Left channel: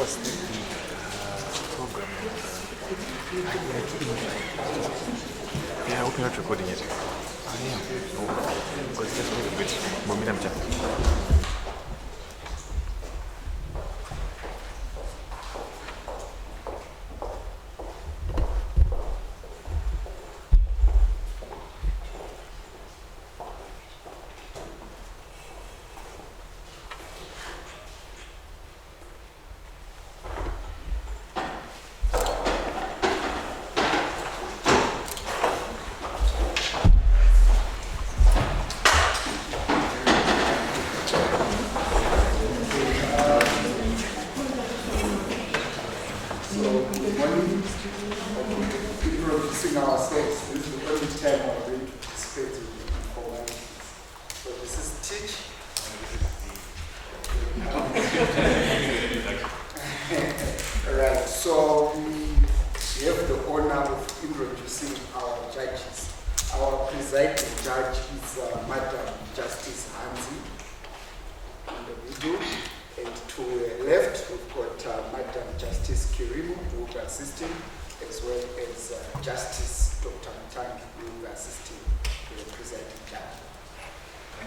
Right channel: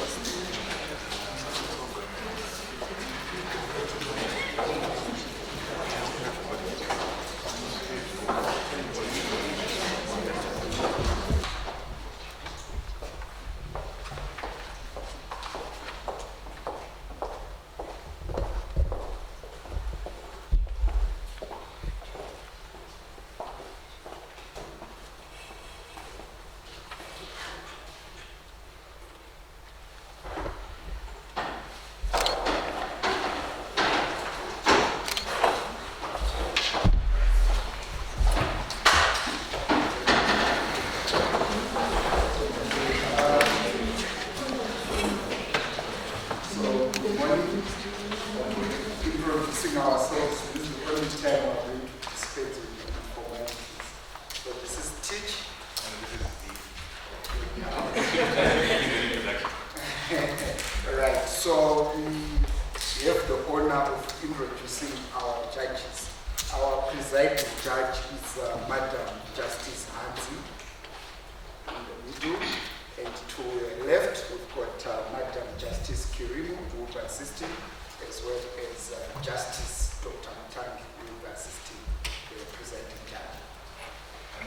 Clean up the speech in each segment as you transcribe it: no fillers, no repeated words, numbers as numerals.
was the program? Yeah, we cannot recording it.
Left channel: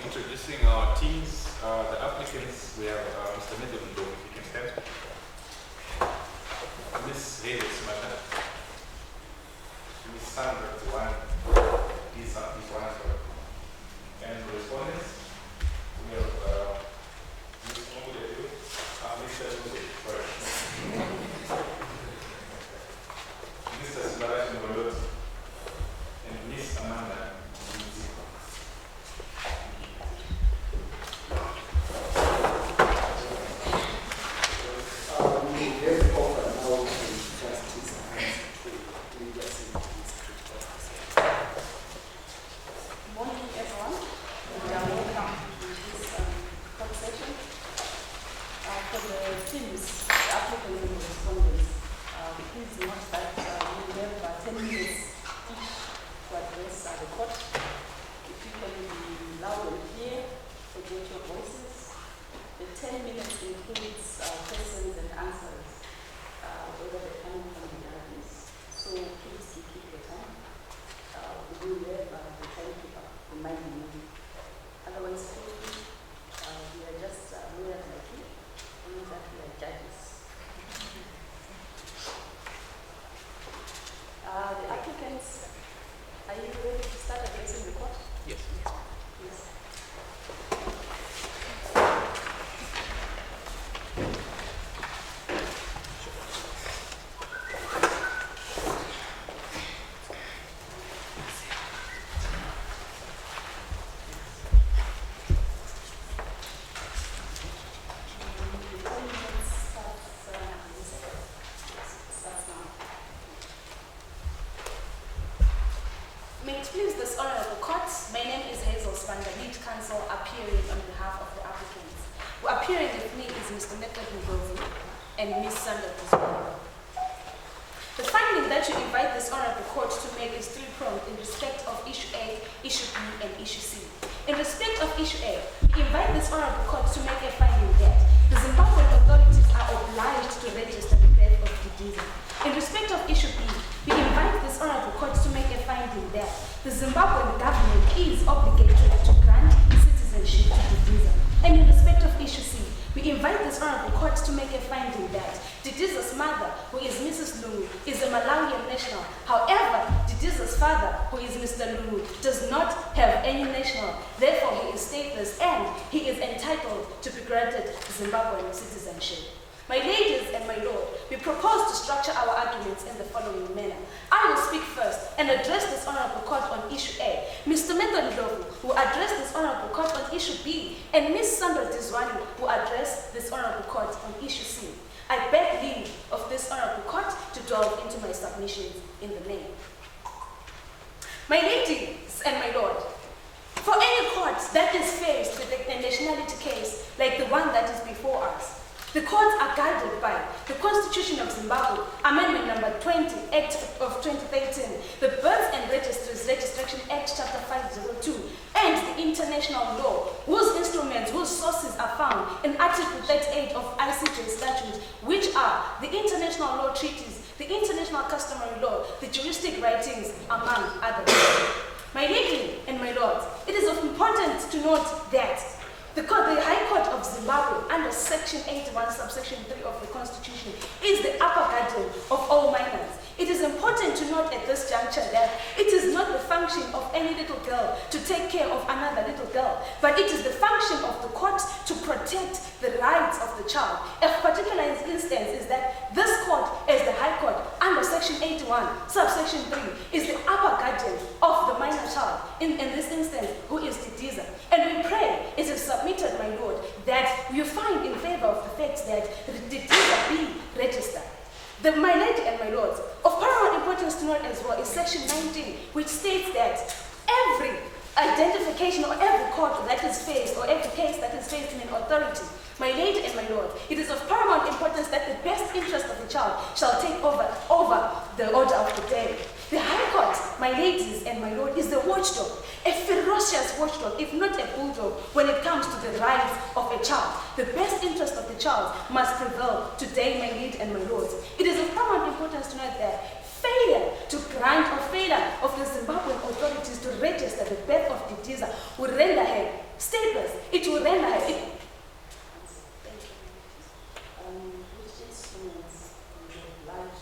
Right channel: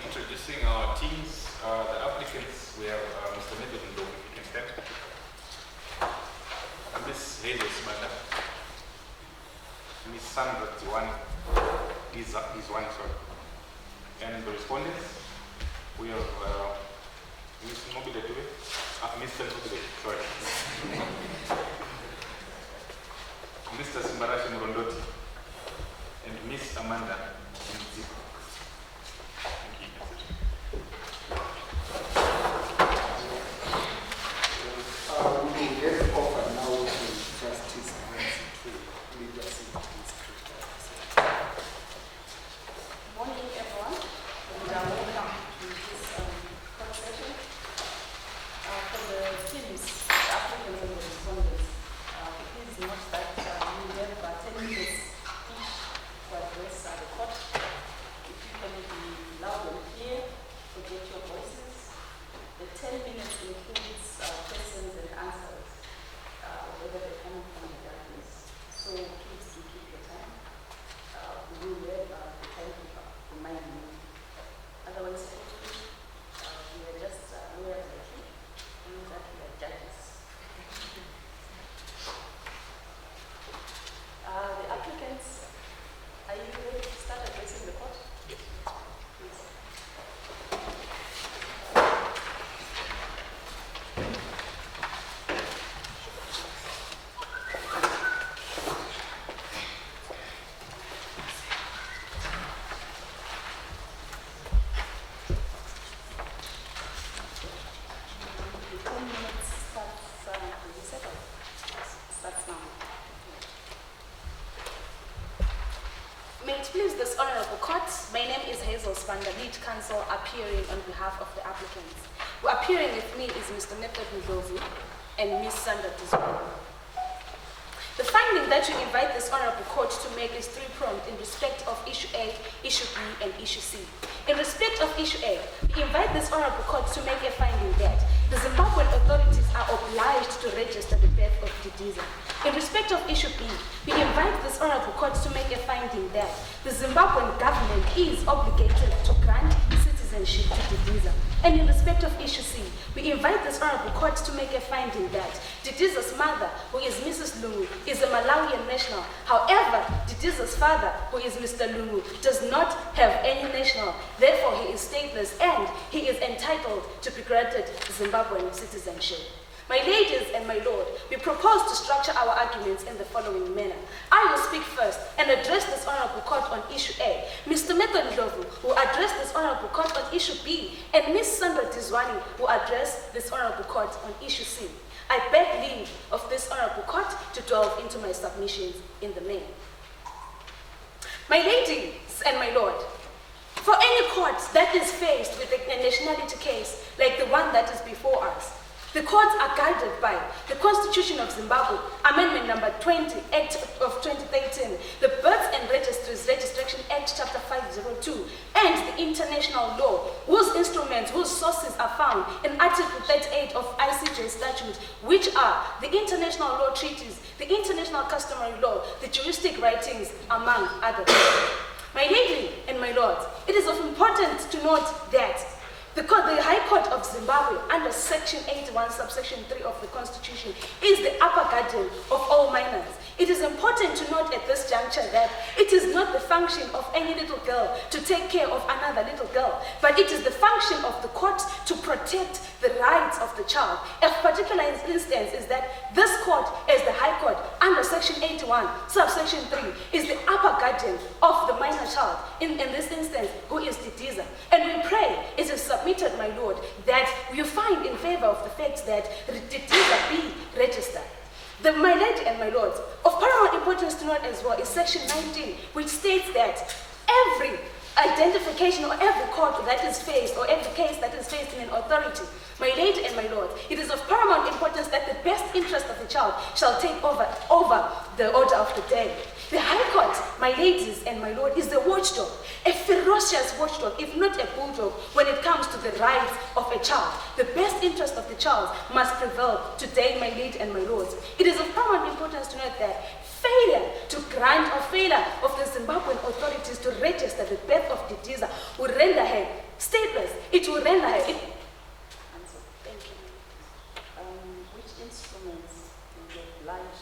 Introducing our teams, the applicants, we have Mr. Rebuttal, if you can stand. Miss Hazel Smata. Miss Sandra Tiwani. Is one, sorry. And the respondents, we have Miss Mobility, Mr. Mobility, sorry. Mr. Simbarashi Ngondoti and Miss Amanda. Please, this honorable court, my name is Hazel Spanda, lead counsel appearing on behalf of the applicants. Who appearing with me is Mr. Rebuttal and Ms. Sandra Tiwani. The finding that you invite this honorable court to make is three-pronged in respect of issue A, issue B, and issue C. In respect of issue A, we invite this honorable court to make a finding that the Zimbabwean authorities are obliged to register the death of Didiza. In respect of issue B, we invite this honorable court to make a finding that the Zimbabwean government is obligated to grant citizenship to Didiza. And in respect of issue C, we invite this honorable court to make a finding that Didiza's mother, who is Mrs. Lungu, is a Malawian national. However, Didiza's father, who is Mr. Lungu, does not have any national. Therefore, he is stateless and he is entitled to be granted Zimbabwean citizenship. My ladies and my lord, we propose to structure our arguments in the following manner. I will speak first and address this honorable court on issue A. Mr. Rebuttal will address this honorable court on issue B, and Ms. Sandra Tiwani will address this honorable court on issue C. I beg leave of this honorable court to delve into my submissions in the main. My ladies and my lord, for any court that is faced with a nationality case like the one that is before us, the courts are guided by the Constitution of Zimbabwe, Amendment number 20, Act of 2013, the Births and Registries Registration Act, Chapter 502, and the international law, whose instruments, whose sources are found in Article 38 of ICJ statute, which which are the international law treaties, the international customary law, the juristic writings, among others. My lady and my lords, it is of importance to note that the High Court of Zimbabwe, under Section 81, subsection 3 of the Constitution, is the upper guardian of all minors. It is important to note at this juncture that it is not the function of any little girl to take care of another little girl, but it is the function of the court to protect the rights of the child. A particular instance is that this court, as the High Court, under Section 81, subsection 3, is the upper guardian of the minor child, in this instance, who is Didiza. And we pray, it is submitted, my Lord, that you find in favor of the fact that Didiza be registered. My lady and my lords, of paramount importance to note as well is Section 19, which states that every identification or every court that is faced or every case that is faced in an authority, my lady and my lord, it is of paramount importance that the best interest of the child shall take over the order of the day. The High Court, my ladies and my lord, is the watchdog, a ferocious watchdog, if not a bulldog, when it comes to the rights of a child. The best interest of the child must prevail today, my lady and my lords. It is of paramount importance to note that failure to grant or failure of the Zimbabwean authorities to register the birth of Didiza will render her stateless. It will render her... Thank you. Which instruments will oblige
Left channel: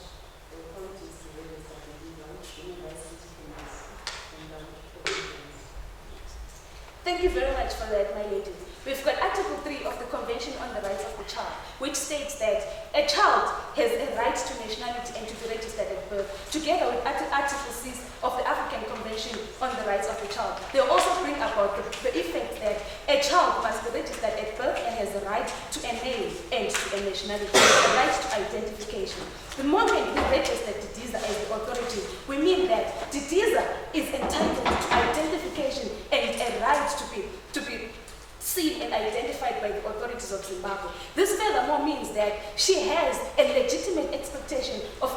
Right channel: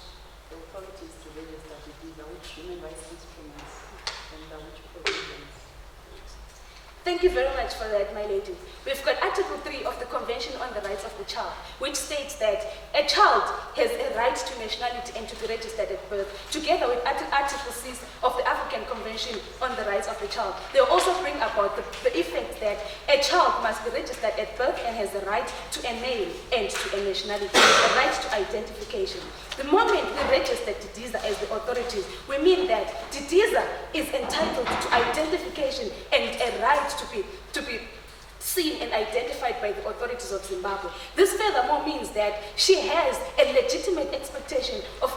the authorities to register Didiza? Which human rights instruments and which provisions? Thank you very much for that, my lady. We've got Article 3 of the Convention on the Rights of the Child, which states that a child has a right to nationality and to be registered at birth, together with Article 6 of the African Convention on the Rights of the Child. They also bring about the effect that a child must be registered at birth and has the right to a name and to a nationality, a right to identification. The moment we register Didiza as the authorities, we mean that Didiza is entitled to identification and a right to be seen and identified by the authorities of Zimbabwe. This furthermore means that she has a legitimate expectation of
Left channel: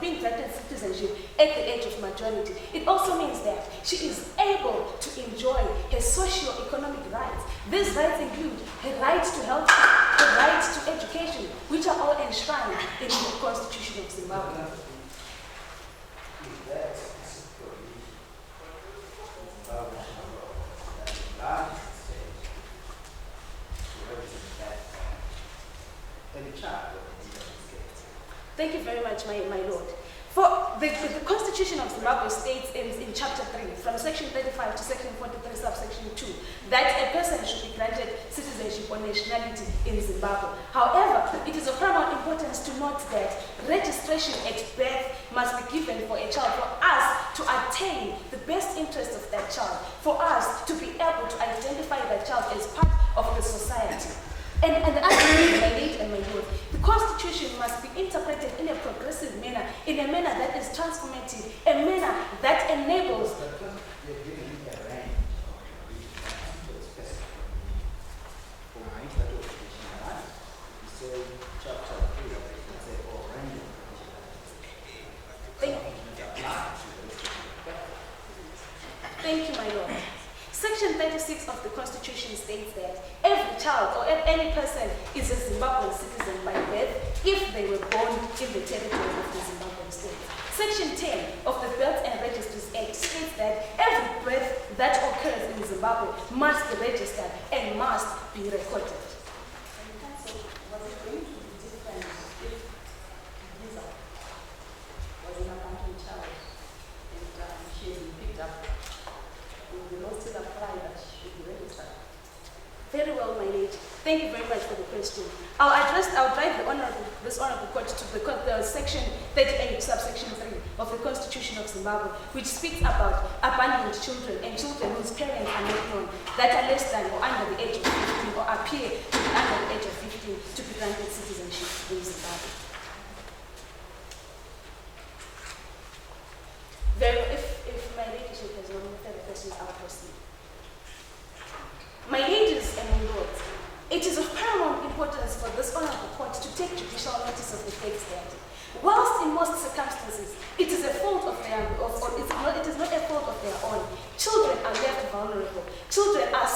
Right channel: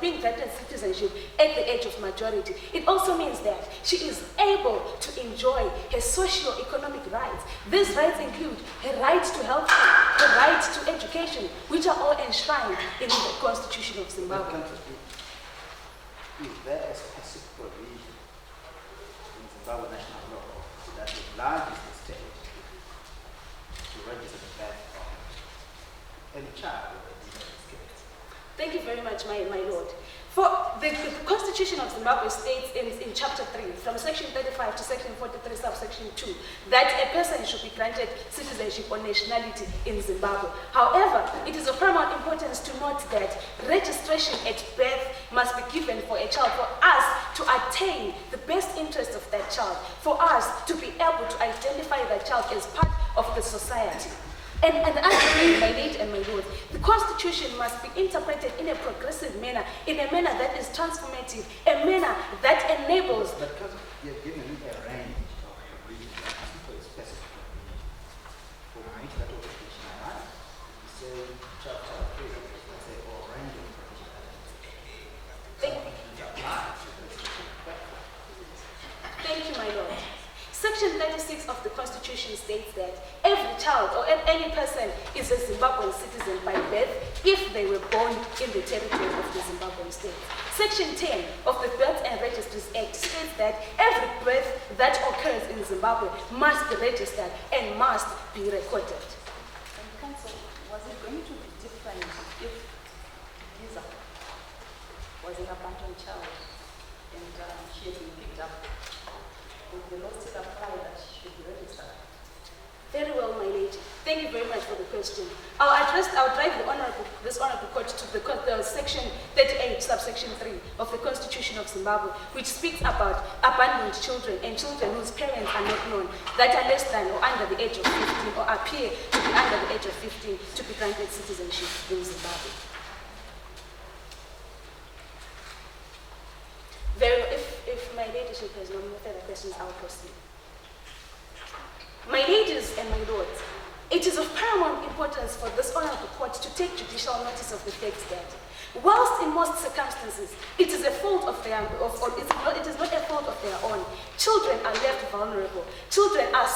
being granted citizenship at the age of majority. It also means that she is able to enjoy her socio-economic rights. These rights include her right to health care, her right to education, which are all enshrined in the Constitution of Zimbabwe. Is there a specific provision in Zimbabwe national law that obliges the state to register the birth of any child of a different state? Thank you very much, my lord. For the Constitution of Zimbabwe states in Chapter 3, from Section 35 to Section 43, subsection 2, that a person should be granted citizenship or nationality in Zimbabwe. However, it is of paramount importance to note that registration at birth must be given for a child, for us to attain the best interest of that child, for us to be able to identify that child as part of the society. And as my lady and my lord, the Constitution must be interpreted in a progressive manner, in a manner that is transformative, a manner that enables... But because you're giving me a range of provisions, for a specific provision, for which that was nationalized, you say chapter 3, let's say, or range of provisions that apply to the restriction. Thank you, my lord. Section 36 of the Constitution states that every child or any person is a Zimbabwean citizen by birth if they were born in the territory of the Zimbabwean state. Section 10 of the Births and Registries Act states that every birth that occurs in Zimbabwe must be registered and must be recorded. And Council, was it going to be different if Didiza was an abandoned child and she had been picked up? Would the law still apply that she should be registered? Very well, my lady. Thank you very much for the question. I'll drive this honorable court to the Section 38, subsection 3 of the Constitution of Zimbabwe, which speaks about abandoned children and children whose parents are not known, that are less than or under the age of 15 or appear to be under the age of 15 to be granted citizenship in Zimbabwe. If my ladyship has no further questions, I will proceed. My ladies and my lords, it is of paramount importance for this honorable court to take judicial notice of the fact that whilst in most circumstances it is a fault of their, it is not a fault of their own, children are left vulnerable. Children are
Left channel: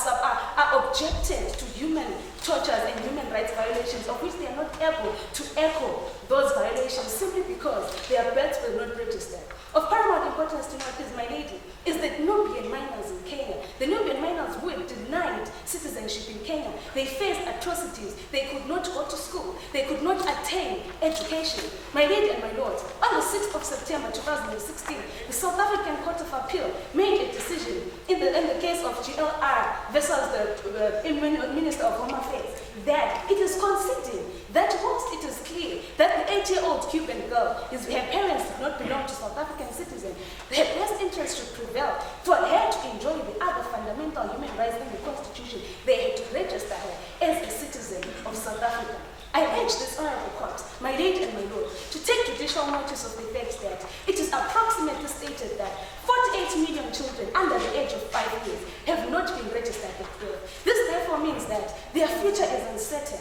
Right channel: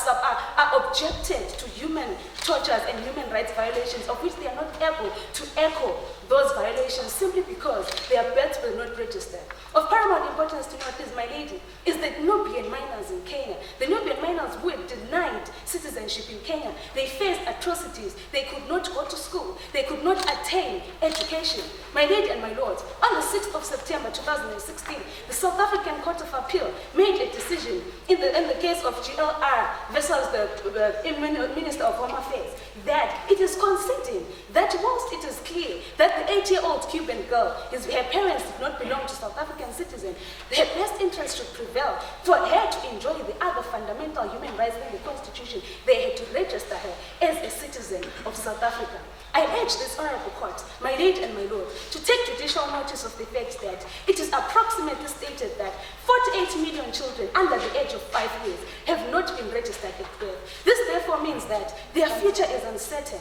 objected to human tortures and human rights violations of which they are not able to echo those violations simply because their births were not registered. Of paramount importance to note is, my lady, is that Nubian minors in Kenya, the Nubian minors were denied citizenship in Kenya. They faced atrocities. They could not go to school. They could not attain education. My lady and my lords, on the 6th of September 2016, the South African Court of Appeal made a decision in the case of GLR versus the Minister of Home Affairs that it is conceding that whilst it is clear that the 8-year-old Cuban girl, her parents did not belong to South African citizens, her best interest should prevail. For her to enjoy the other fundamental human rights in the Constitution, they had to register her as a citizen of South Africa. I urge this honorable court, my lady and my lord, to take judicial notice of the fact that it is approximately stated that 48 million children under the age of 5 years have not been registered at birth. This therefore means that their future is uncertain.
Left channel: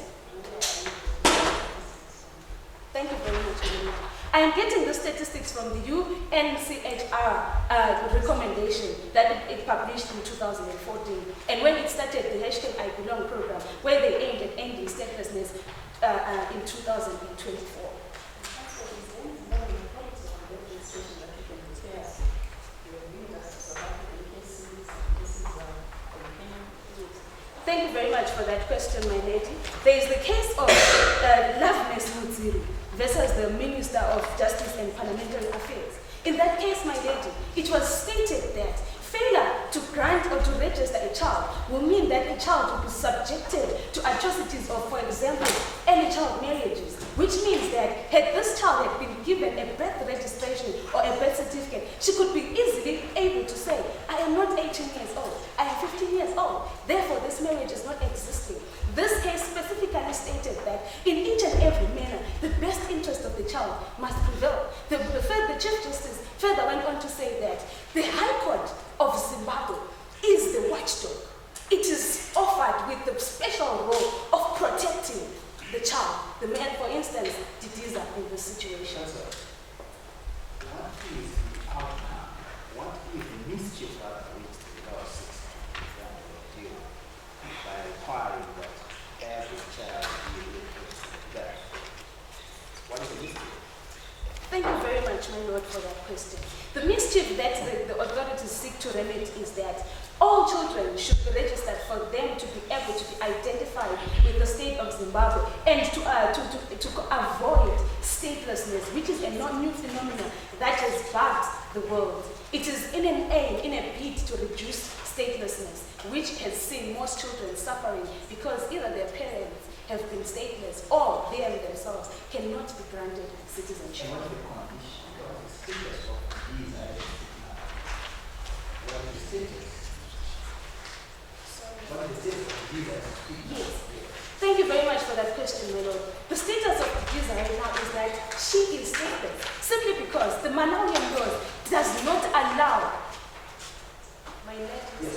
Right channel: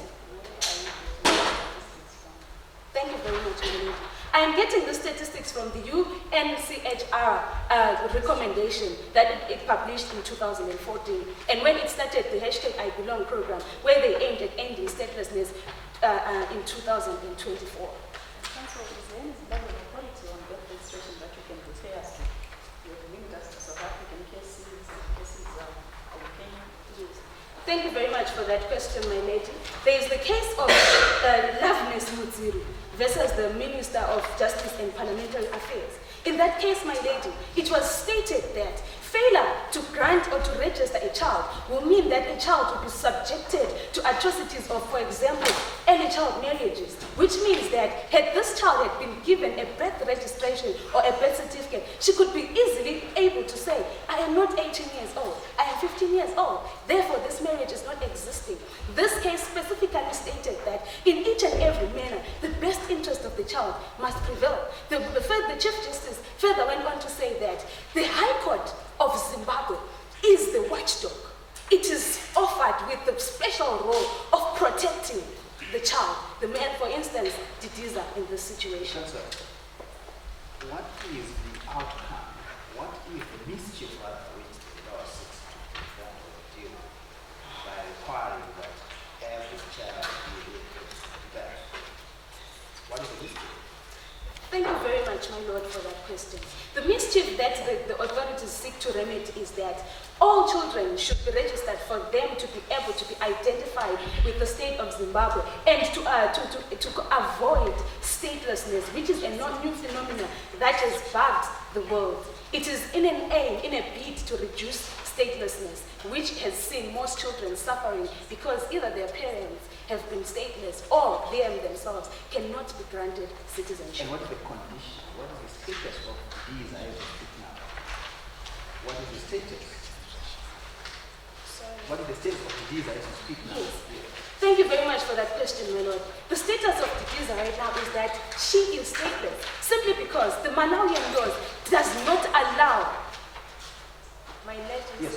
Thank you very much, my lady. I am getting the statistics from the UNCHR recommendation that it published in 2014. And when it started the hashtag I Belong program, where they aimed at ending statelessness in 2024. Council, is there any level of quality on birth registration that you can prepare? You have linked us to South African cases of Kenyan. Thank you very much for that question, my lady. There is the case of Loveness Mutsiri versus the Minister of Justice and Parliamentary Affairs. In that case, my lady, it was stated that failure to grant or to register a child will mean that a child will be subjected to atrocities of, for example, early child marriages, which means that had this child had been given a birth registration or a birth certificate, she could be easily able to say, I am not 18 years old, I am 15 years old, therefore this marriage is not existing. This case specifically stated that in each and every manner, the best interest of the child must prevail. The Chief Justice further went on to say that the High Court of Zimbabwe is the watchdog. It is offered with the special role of protecting the child. The man, for instance, Didiza in this situation. Sir, what is the outcome? What is the mischief that which the law seeks to deal by requiring that every child be registered? What is the mischief? Thank you very much, my lord, for that question. The mischief that the authorities seek to remedy is that all children should be registered for them to be able to be identified with the state of Zimbabwe and to avoid statelessness, which is a non-new phenomenon that has bugged the world. It is in an aim, in a bid to reduce statelessness, which has seen most children suffering because either their parents have been stateless or they themselves cannot be granted citizenship. And what is the condition? What is the status of these items now? What is the status? What is the status of these items now? Yes. Thank you very much for that question, my lord. The status of Didiza right now is that she is stateless simply because the Malawian laws does not allow my Yes.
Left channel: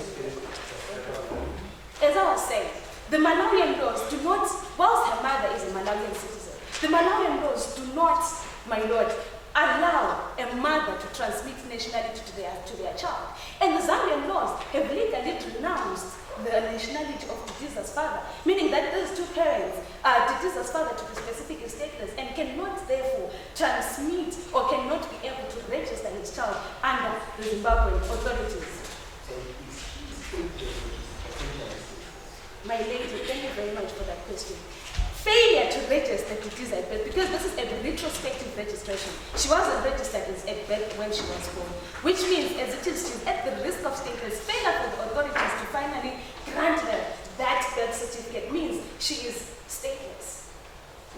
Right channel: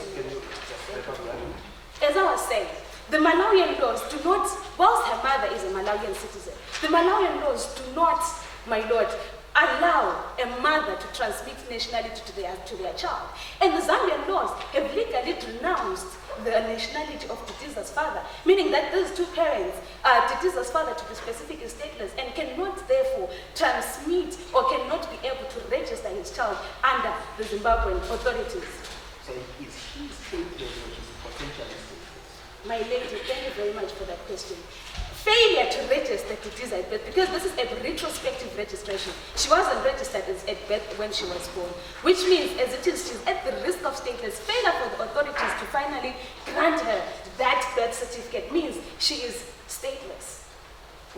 As I was saying, the Malawian laws do not, whilst her mother is a Malawian citizen, the Malawian laws do not, my lord, allow a mother to transmit nationality to their child. And the Zambian laws have legally renounced the nationality of Didiza's father, meaning that those two parents, Didiza's father to be specific is stateless and cannot therefore transmit or cannot be able to register his child under the Zimbabwean authorities. So is he stateless or is he potentially stateless? My lady, thank you very much for that question. Failure to register Didiza at birth, because this is a retrospective registration. She wasn't registered at birth when she was born, which means as it is, she's at the risk of stateless. Failure for the authorities to finally grant her that birth certificate means she is stateless,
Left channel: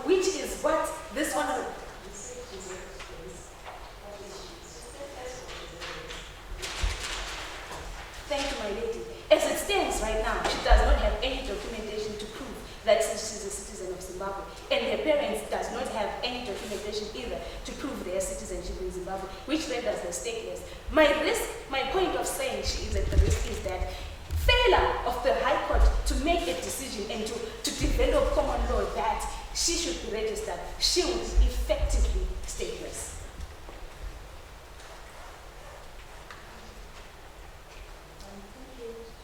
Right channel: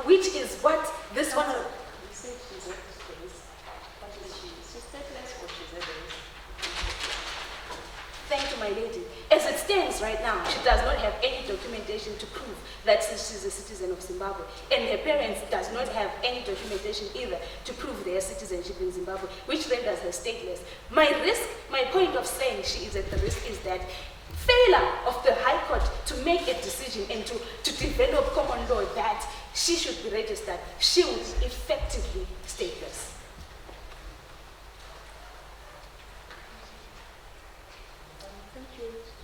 which is what this one. Thank you, my lady. As it stands right now, she does not have any documentation to prove that she's a citizen of Zimbabwe. And her parents does not have any documentation either to prove their citizenship in Zimbabwe, which renders her stateless. My point of saying she is at the risk is that failure of the High Court to make a decision and to develop common law that she should be registered, she would be effectively stateless.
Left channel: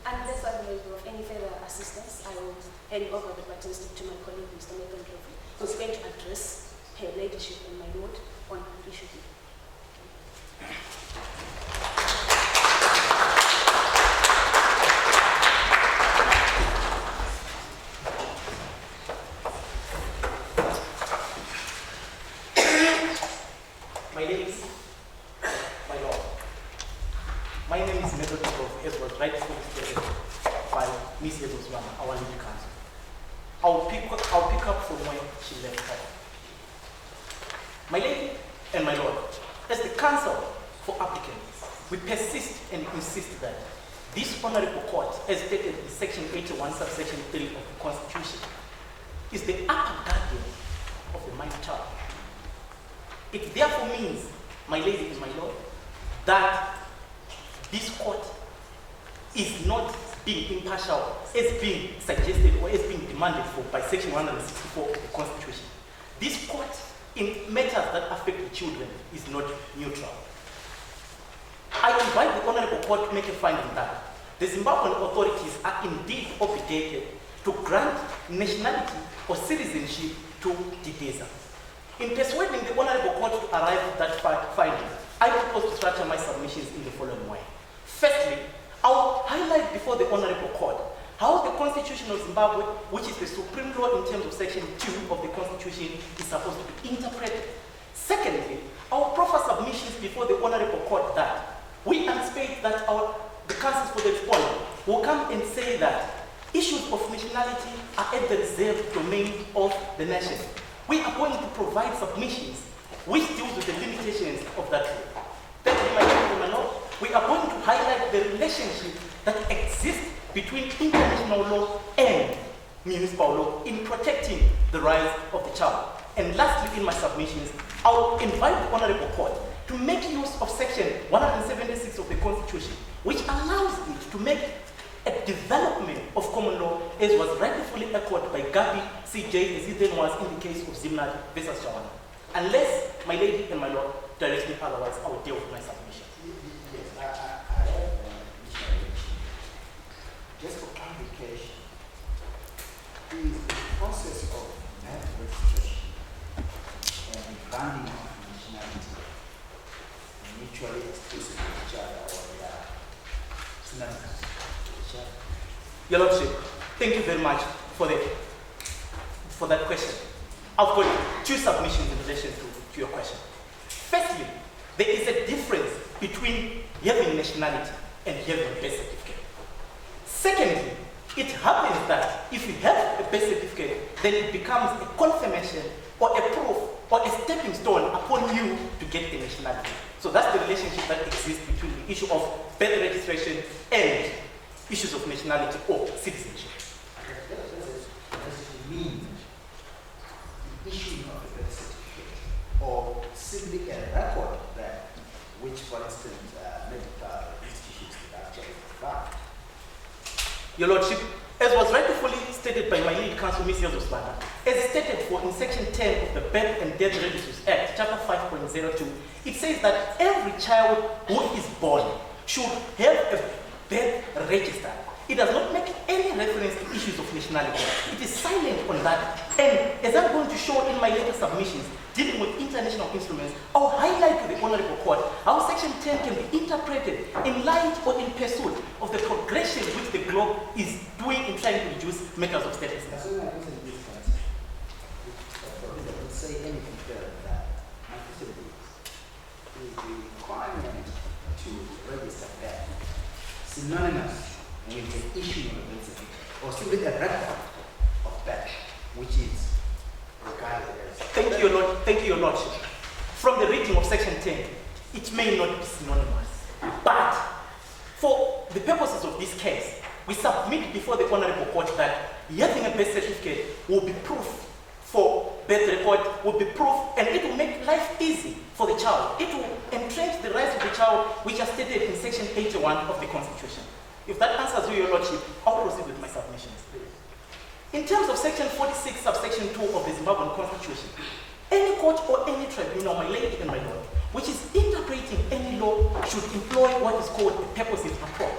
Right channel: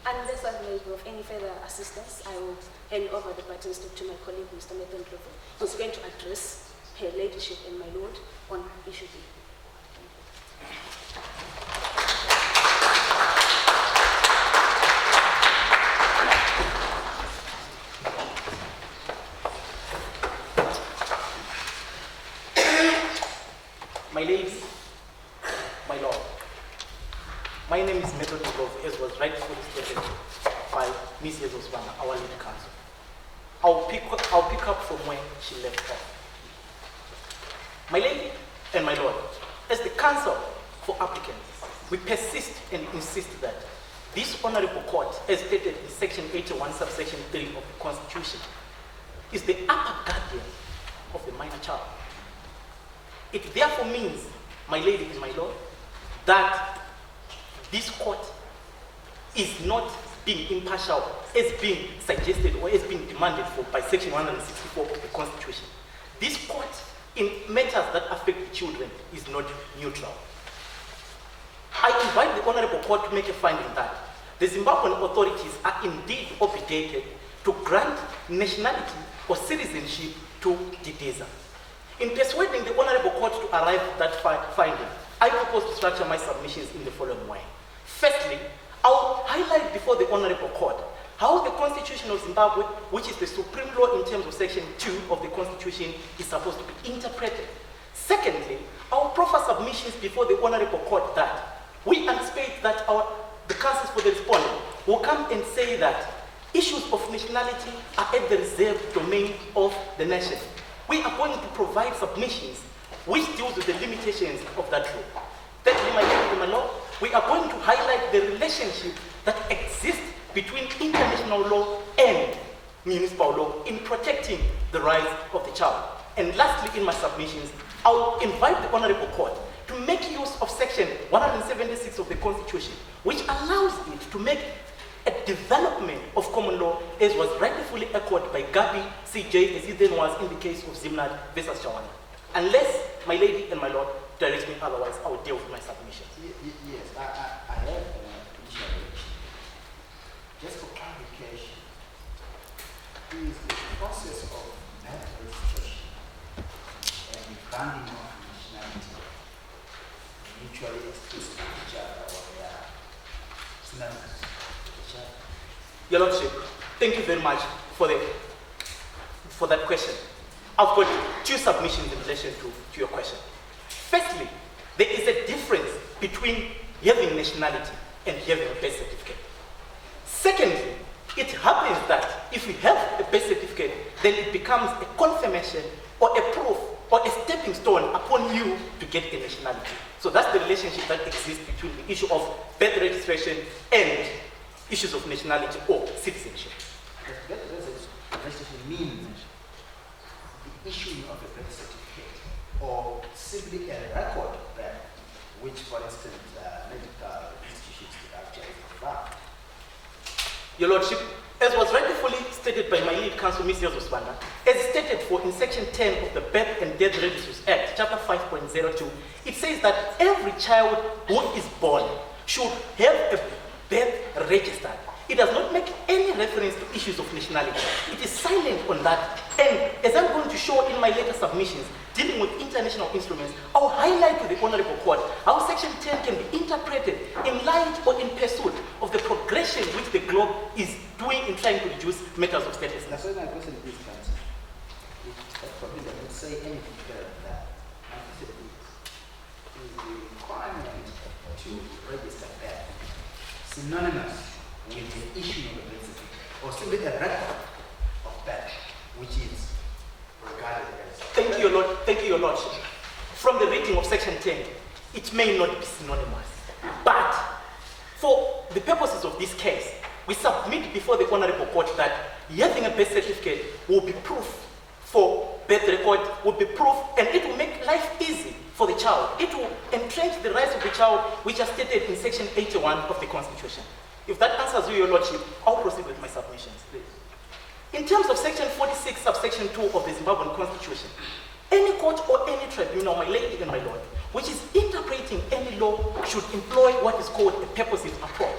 Unless I'm able of any further assistance, I will hand over the baton to my colleague, Mr. Nathan Trophy, who's going to address her ladyship and my lord on issue B. My ladies, my lord, my name is Nathan Trophy, as was rightfully stated by Ms. Yezoswana, our lead counsel. I'll pick up from where she left off. My lady and my lord, as the counsel for applicants, we persist and insist that this honorable court, as stated in section 81, subsection 3 of the Constitution, is the upper guardian of the minor child. It therefore means, my lady and my lord, that this court is not being impartial as being suggested or as being demanded for by section 164 of the Constitution. This court, in matters that affect the children, is not neutral. I invite the honorable court to make a finding that the Zimbabwean authorities are indeed obligated to grant nationality or citizenship to Dideza. In persuading the honorable court to arrive at that finding, I propose to structure my submissions in the following way. Firstly, I will highlight before the honorable court how the Constitution of Zimbabwe, which is the supreme law in terms of section 2 of the Constitution, is supposed to be interpreted. Secondly, I will proffer submissions before the honorable court that we anticipate that the counsels for the respondent will come and say that issues of nationality are at the reserved domain of the nation. We are going to provide submissions which deals with the limitations of that law. Thirdly, my lady and my lord, we are going to highlight the relationship that exists between international law and municipal law in protecting the rights of the child. And lastly, in my submissions, I will invite the honorable court to make use of section 176 of the Constitution, which allows it to make a development of common law as was rightfully echoed by Gabi CJ as it then was in the case of Zimnad versus Shawana. Unless my lady and my lord direct me otherwise, I will deal with my submission. Yes, I have an additional question. Just for clarification, is the process of marriage registration and the granting of nationality mutually exclusive to each other, or they are synonymous with each other? Your Lordship, thank you very much for that question. I've got two submissions in relation to your question. Firstly, there is a difference between having nationality and having a birth certificate. Secondly, it happens that if you have a birth certificate, then it becomes a confirmation or a proof or a stepping stone upon you to get a nationality. So that's the relationship that exists between the issue of birth registration and issues of nationality or citizenship. Does it mean the issuing of a birth certificate or simply a record of that, which, for instance, medical institutions could actually provide? Your Lordship, as was rightfully stated by my lead counsel, Ms. Yozoswana, as stated for in section 10 of the Birth and Death Registers Act, chapter 5.02, it says that every child who is born should have a birth register. It does not make any reference to issues of nationality. It is silent on that. And as I'm going to show in my later submissions, dealing with international instruments, I'll highlight to the Honorable Court how Section 10 can be interpreted in light or in pursuit of the progression which the globe is doing in trying to reduce matters of status. That's why my question is concerned. For me, I would say anything further than that. My question is the requirement to register that synonymous with the issue of a birth certificate, or simply a record of that, which is regarded as. Thank you, Your Lordship. From the reading of Section 10, it may not be synonymous, but for the purposes of this case, we submit before the Honorable Court that having a birth certificate will be proof for birth record, will be proof, and it will make life easy for the child. It will entrench the rights of the child, which are stated in Section 81 of the Constitution. If that answers you, Your Lordship, I'll proceed with my submissions, please. In terms of Section 46, subsection 2 of the Zimbabwean Constitution, any court or any tribunal, my lady and my lord, which is interpreting any law should employ what is called a purposive approach.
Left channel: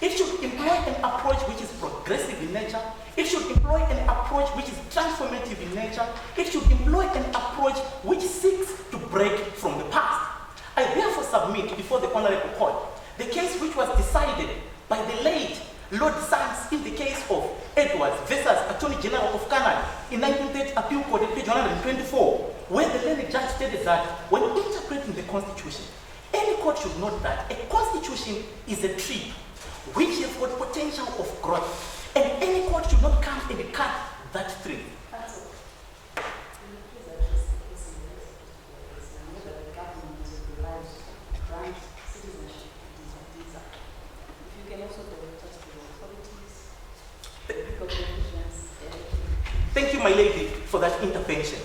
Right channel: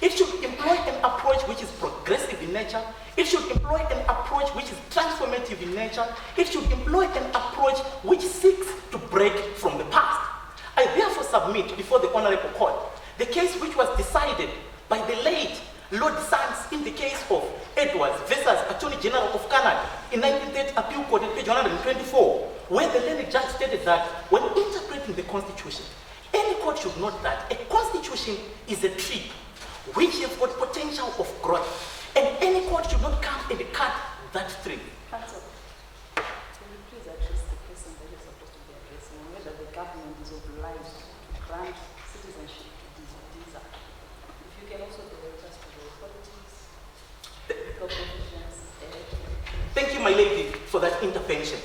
It should employ an approach which is progressive in nature. It should employ an approach which is transformative in nature. It should employ an approach which seeks to break from the past. I therefore submit before the Honorable Court the case which was decided by the late Lord Sands in the case of Edwards versus Attorney General of Canada in 1930 Appeal Court at page 124, where the learned judge stated that when interpreting the Constitution, any court should note that a Constitution is a tree which has got potential of growth, and any court should not come and cut that tree. Counsel, will you please address the person that is supposed to be addressing and whether the government is obliged to grant citizenship to these? If you can also direct us to the authorities, the legal provisions, Thank you, my lady, for that intervention.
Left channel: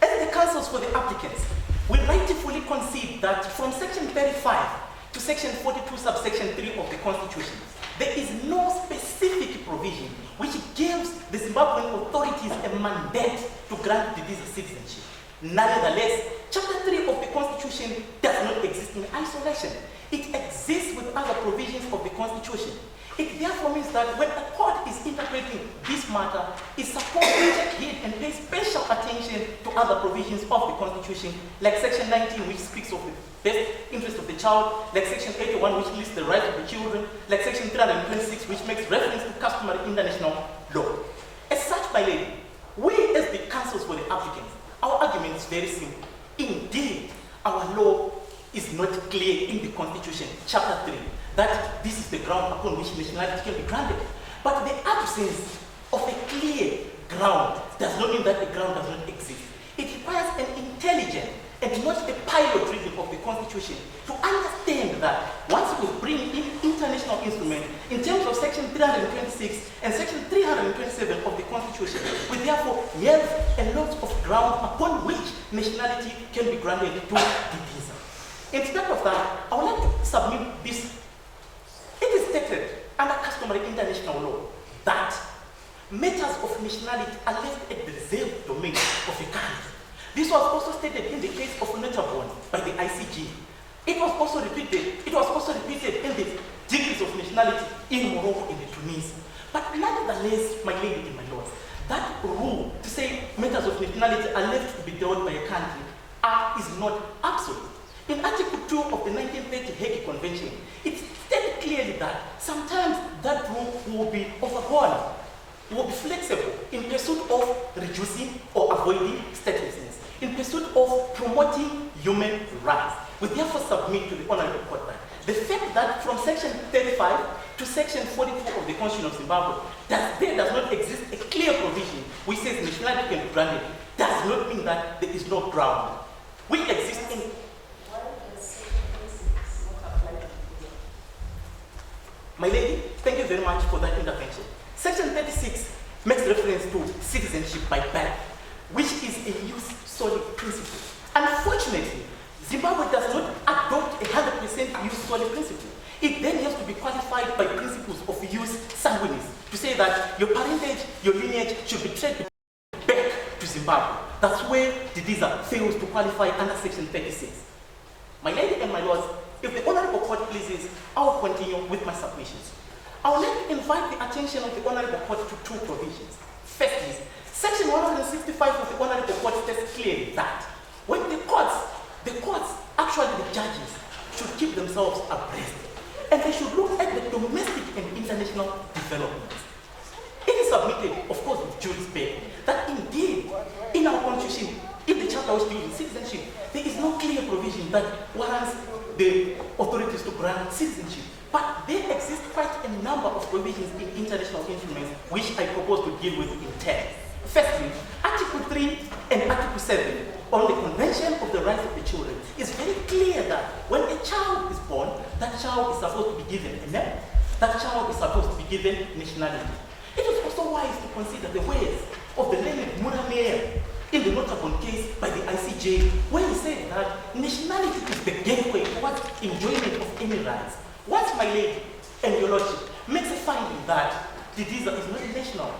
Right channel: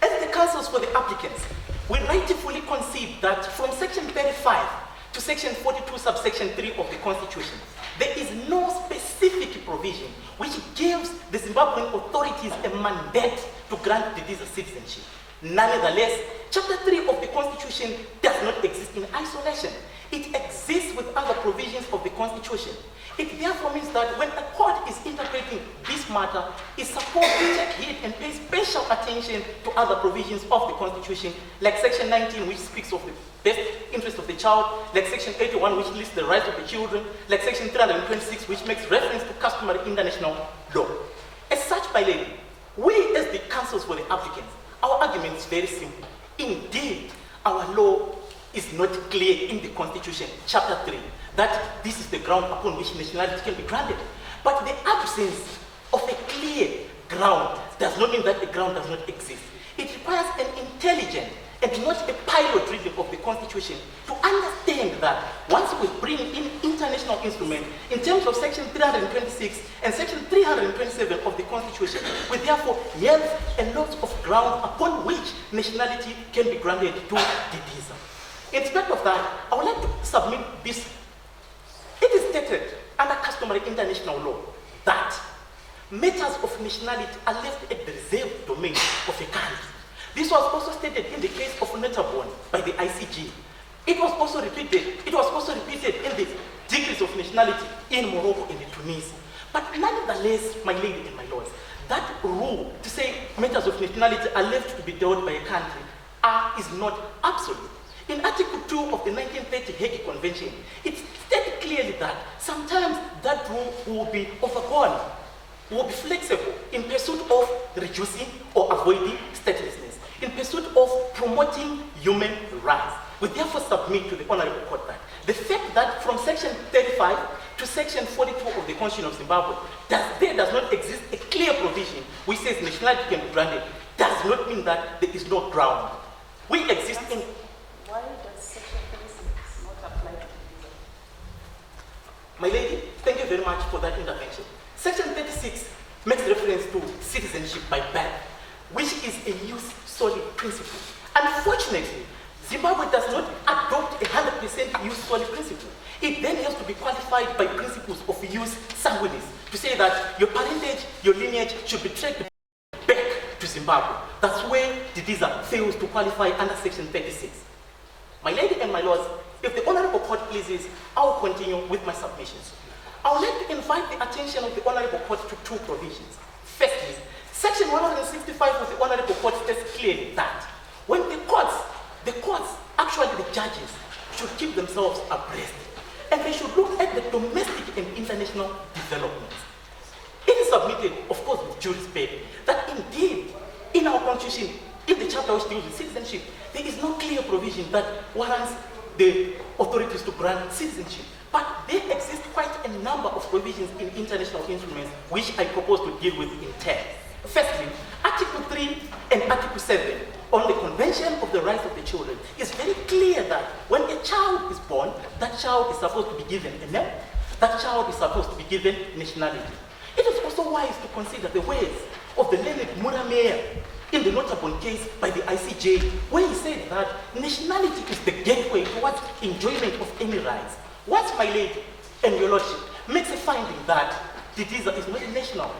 As the counsels for the applicants, we rightfully concede that from Section 35 to Section 42, subsection 3 of the Constitution, there is no specific provision which gives the Zimbabwean authorities a mandate to grant the visa citizenship. Nonetheless, Chapter 3 of the Constitution does not exist in isolation. It exists with other provisions of the Constitution. It therefore means that when a court is interpreting this matter, it's supposed to take heed and pay special attention to other provisions of the Constitution, like Section 19, which speaks of the best interest of the child, like Section 81, which lists the rights of the children, like Section 326, which makes reference to customary international law. As such, my lady, we as the counsels for the applicants, our argument is very simple. Indeed, our law is not clear in the Constitution, Chapter 3, that this is the ground upon which nationality can be granted. But the absence of a clear ground does not mean that the ground does not exist. It requires an intelligent and not a pilot reading of the Constitution to understand that once we bring in international instruments in terms of Section 326 and Section 327 of the Constitution, we therefore have a lot of ground upon which nationality can be granted to the visa. Instead of that, I would like to submit this. It is stated under customary international law that matters of nationality are left at the reserved domain of a country. This was also stated in the case of Notabone by the ICJ. It was also repeated in the degrees of nationality in Morocco and Tunisia. But nonetheless, my lady and my lords, that rule to say matters of nationality are left to be dealt by a country is not absolute. In Article 2 of the 1930 Hague Convention, it stated clearly that sometimes that rule will be overgone, will be flexible in pursuit of reducing or avoiding statelessness, in pursuit of promoting human rights. We therefore submit to the Honorable Court that the fact that from Section 35 to Section 42 of the Constitution of Zimbabwe, that there does not exist a clear provision which says nationality can be granted, does not mean that there is no ground. We exist in... Why does Section 36 not apply to the visa? My lady, thank you very much for that intervention. Section 36 makes reference to citizenship by birth, which is a use solely principle. Unfortunately, Zimbabwe does not adopt a 100% use solely principle. It then has to be qualified by principles of use sanguinis to say that your parentage, your lineage should be traced back to Zimbabwe. That's where the visa fails to qualify under Section 36. My lady and my lords, if the Honorable Court pleases, I will continue with my submissions. I would like to invite the attention of the Honorable Court to two provisions. Firstly, Section 165 of the Honorable Court states clearly that when the courts, actually the judges, should keep themselves abreast, and they should look at the domestic and international developments. It is submitted, of course, with due respect, that indeed, in our Constitution, in the chapter which deals with citizenship, there is no clear provision that warrants the authorities to grant citizenship. But there exist quite a number of provisions in international instruments which I propose to deal with in turn. Firstly, Article 3 and Article 7 on the Convention of the Rights of the Children is very clear that when a child is born, that child is supposed to be given a name, that child is supposed to be given nationality. It is also wise to consider the words of the learned Muramea in the Notabone case by the ICJ, where he said that nationality is the gateway towards enjoyment of any rights. Once, my lady, and your lordship makes a finding that the visa is not national,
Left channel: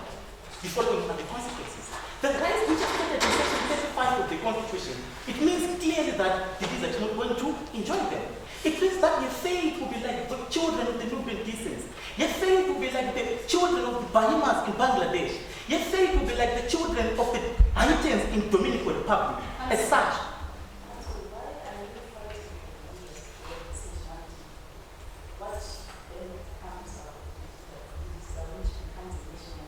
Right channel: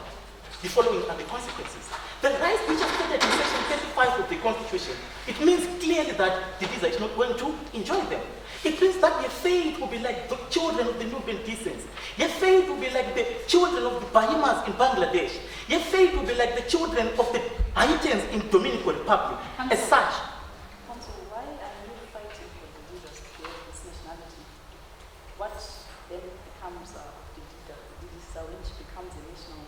the following are the consequences. The rights which are stated in section 35 of the Constitution, it means clearly that the visa is not going to enjoy them. It means that your fate will be like the children of the Nubian descents. Your fate will be like the children of the Bahimas in Bangladesh. Your fate will be like the children of the Haitians in Dominican Republic. As such, Counsel, why are you fighting for the leaders to get this nationality? What then becomes the visa which becomes a national?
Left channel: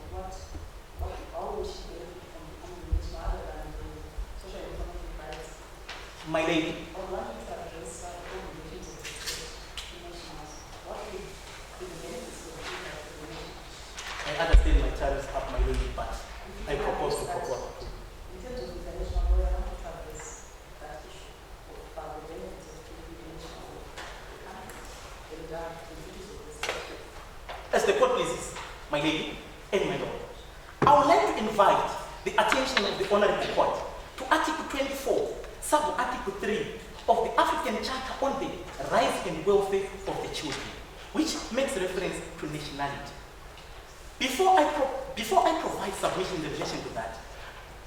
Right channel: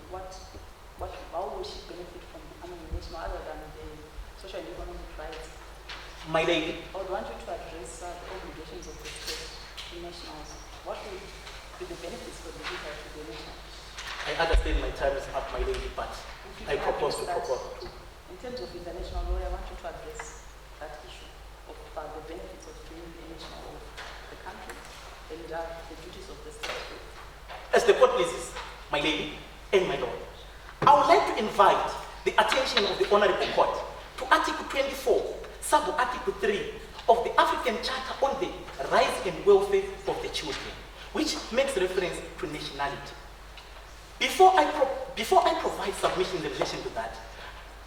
How will she benefit from becoming a national other than the social and economic rights? my lady, I would want you to address the obligations of the state to nationals. What will be the benefits for the visa to the nation? I understand my time is up, my lady, but If you I can propose to address that, propose to. in terms of international law, I want you to address that issue of the benefits of being a national of the country and the duties of the state. As the court pleases, my lady and my lord, I would like to invite the attention of the Honorable Court to Article 24, Sub-Article 3 of the African Charter on the Rights and Welfare of the Children, which makes reference to nationality. Before I provide submissions in relation to that,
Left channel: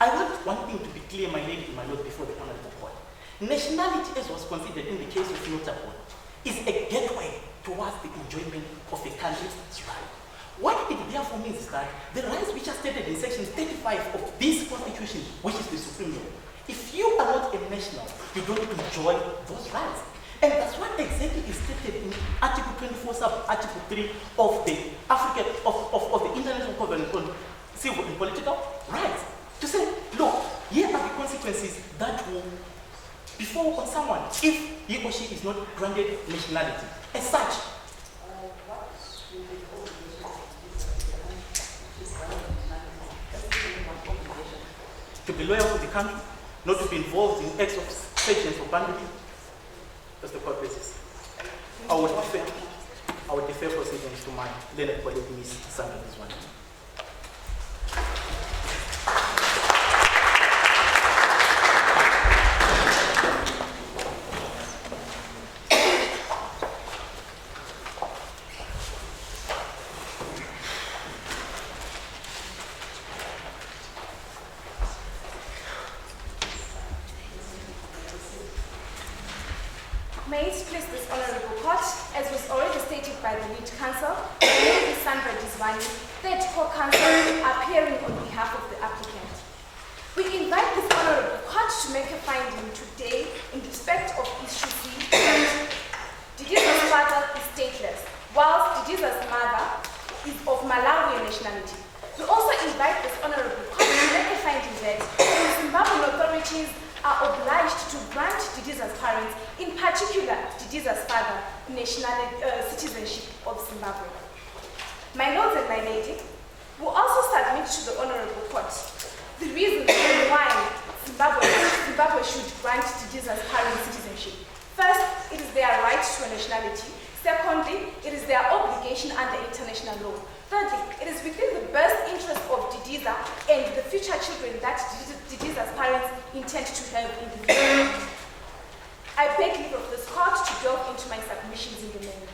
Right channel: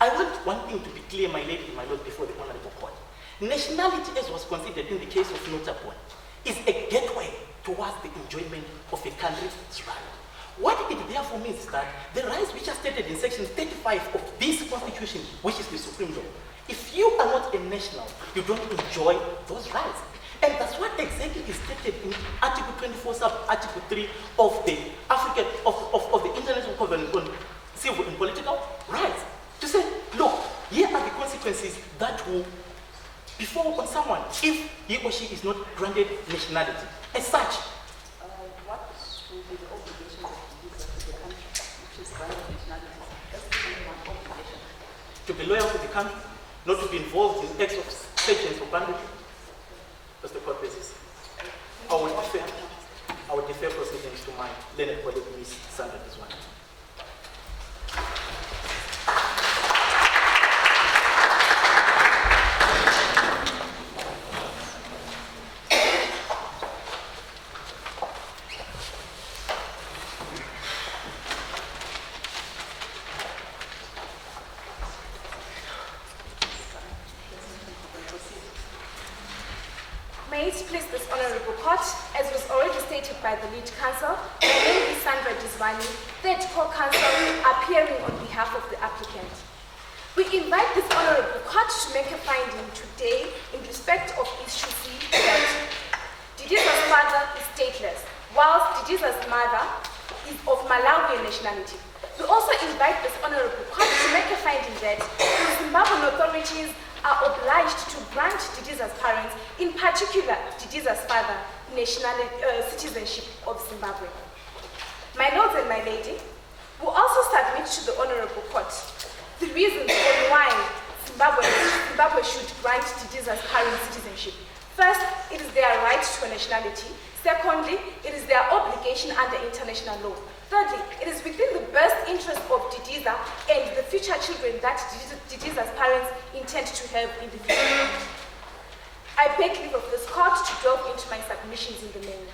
I want one thing to be clear, my lady and my lord, before the Honorable Court. Nationality, as was considered in the case of Notable, is a gateway towards the enjoyment of a country's right. What it therefore means is that the rights which are stated in section 35 of this constitution, which is the supreme law, if you are not a national, you don't enjoy those rights. And that's what exactly is stated in Article 24, Sub-Article 3 of the of the International Covenant on Civil and Political Rights. To say, look, here are the consequences that will befall on someone if he or she is not granted nationality. As such, What will be the obligations of the visa to the country which is granted nationality? That's the only one obligation. to be loyal to the country, not to be involved in acts of sanctions or banditry. That's the court basis. I would defer proceedings to my learned colleague, Ms. Sandra Dizwane. May it please this honorable court, as was already stated by the lead counsel, my name is Sandra Dizwane, third co-counsel appearing on behalf of the applicant. We invite this honorable court to make a finding today in respect of issue C that Didiza's father is stateless, whilst Didiza's mother is of Malawian nationality. We also invite this honorable court to make a finding that the Zimbabwean authorities are obliged to grant Didiza's parents, in particular Didiza's father, citizenship of Zimbabwe. My lords and my lady, we also submit to the honorable court the reasons why Zimbabwe should grant Didiza's parents citizenship. First, it is their right to a nationality. Secondly, it is their obligation under international law. Thirdly, it is within the best interest of Didiza and the future children that Didiza's parents intend to have in the future. I beg leave of this court to delve into my submissions in the main.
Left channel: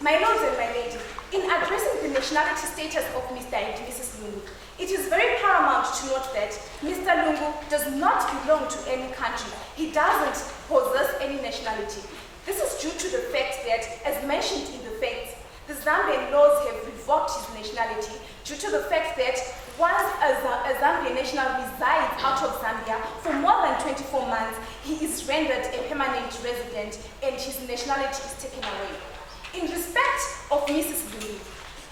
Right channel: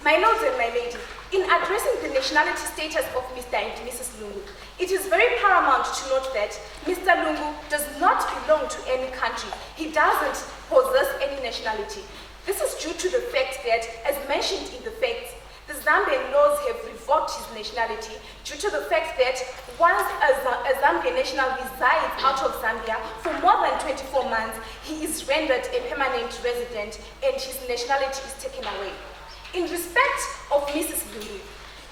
My lords and my lady, in addressing the nationality status of Mr. and Mrs. Lungu, it is very paramount to note that Mr. Lungu does not belong to any country. He doesn't possess any nationality. This is due to the fact that, as mentioned in the facts, the Zambian laws have revoked his nationality due to the fact that once a Zambian national resides out of Zambia for more than 24 months, he is rendered a permanent resident and his nationality is taken away. In respect of Mrs. Lungu,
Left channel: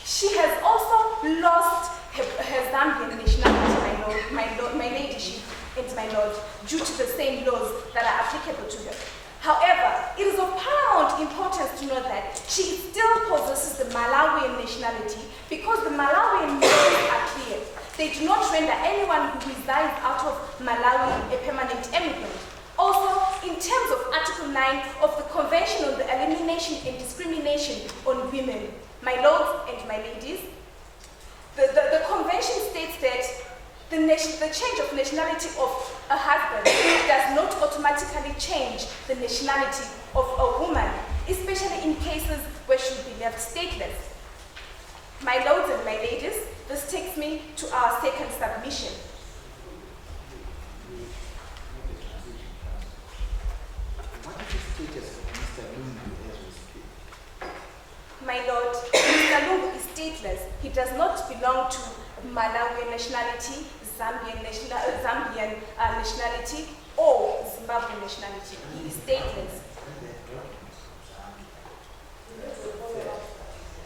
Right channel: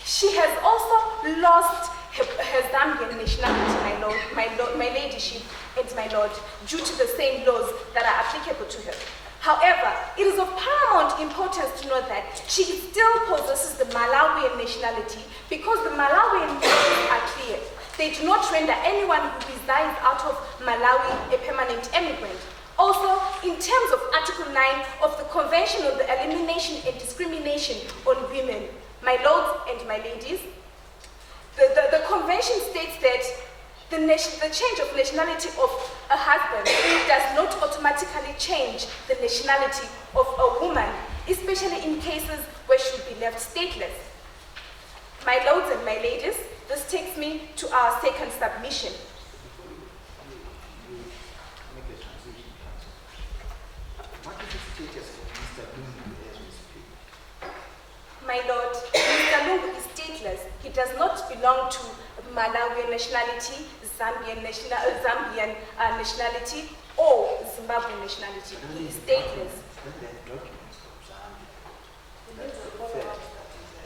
she has also lost her Zambian nationality, my ladyship and my lord, due to the same laws that are applicable to her. However, it is of paramount importance to note that she still possesses the Malawian nationality because the Malawian laws are clear. They do not render anyone who resides out of Malawi a permanent immigrant. Also, in terms of Article 9 of the Convention on the Elimination and Discrimination on Women, my lords and my ladies, the convention states that the change of nationality of a husband does not automatically change the nationality of a woman especially in cases where she would be left stateless. My lords and my ladies, this takes me to our second submission. Make the transition, counsel. What is the status of Mr. Lungu as we speak? My lord, Mr. Lungu is stateless. He does not belong to Malawian nationality, Zambian nationality, or Zimbabwean nationality. He is stateless. When they have documents from Zambia, that's the fact that he's a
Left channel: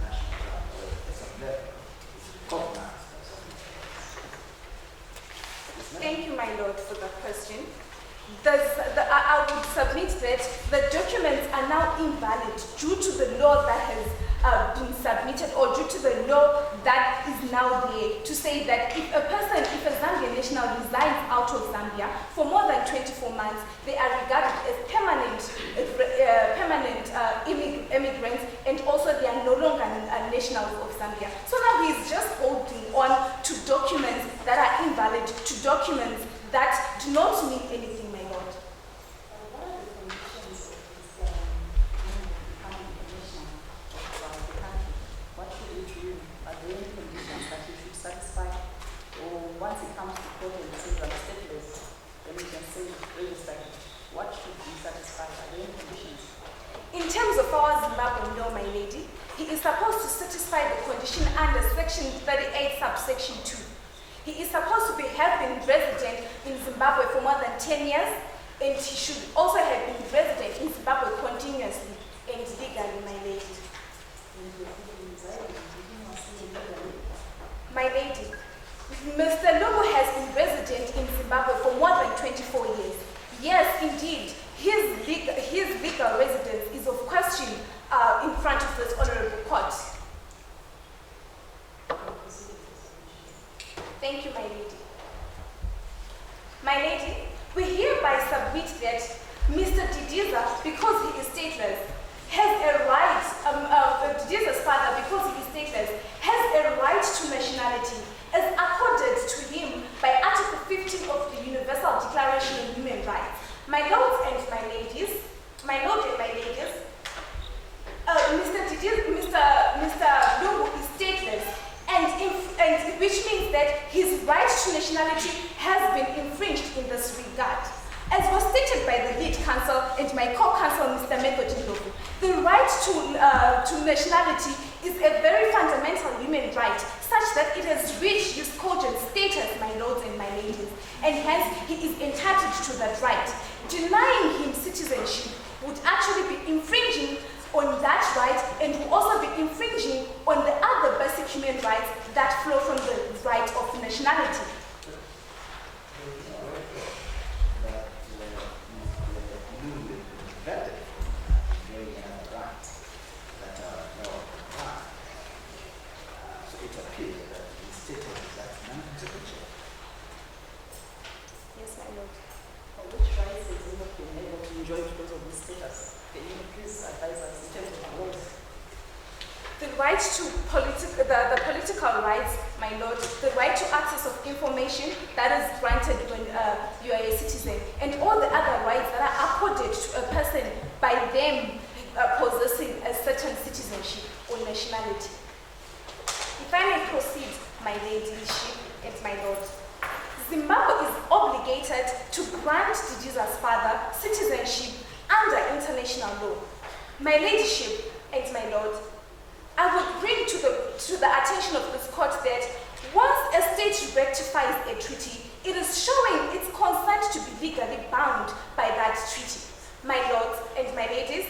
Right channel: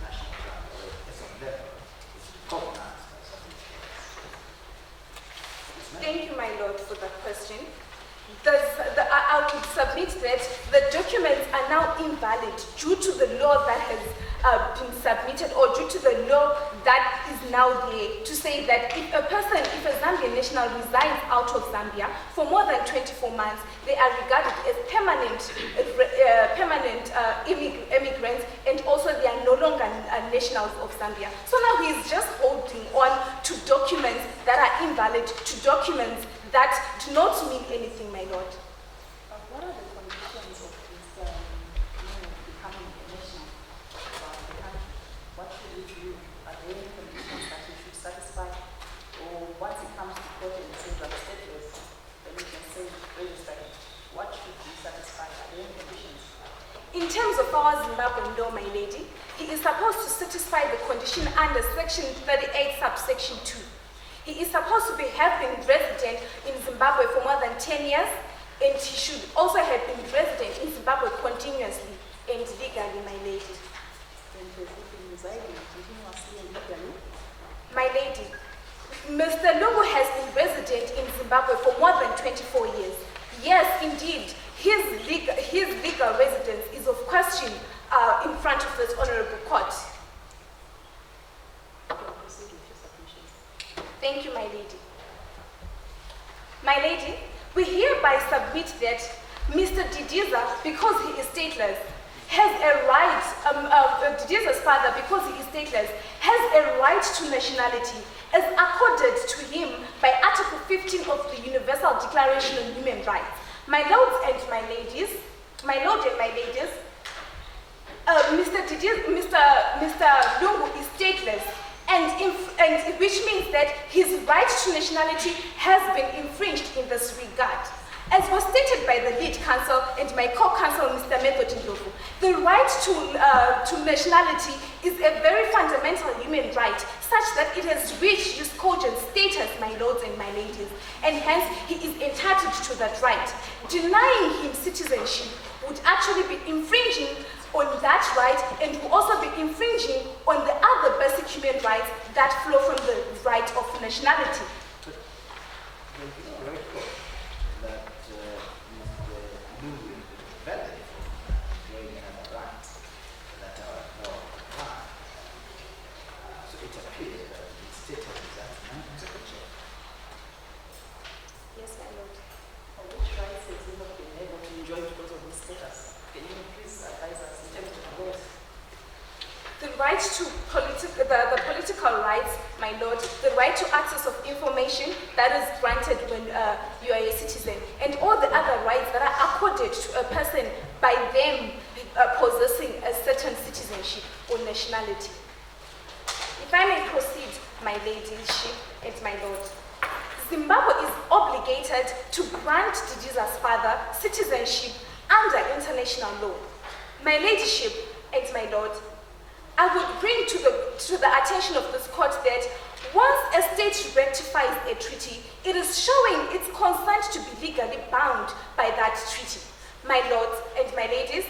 national Zambia, at some level, it's recognized as Zambia. Thank you, my lord, for that question. I would submit that the documents are now invalid due to the law that has been submitted, or due to the law that is now there, to say that if a Zambian national resides out of Zambia for more than 24 months, they are regarded as permanent immigrants, and also they are no longer nationals of Zambia. So now he is just holding on to documents that are invalid, to documents that do not mean anything, my lord. What are the conditions of this becoming a national of the country? What should it do? Are there any conditions that he should satisfy? Or once he comes to court and says I'm stateless, then we can say register him. What should be satisfied? Are there any conditions? In terms of our Zimbabwean law, my lady, he is supposed to satisfy the condition under Section 38, subsection 2. He is supposed to have been resident in Zimbabwe for more than 10 years, and he should also have been resident in Zimbabwe continuously and legally, my lady. And the people residing, legally? My lady, Mr. Lungu has been resident in Zimbabwe for more than 24 years. Yes, indeed, his legal residence is of question in front of this honorable court. Thank you, my lady. My lady, we hereby submit that Mr. Didiza, because he is stateless, has a right, Didiza's father, because he is stateless, has a right to nationality as accorded to him by Article 15 of the Universal Declaration on Human Rights. My lords and my ladies, Mr. Lungu is stateless, and which means that his right to nationality has been infringed in this regard. As was stated by the lead counsel and my co-counsel, Mr. Method Ndlovu, the right to nationality is a very fundamental human right, such that it has reached its cogent status, my lords and my ladies, and hence he is entitled to that right. Denying him citizenship would actually be infringing on that right, and will also be infringing on the other basic human rights that flow from the right of nationality. Yes, my lord. Which rights has he not been able to enjoy because of his status? Can you please advise us in terms of the laws? The right to the political rights, my lord, the right to access of information that is granted when you are a citizen, and all the other rights that are accorded to a person by them possessing a certain citizenship or nationality. If I may proceed, my ladyship and my lord, Zimbabwe is obligated to grant Didiza's father citizenship under international law. My ladyship and my lord, I would bring to the attention of this court that once a state rectifies a treaty, it is showing its consent to be legally bound by that treaty. My lords and my ladies,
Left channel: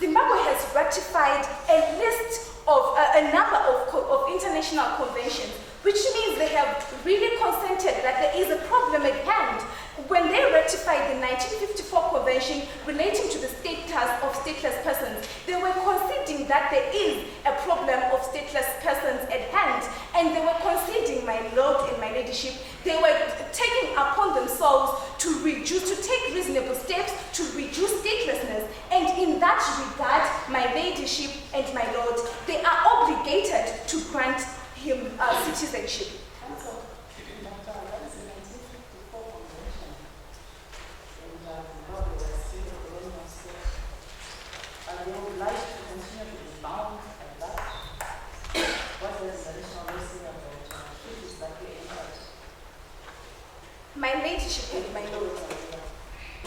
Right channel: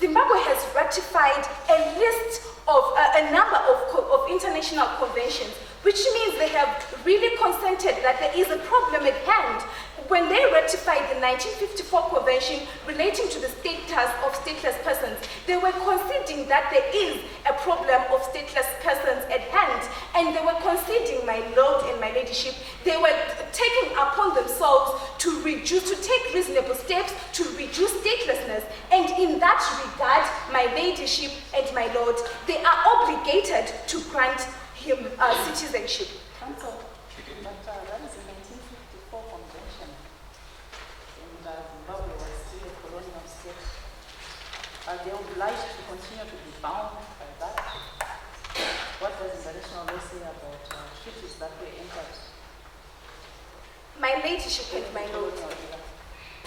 Zimbabwe has ratified a list of a number of international conventions, which means they have really consented that there is a problem at hand. When they ratified the 1954 convention relating to the status of stateless persons, they were conceding that there is a problem of stateless persons at hand, and they were conceding, my lord and my ladyship, they were taking upon themselves to take reasonable steps to reduce statelessness, and in that regard, my ladyship and my lord, they are obligated to grant him citizenship. Counsel, but that is a 1954 convention, and Zimbabwe was still still a colonial state, are they obliged to continue to be bound by that? What does international law say about treaties that were entered? My ladyship and my lord.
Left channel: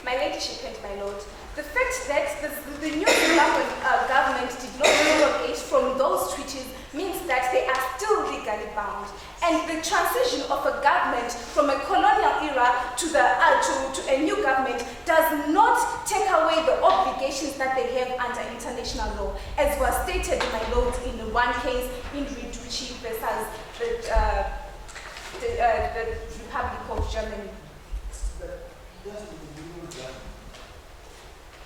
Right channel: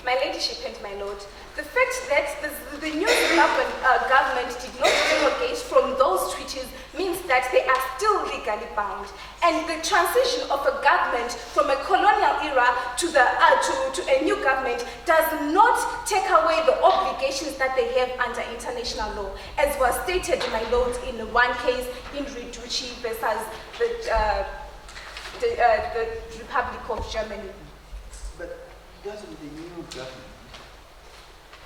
My ladyship and my lord. The fact that the new Zimbabwean government did not derogate from those treaties means that they are still legally bound. And the transition of a government from a colonial era to a new government does not take away the obligations that they have under international law, as was stated, my lord, in one case in Rebuttal versus the Republic of Germany. But doesn't the new government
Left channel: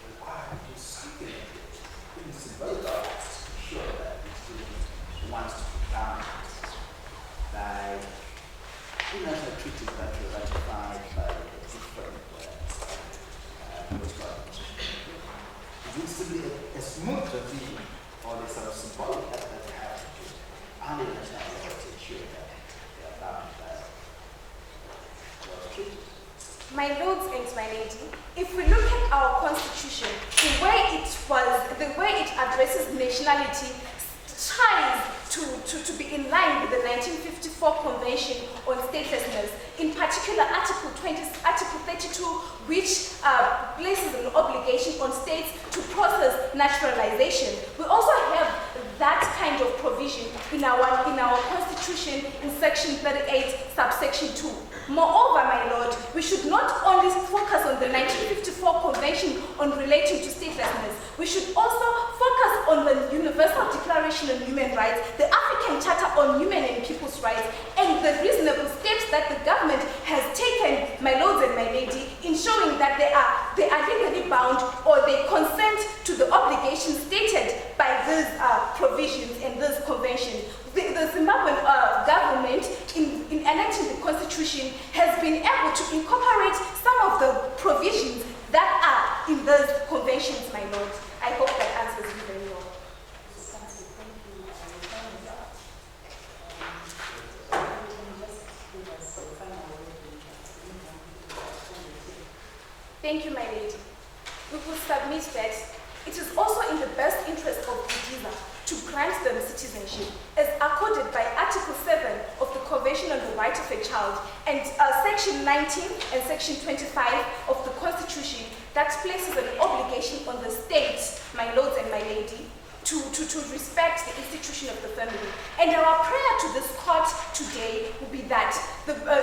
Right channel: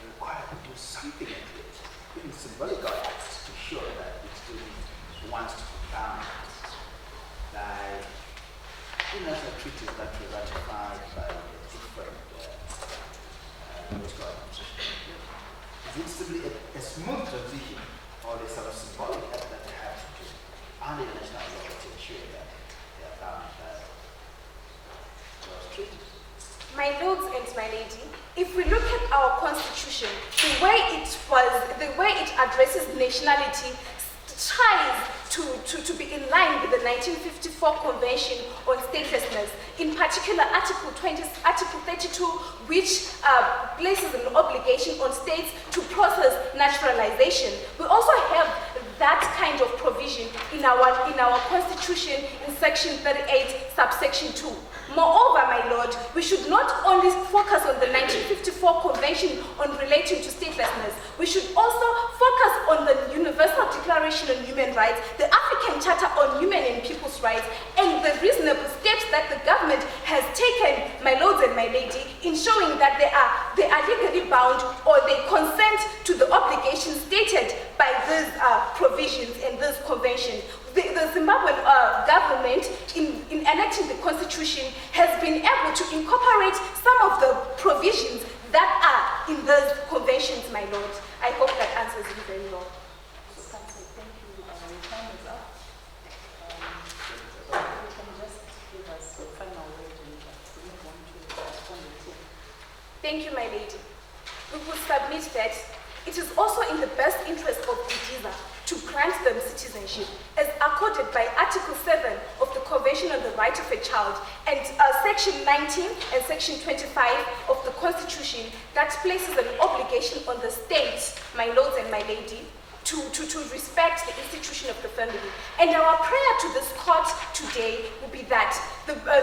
require to do something like this? In symbolic acts to show that it still wants to be bound by international treaties that were ratified by the different political organizations. Is it simply a smooth transition or a sort of symbolic act that they have to do under international law to ensure that they are bound by those treaties? My lords and my lady, if we look at our constitution, the way it addresses nationality tries to be in line with the 1954 Convention on Statelessness, in particular Article 32, which places an obligation on states to process naturalization. We also have that kind of provision in our constitution in section 38, subsection 2. Moreover, my lord, we should not only focus on the 1954 Convention on relating to statelessness, we should also focus on the Universal Declaration on Human Rights, the African Charter on Human and People's Rights, and the reasonable steps that the government has taken, my lords and my lady, in showing that they are legally bound or they consent to the obligations stated by these provisions and this convention. The Zimbabwean government, in enacting the constitution, has been able to incorporate some of the provisions that are in those conventions, my lord. I hope that answers you very well. So, Council, thank you. Your time is up. You can just give us a final word and move on to the Respondent. Thank you, my lady. We will submit that it is also in the best interest of Didiza to grant them citizenship, as accorded by Article 7 of the Convention on the Right of a Child and Section 19 and Section 25 of the Constitution that places an obligation on the states, my lords and my lady, to respect the institution of the family. And our prayer to this court today will be that,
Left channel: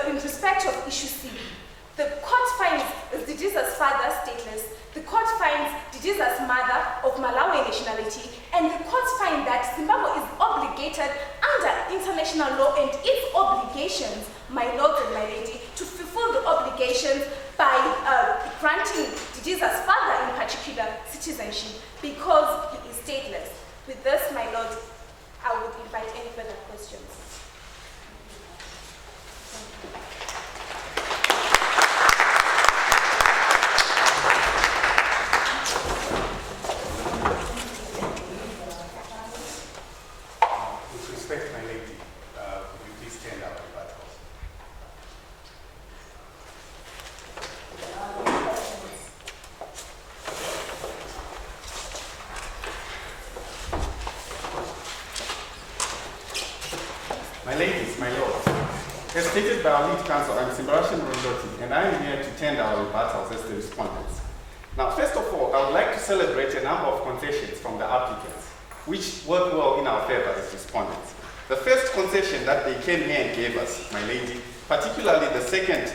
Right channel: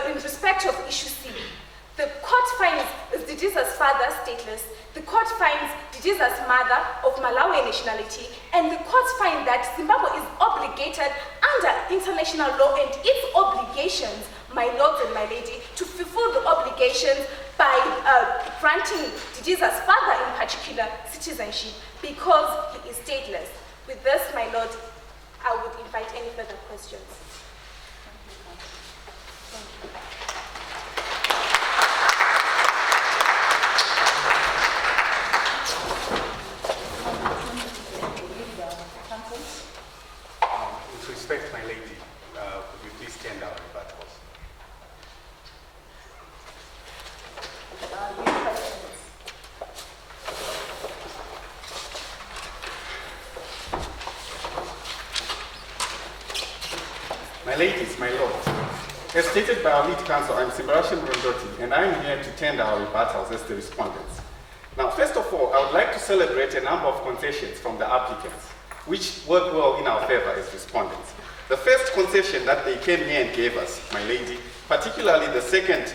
in respect of issue C, the court finds Didiza's father stateless, the court finds Didiza's mother of Malawi nationality, and the court finds that Zimbabwe is obligated under international law and its obligations, my lords and my lady, to fulfill the obligations by granting Didiza's father in particular citizenship because he is stateless. With this, my lord, I would invite any further questions. With respect, my lady, would you please stand out the battles? My ladies, my lords, as stated by our lead counsel, I'm Rebuttal, and I'm here to tender our rebuttals as the respondents. Now, first of all, I would like to celebrate a number of concessions from the applicants, which work well in our favor as respondents. The first concession that they came here and gave us, my lady, particularly the second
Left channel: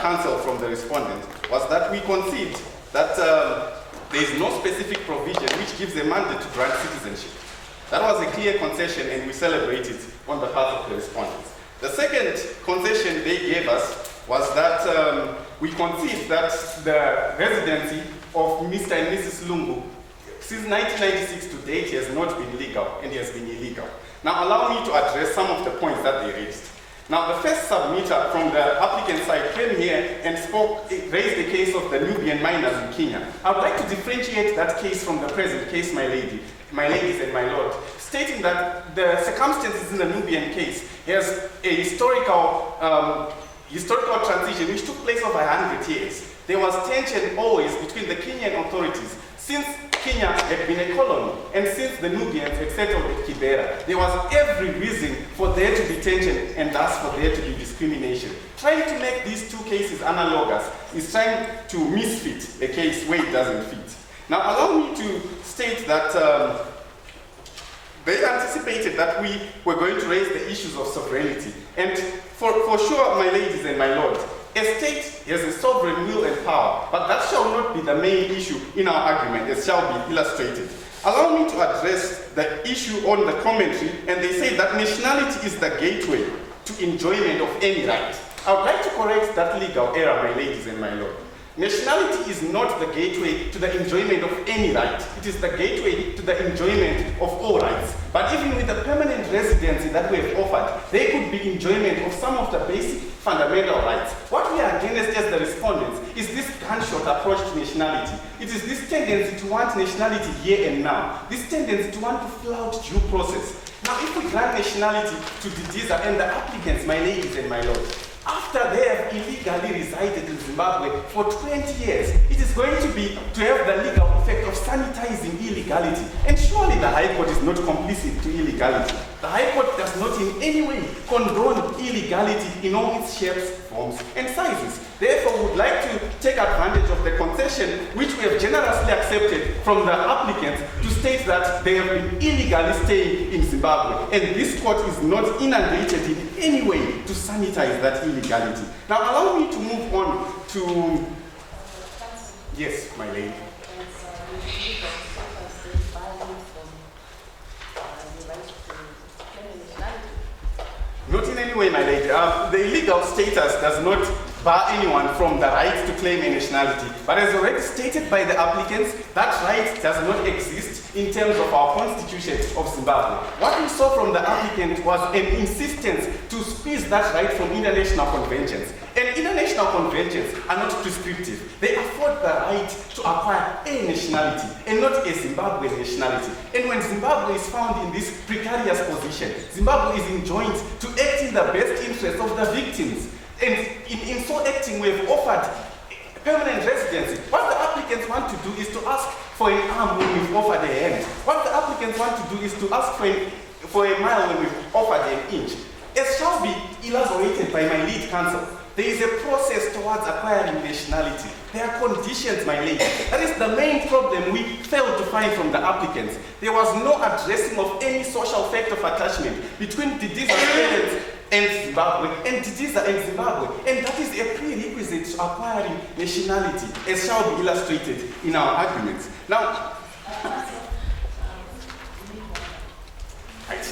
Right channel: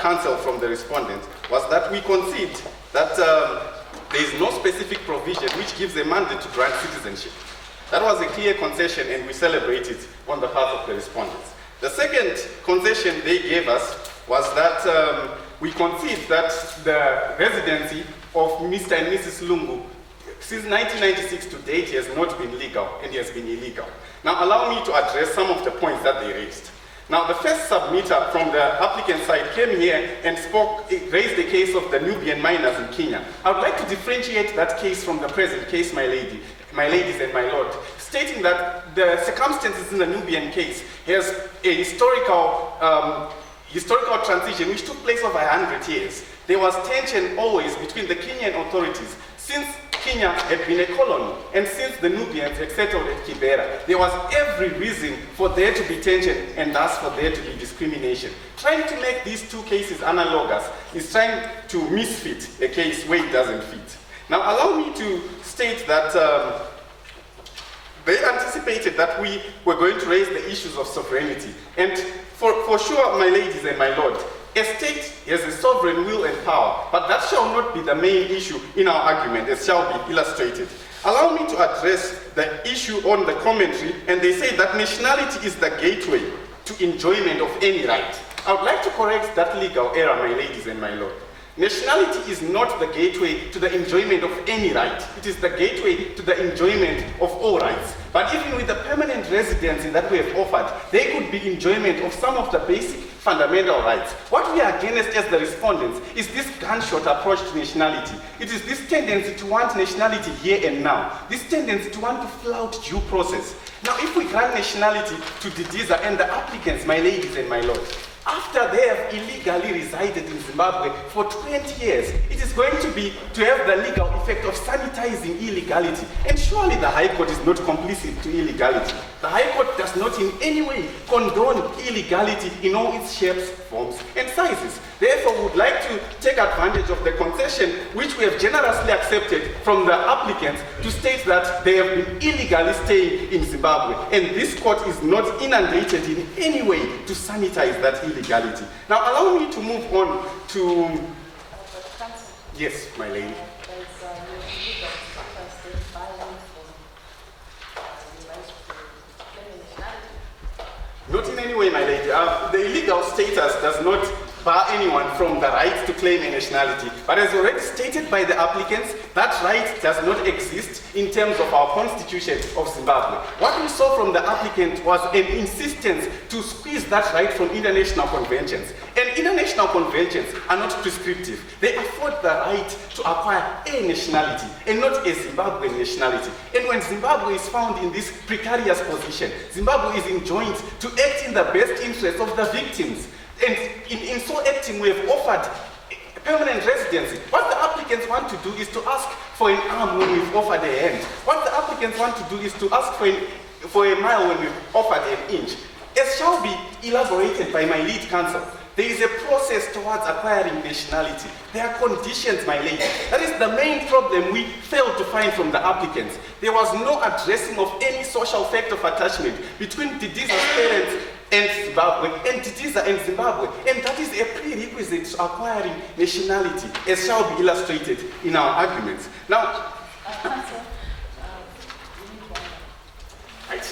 counsel from the respondent, was that we concede that there is no specific provision which gives a mandate to grant citizenship. That was a clear concession, and we celebrate it on behalf of the respondents. The second concession they gave us was that we concede that the residency of Mr. and Mrs. Lungu since 1996 to date has not been legal and has been illegal. Now allow me to address some of the points that they raised. Now the first submitter from the applicant side came here and raised the case of the Nubian miners in Kenya. I would like to differentiate that case from the present case, my ladies and my lord, stating that the circumstances in the Nubian case has a historical historical transition which took place over 100 years. There was tension always between the Kenyan authorities since Kenya had been a colony and since the Nubians had settled at Kibera. There was every reason for there to be tension and thus for there to be discrimination. Trying to make these two cases analogous is trying to misfit a case where it doesn't fit. Now allow me to state that they anticipated that we were going to raise the issues of sovereignty. And for sure, my ladies and my lords, a state has a sovereign will and power, but that shall not be the main issue in our argument, as shall be illustrated. Allow me to address the issue on the commentary, and they say that nationality is the gateway to enjoyment of any right. I would like to correct that legal error, my ladies and my lords. Nationality is not the gateway to the enjoyment of any right. It is the gateway to the enjoyment of all rights. But even with the permanent residency that we have offered, there could be enjoyment of some of the basic fundamental rights. What we are against as the respondents is this gunshot approach to nationality. It is this tendency to want nationality here and now. This tendency to want to flout due process. Now, if we grant nationality to Didiza and the applicants, my ladies and my lords, after they have illegally resided in Zimbabwe for 20 years, it is going to have the legal effect of sanitizing illegality. And surely the High Court is not complicit to illegality. The High Court does not in any way condone illegality in all its shapes, forms, and sizes. Therefore, we would like to take advantage of the concession which we have generously accepted from the applicants to state that they have been illegally staying in Zimbabwe. And this court is not inundated in any way to sanitize that illegality. Now, allow me to move on to... Yes, my lady. Not in any way, my lady. The illegal status does not bar anyone from the right to claim a nationality. But as already stated by the applicants, that right does not exist in terms of our constitution of Zimbabwe. What we saw from the applicant was an insistence to squeeze that right from international conventions. And international conventions are not prescriptive. They afford the right to acquire a nationality and not a Zimbabwean nationality. And when Zimbabwe is found in this precarious position, Zimbabwe is enjoined to act in the best interest of the victims. And in so acting, we have offered permanent residency. What the applicants want to do is to ask for an arm when we've offered a hand. What the applicants want to do is to ask for a mile when we've offered an inch. As shall be elaborated by my lead counsel, there is a process towards acquiring nationality. There are conditions, my lady. That is the main problem we failed to find from the applicants. There was no addressing of any social fact of attachment between Didiza's parents and Zimbabwe, and Didiza and Zimbabwe. And that is a prerequisite to acquiring nationality, as shall be illustrated in our arguments. Now,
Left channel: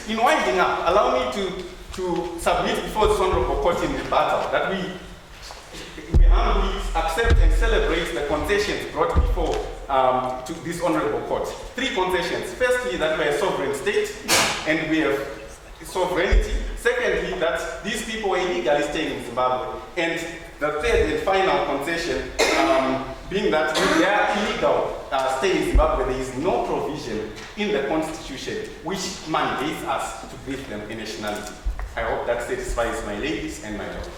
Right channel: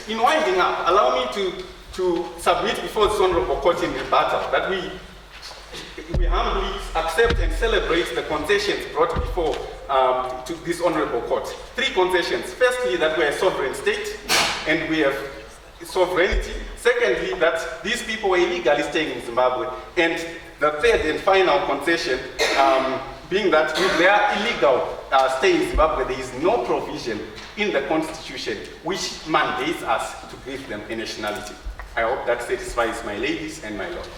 in winding up, allow me to submit before this honorable court in rebuttal that we humbly accept and celebrate the concessions brought before to this honorable court. 3 concessions. Firstly, that we're a sovereign state and we have sovereignty. Secondly, that these people were illegally staying in Zimbabwe. And the third and final concession being that with their illegal stay in Zimbabwe, there is no provision in the constitution which mandates us to give them a nationality. I hope that satisfies my ladies and my lords.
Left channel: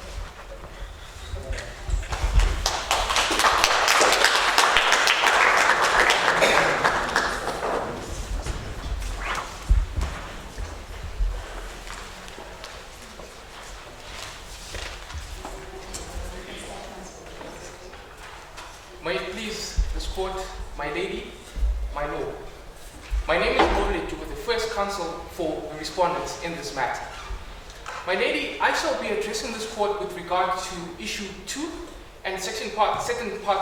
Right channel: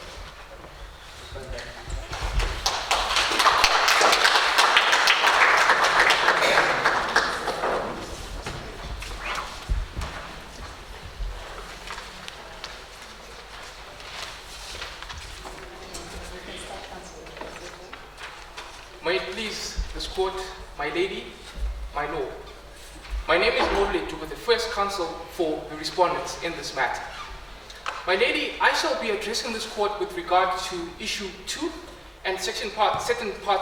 May it please this court, my lady, my lord. My name is Moot, with the first counsel for the respondents in this matter. My lady, I shall be addressing this court with regard to issue 2 and second parts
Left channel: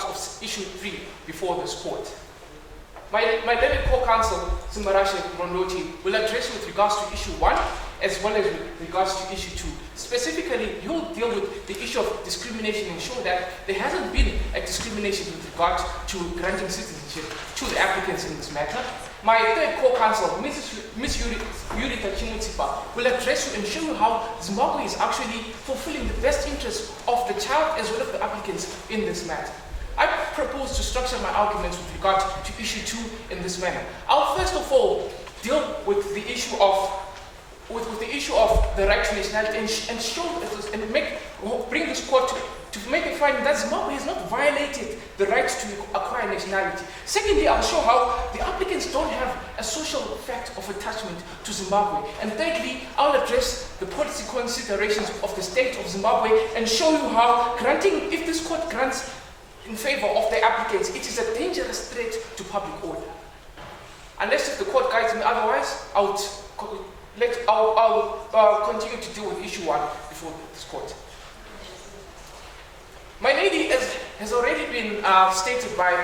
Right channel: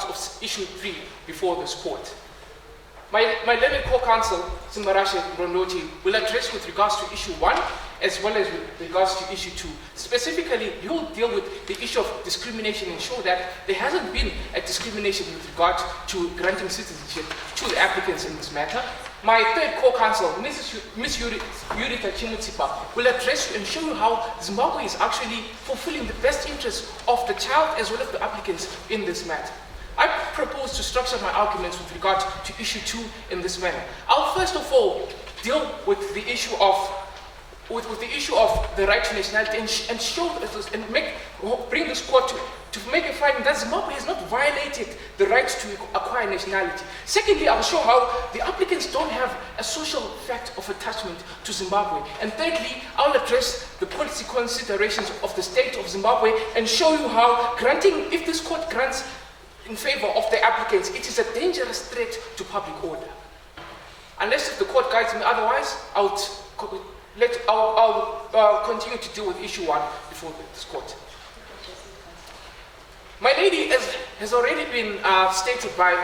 of issue 3 before this court. My learned co-counsel, Simbarashe Rondoti, will address with regards to issue 1 as well as with regards to issue 2. Specifically, he will deal with the issue of discrimination and ensure that there hasn't been a discrimination with regard to granting citizenship to the applicants in this matter. My third co-counsel, Ms. Yurita Chimutsipa, will address you and show you how Zimbabwe is actually fulfilling the best interests of the child as well as the applicants in this matter. I propose to structure my arguments with regard to issue 2 in this manner. I'll first of all deal with the issue of with the issue of the right to nationality and show and bring this court to make a finding that Zimbabwe has not violated the right to acquire nationality. Secondly, I'll show how the applicants don't have a social fact of attachment to Zimbabwe. And thirdly, I'll address the policy considerations of the state of Zimbabwe and show you how if this court grants in favor of the applicants, it is a dangerous threat to public order. Unless if the court guides me otherwise, I'll continue to deal with issue 1 before this court. My lady has already been stated by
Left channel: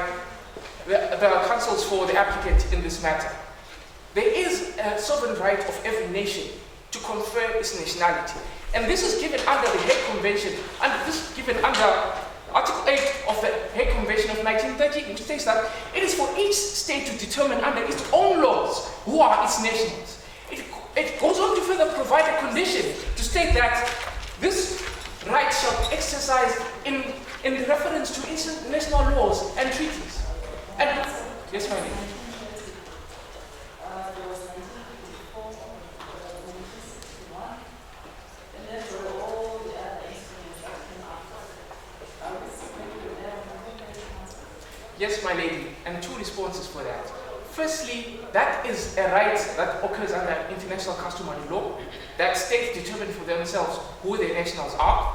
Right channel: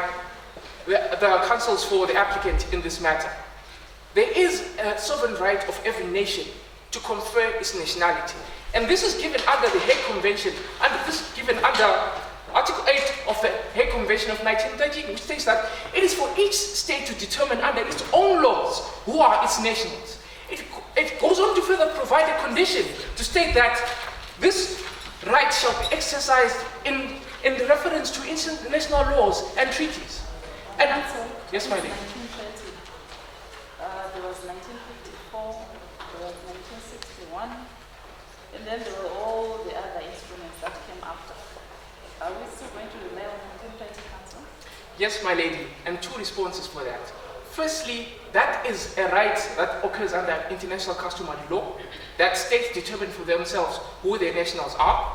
the counsels for the applicant in this matter. There is a sovereign right of every nation to confer its nationality. And this is given under the Hague Convention, and this is given under Article 8 of the Hague Convention of 1930, which states that it is for each state to determine under its own laws who are its nationals. It goes on to further provide a condition to state that this right shall be exercised in reference to international laws and treaties. And yes, my lady. There was 1954, there was 1961, and then there were all the other instruments that came after. Are we still going to rely on the Unedited Council? Yes, my lady, and 2 responses for that. Firstly, that is a right that occurs under international customary law, that states determine for themselves who their nationals are.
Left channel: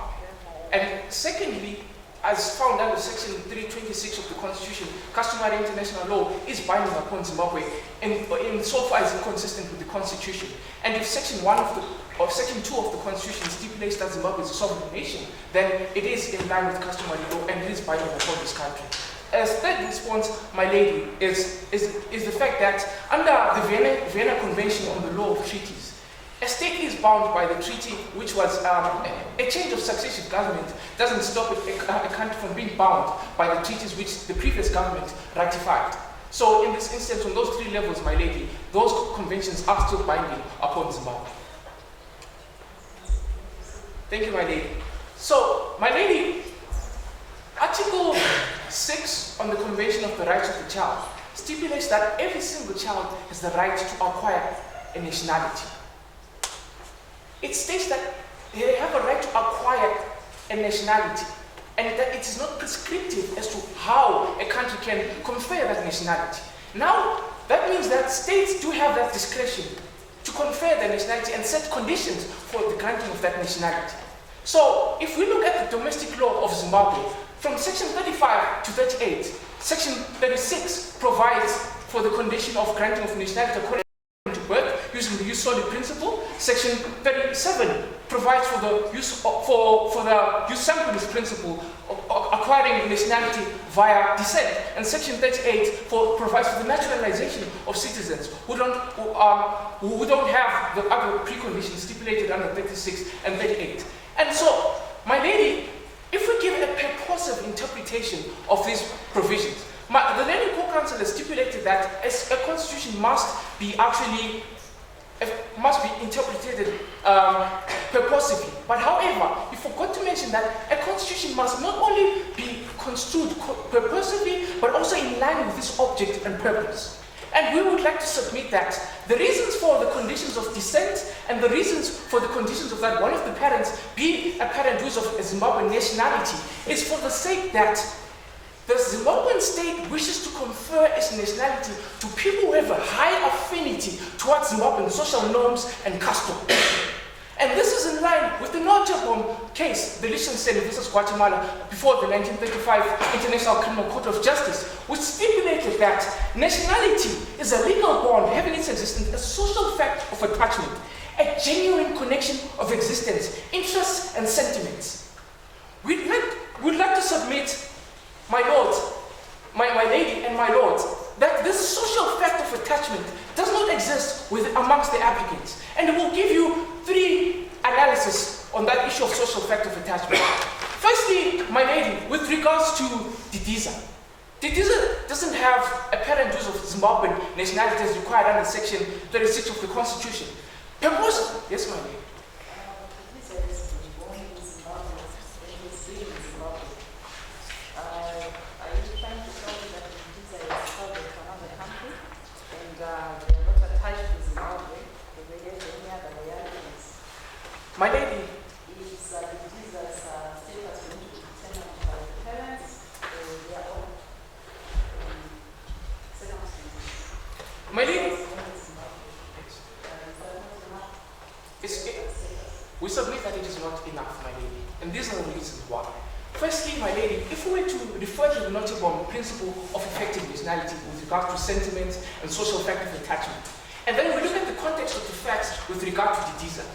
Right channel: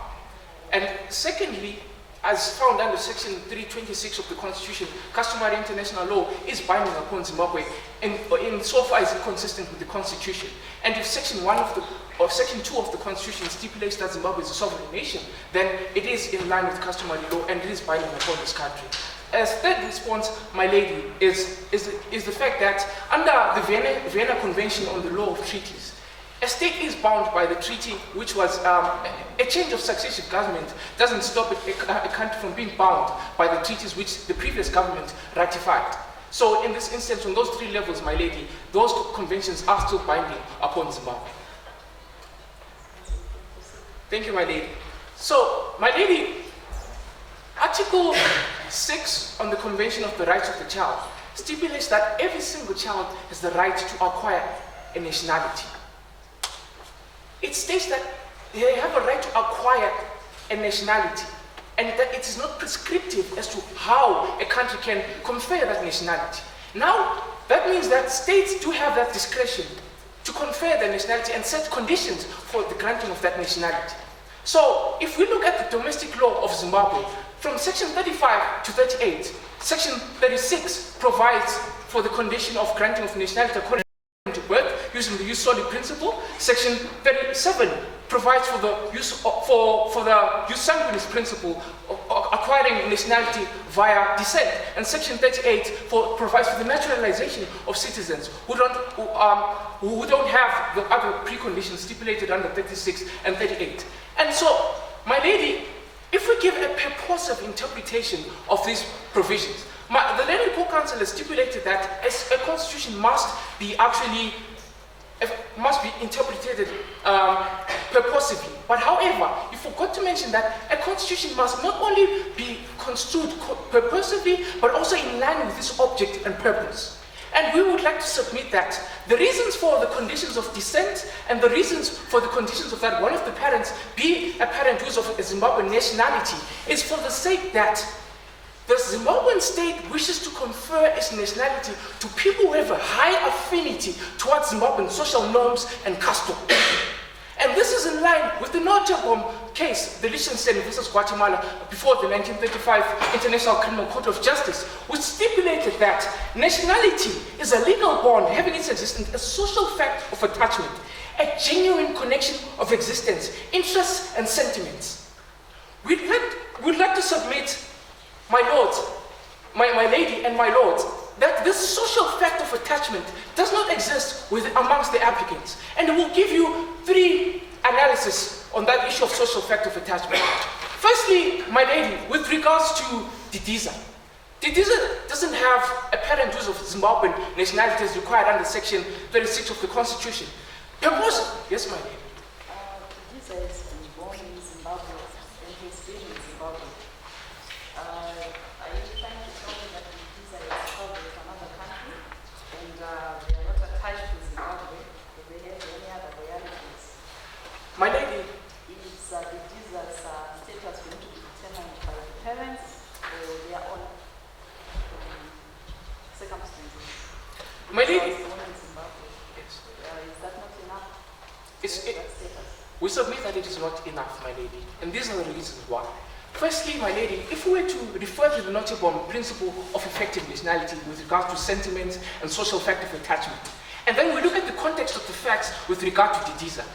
And secondly, as found under Section 326 of the Constitution, customary international law is binding upon Zimbabwe in so far as inconsistent with the Constitution. And if Section 2 of the Constitution stipulates that Zimbabwe is a sovereign nation, then it is in line with customary law and it is binding upon this country. As third response, my lady, is the fact that under the Vienna Convention on the Law of Treaties, a state is bound by the treaty, which was a change of successive government doesn't stop a country from being bound by the treaties which the previous government ratified. So in this instance, on those 3 levels, my lady, those conventions are still binding upon Zimbabwe. Thank you, my lady. So, my lady, Article 6 on the Convention of the Rights of the Child stipulates that every single child has the right to acquire a nationality. It states that they have a right to acquire a nationality and that it is not prescriptive as to how a country can confer that nationality. Now, that means that states do have that discretion to confer their nationality and set conditions for the granting of that nationality. So, if we look at the domestic law of Zimbabwe, from Section 35 to 38, Section 36 provides for the condition of granting of nationality according to birth using the jus soli principle. Section 37 provides for the jus sanguinis principle of acquiring nationality via descent, and Section 38 provides for the naturalization of citizens who don't have the other preconditions stipulated under 36 and 38. And so, my lady, if we give a purposive interpretation of these provisions, the Learning Core Council has stipulated that a constitution must be interpreted purposively. But however, you forgot to mention that a constitution must not only be construed purposively, but also in line with its object and purpose. And we would like to submit that the reasons for the conditions of descent and the reasons for the conditions of that one of the parents be a parent who is of a Zimbabwean nationality is for the sake that the Zimbabwean state wishes to confer its nationality to people who have a high affinity towards Zimbabwean social norms and customs. And this is in line with the notable case, the Liechtenstein versus Guatemala, before the 1935 International Criminal Court of Justice, which stipulated that nationality is a legal bond having its existence, a social fact of attachment, a genuine connection of existence, interests and sentiments. We'd like to submit, my lords, my lady and my lords, that this social fact of attachment does not exist amongst the applicants. And it will give you 3 analyses on that issue of social fact of attachment. Firstly, my lady, with regards to Didiza. Didiza doesn't have a parent who's of Zimbabwean nationality as required under Section 36 of the Constitution. Yes, my lady. Didiza has been born in Zimbabwe and he's been in Zimbabwe. Are you trying to tell me that Didiza is traveled to another country and they are not attached to Zimbabwe? Do they have any other loyalty enough, my lady, and these are the reasons why. Firstly, my lady, if we were to refer to the Nottebohm principle of effective nationality with regard to sentiments and social factor of attachment, and then we look at the context of the facts with regard to Didiza,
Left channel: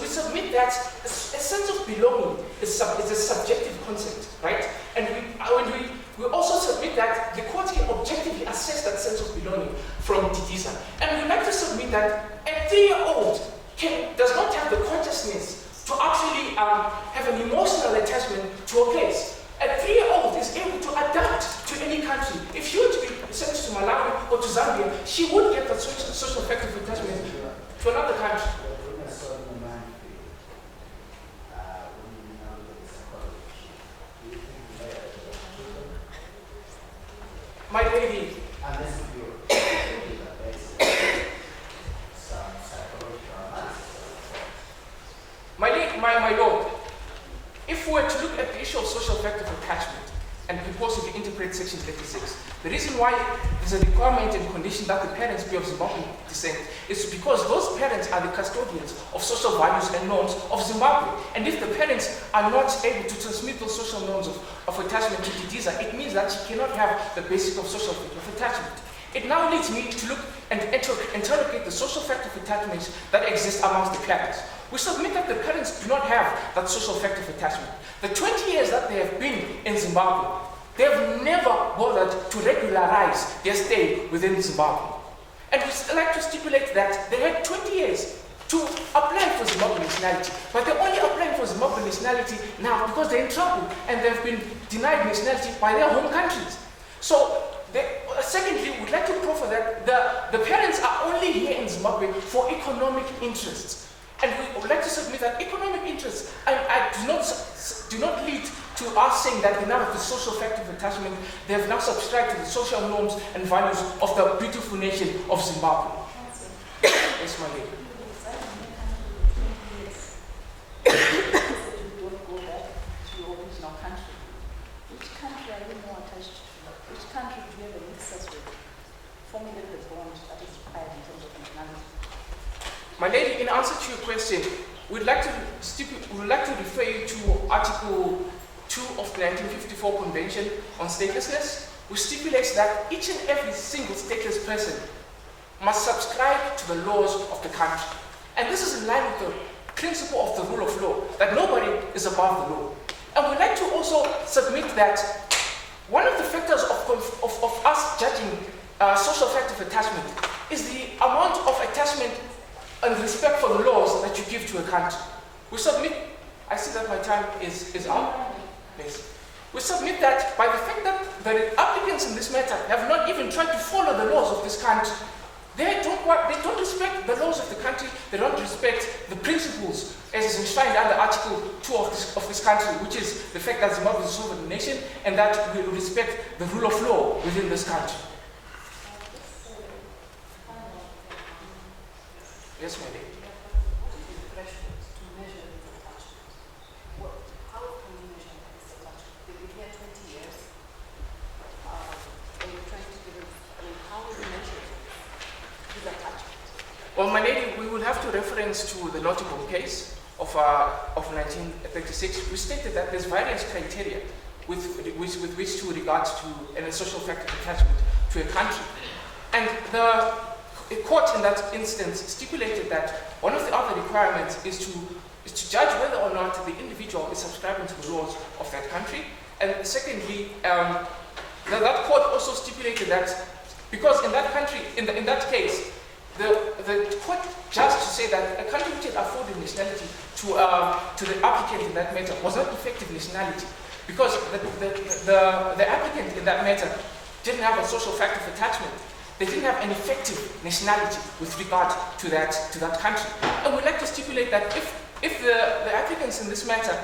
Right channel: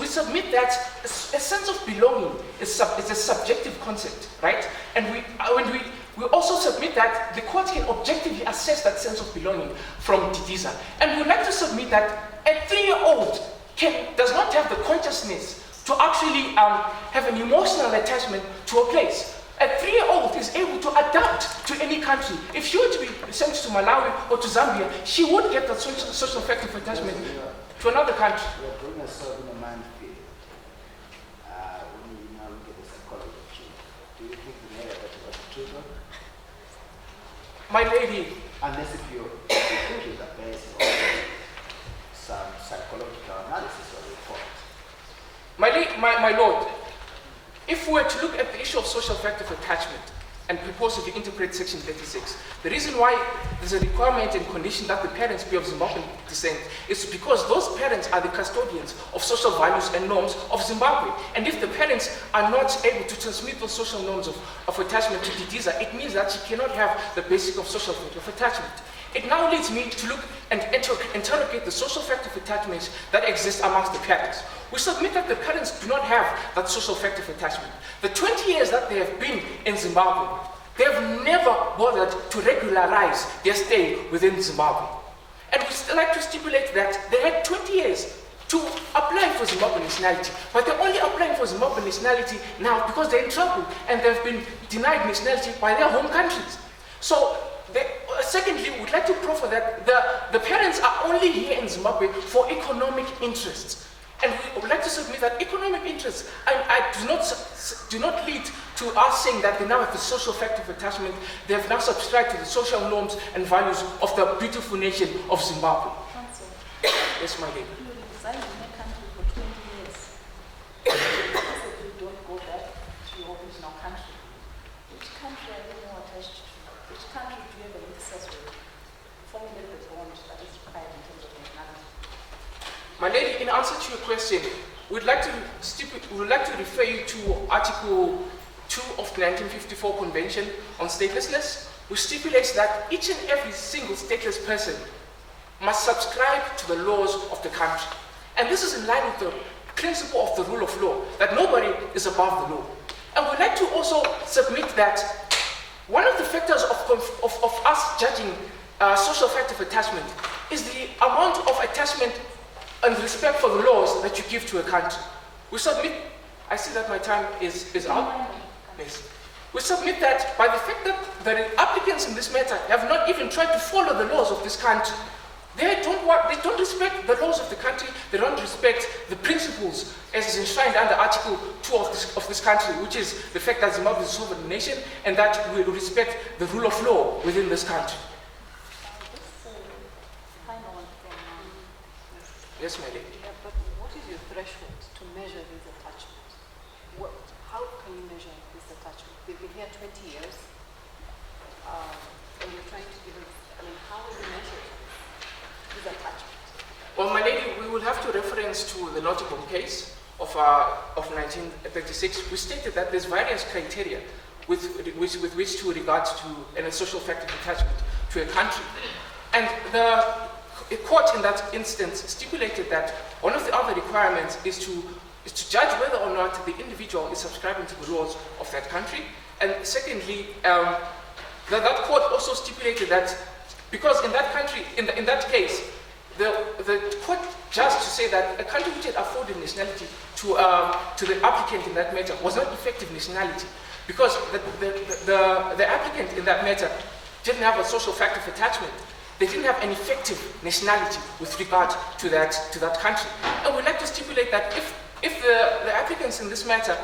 we submit that a sense of belonging is a subjective concept, right? And we also submit that the court can objectively assess that sense of belonging from Didiza. And we'd like to submit that a 3-year-old does not have the consciousness to actually have an emotional attachment to a place. A 3-year-old is able to adapt to any country. If she were to be sent to Malawi or to Zambia, she would get that social factor of attachment to another country. My lady, unless if you're thinking that there is some psychological analysis of the point. my lord, if we were to look at the issue of social factor of attachment and propose to interpret section 36, the reason why there's a requirement and condition that the parents be of Zimbabwean descent is because those parents are the custodians of social values and norms of Zimbabwe. And if the parents are not able to transmit those social norms of attachment to Didiza, it means that she cannot have the basic of social factor of attachment. It now leads me to look and interrogate the social factor of attachments that exist amongst the parents. We submit that the parents do not have that social factor of attachment. The 20 years that they have been in Zimbabwe, they have never bothered to regularize their stay within Zimbabwe. And we still like to stipulate that they had 20 years to apply for Zimbabwean nationality, but they're only applying for Zimbabwean nationality now because they're in trouble and they've been denied nationality by their home countries. So, secondly, we'd like to proffer that the parents are only here in Zimbabwe for economic interests. And we would like to submit that economic interests do not lead to us saying that they now have the social factor of attachment. They have now subscribed to the social norms and values of the beautiful nation of Zimbabwe. Council, Yes, my lady. you reside in a country for 20 years. So you don't go back to your original country. Which country are you more attached to? Which country do you have an excess with? Formulate the bond that is required in terms of nationality. My lady, in answer to your question, we'd like to refer you to Article 2 of the 1954 Convention on Statelessness, which stipulates that each and every single stateless person must subscribe to the laws of the country. And this is in line with the principle of the rule of law, that nobody is above the law. And we'd like to also submit that one of the factors of us judging social factor of attachment is the amount of attachment and respect for the laws that you give to a country. We submit, I see that my time is up. Yes. We submit that by the fact that the applicants in this matter have not even tried to follow the laws of this country. They don't respect the laws of the country, they don't respect the principles as is enshrined under Article 2 of this country, which is the fact that Zimbabwe is a sovereign nation and that we respect the rule of law within this country. Yes, my lady. Yeah, but what is your threshold to measure this attachment? How can you measure this attachment? They've been here 20 years, and you're trying to give us, how will you measure this attachment? Well, my lady, we will have to reference to the Nottebohm case of 1936. We stated that there's various criteria with which to regard to a social factor attachment to a country. And the court in that instance stipulated that one of the other requirements is to judge whether or not the individual is subscribing to the laws of that country. And secondly, that court also stipulated that because in that country, in that case, the court judged to say that a country which had afforded nationality to the applicant in that matter was not effective nationality because the applicant in that matter didn't have a social factor of attachment. They didn't have an effective nationality with regard to that country. And we'd like to stipulate that if the applicants in this matter,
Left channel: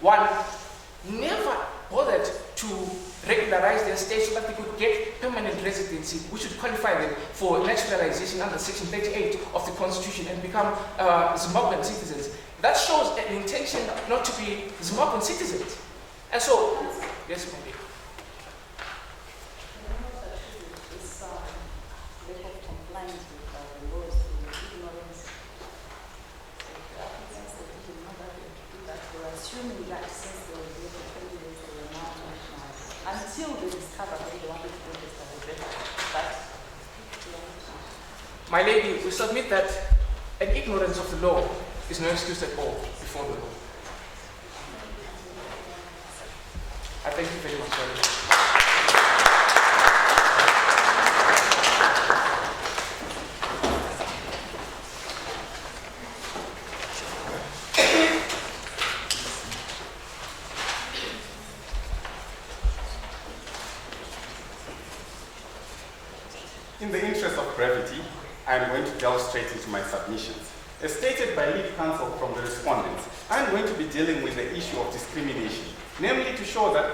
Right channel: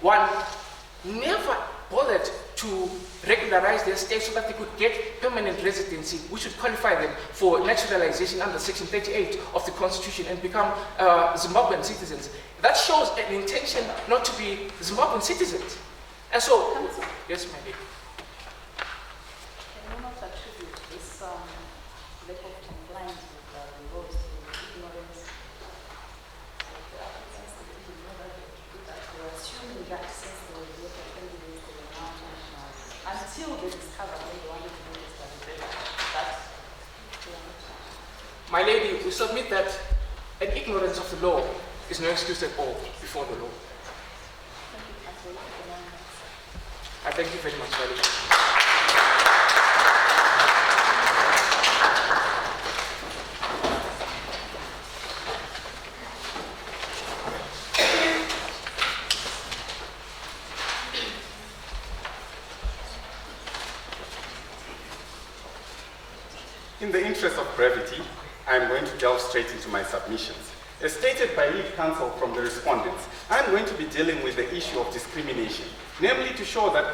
one, never bothered to regularize their stay so that they could get permanent residency, which would qualify them for naturalization under Section 38 of the Constitution and become Zimbabwean citizens. That shows an intention not to be Zimbabwean citizens. And so, yes, my dear. Lack of compliance with the laws, ignorance. So the applicants, they didn't know that assuming that since they were there for 20 days, they were now national, until they discovered that they wanted to register the better, that they are not national. My lady, we submit that an ignorance of the law is no excuse at all before the law. I thank you very much, my lady. In the interest of brevity, I'm going to delve straight into my submissions. As stated by lead counsel from the respondents, I'm going to be dealing with the issue of discrimination, namely to show that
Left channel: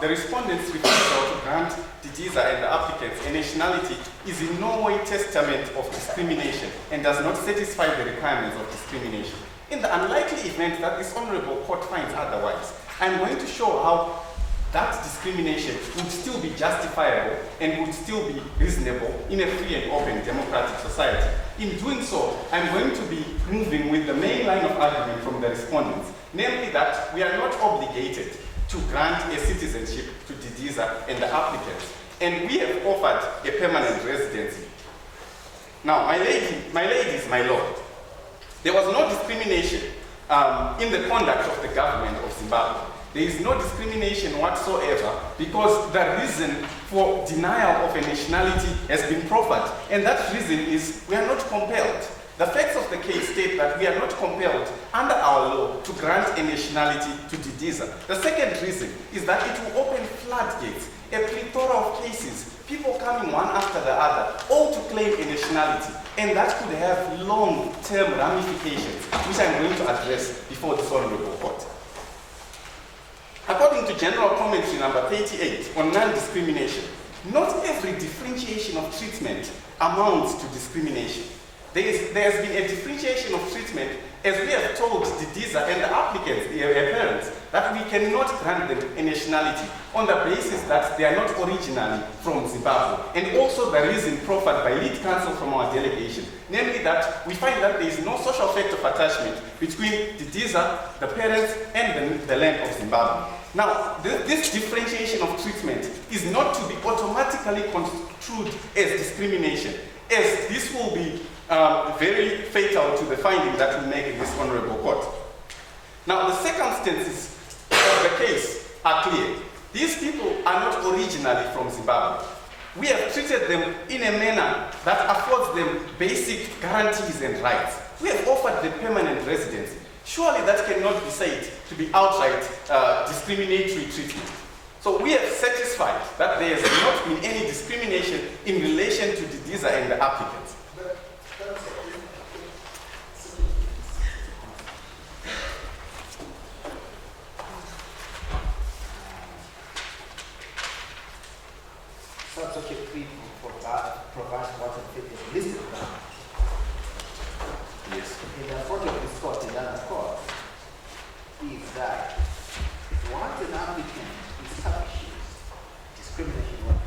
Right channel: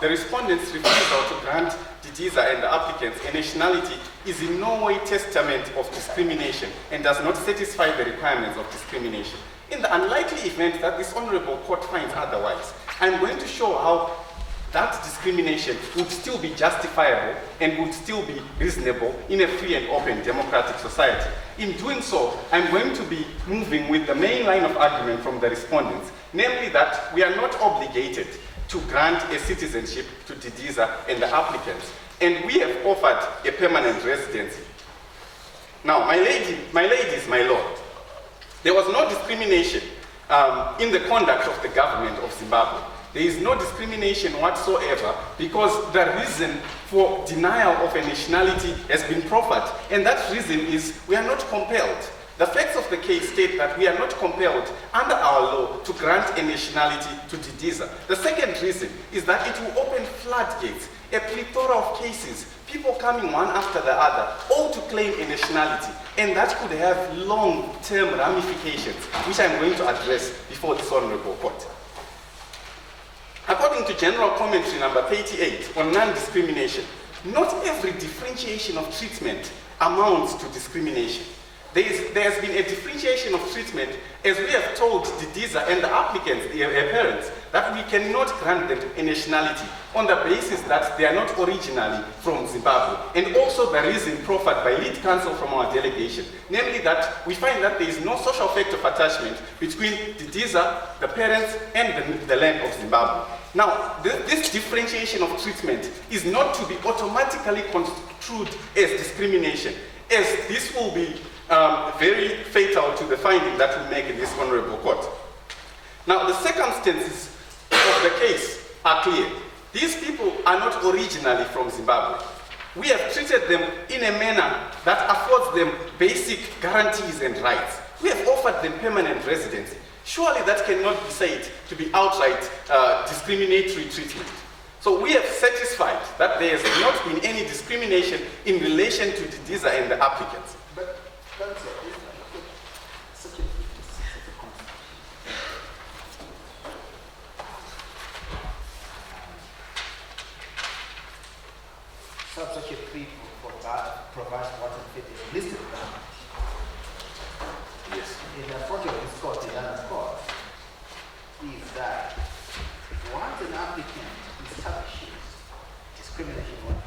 the respondents' refusal to grant Didiza and the applicants a nationality is in no way testament of discrimination and does not satisfy the requirements of discrimination. In the unlikely event that this honorable court finds otherwise, I'm going to show how that discrimination would still be justifiable and would still be reasonable in a free and open democratic society. In doing so, I'm going to be moving with the main line of argument from the respondents, namely that we are not obligated to grant a citizenship to Didiza and the applicants, and we have offered a permanent residency. Now, my ladies, my lord, there was no discrimination in the conduct of the government of Zimbabwe. There is no discrimination whatsoever because the reason for denial of a nationality has been proffered, and that reason is we are not compelled. The facts of the case state that we are not compelled under our law to grant a nationality to Didiza. The second reason is that it will open floodgates, a plethora of cases, people coming one after the other, all to claim a nationality, and that could have long-term ramifications, which I'm going to address before this honorable court. According to General Commentary number 38 on non-discrimination, not every differentiation of treatment amounts to discrimination. There has been a differentiation of treatment as we have told Didiza and the applicants, their parents, that we cannot grant them a nationality on the basis that they are not originally from Zimbabwe, and also the reason proffered by lead counsel from our delegation, namely that we find that there is no social fact of attachment between Didiza, the parents, and the land of Zimbabwe. Now, this differentiation of treatment is not to be automatically construed as discrimination, as this will be very fatal to the finding that we make in this honorable court. Now, the circumstances of the case are clear. These people are not originally from Zimbabwe. We have treated them in a manner that affords them basic guarantees and rights. We have offered them permanent residency. Surely that cannot be said to be outright discriminatory treatment. So we have satisfied that there has not been any discrimination in relation to Didiza and the applicants. But that's subsection 3 provides what it is listed down. Yes. In the approach of this court, the other court, is that once an applicant establishes discrimination on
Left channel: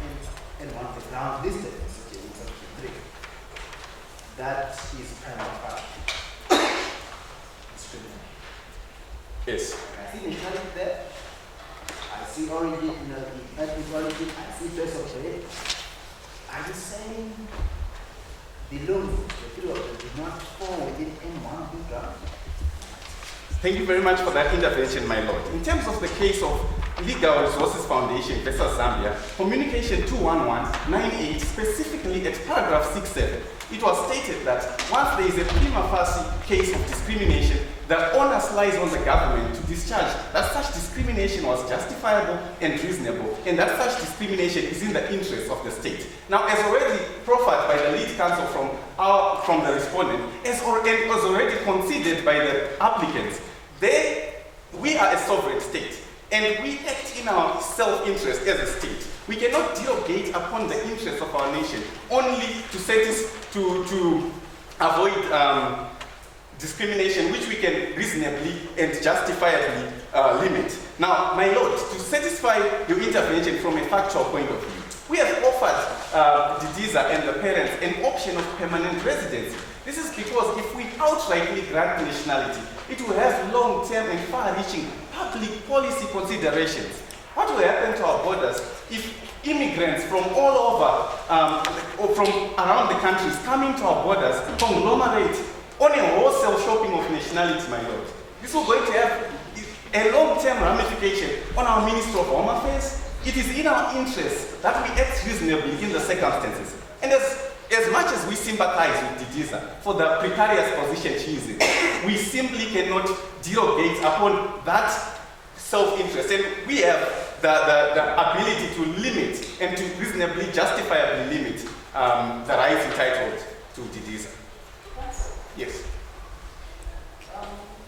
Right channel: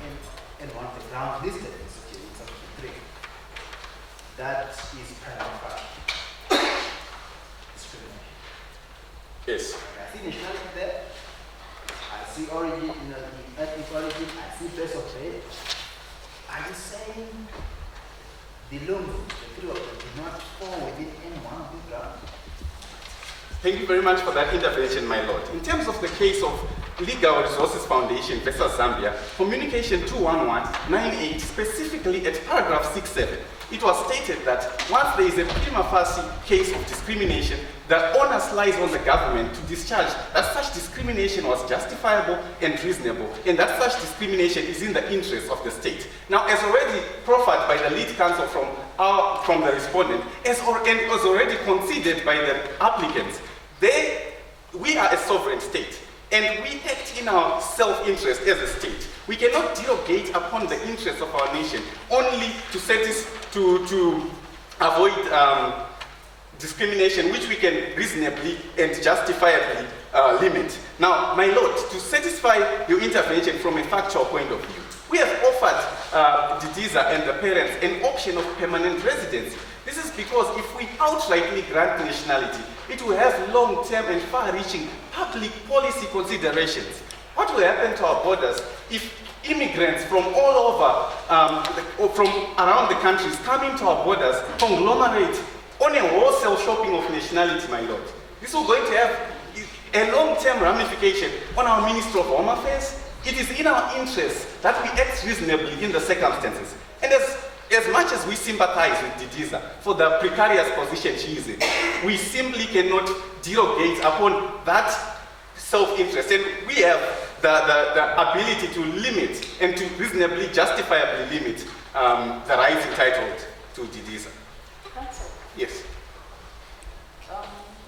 any one of the grounds listed in section 3, that is prima facie discrimination. Yes. I see nationality there. I see origin, ethnic origin. I see place of birth. Are you saying the law, the three of them, do not fall within any one of these grounds? Thank you very much for that intervention, my lord. In terms of the case of Legal Resources Foundation versus Zambia, Communication 21198, specifically at paragraph 67, it was stated that once there is a prima facie case of discrimination, the onus lies on the government to discharge that such discrimination was justifiable and reasonable, and that such discrimination is in the interest of the state. Now, as already proffered by the lead counsel from the respondent, and was already conceded by the applicants, we are a sovereign state, and we act in our self-interest as a state. We cannot derogate upon the interests of our nation only to avoid discrimination, which we can reasonably and justifiably limit. Now, my lord, to satisfy your intervention from a factual point of view, we have offered Didiza and the parents an option of permanent residency. This is because if we outrightly grant nationality, it will have long-term and far-reaching public policy considerations. What will happen to our borders if immigrants from all over, or from around the countries coming to our borders conglomerate on a wholesale shopping of nationality, my lord? This is going to have a long-term ramification on our Ministry of Home Affairs. It is in our interest that we act reasonably in the circumstances. And as much as we sympathize with Didiza for the precarious position she is in, we simply cannot derogate upon that self-interest. And we have the ability to limit and to reasonably justifiably limit the rights entitled to Didiza. Counsel, Yes.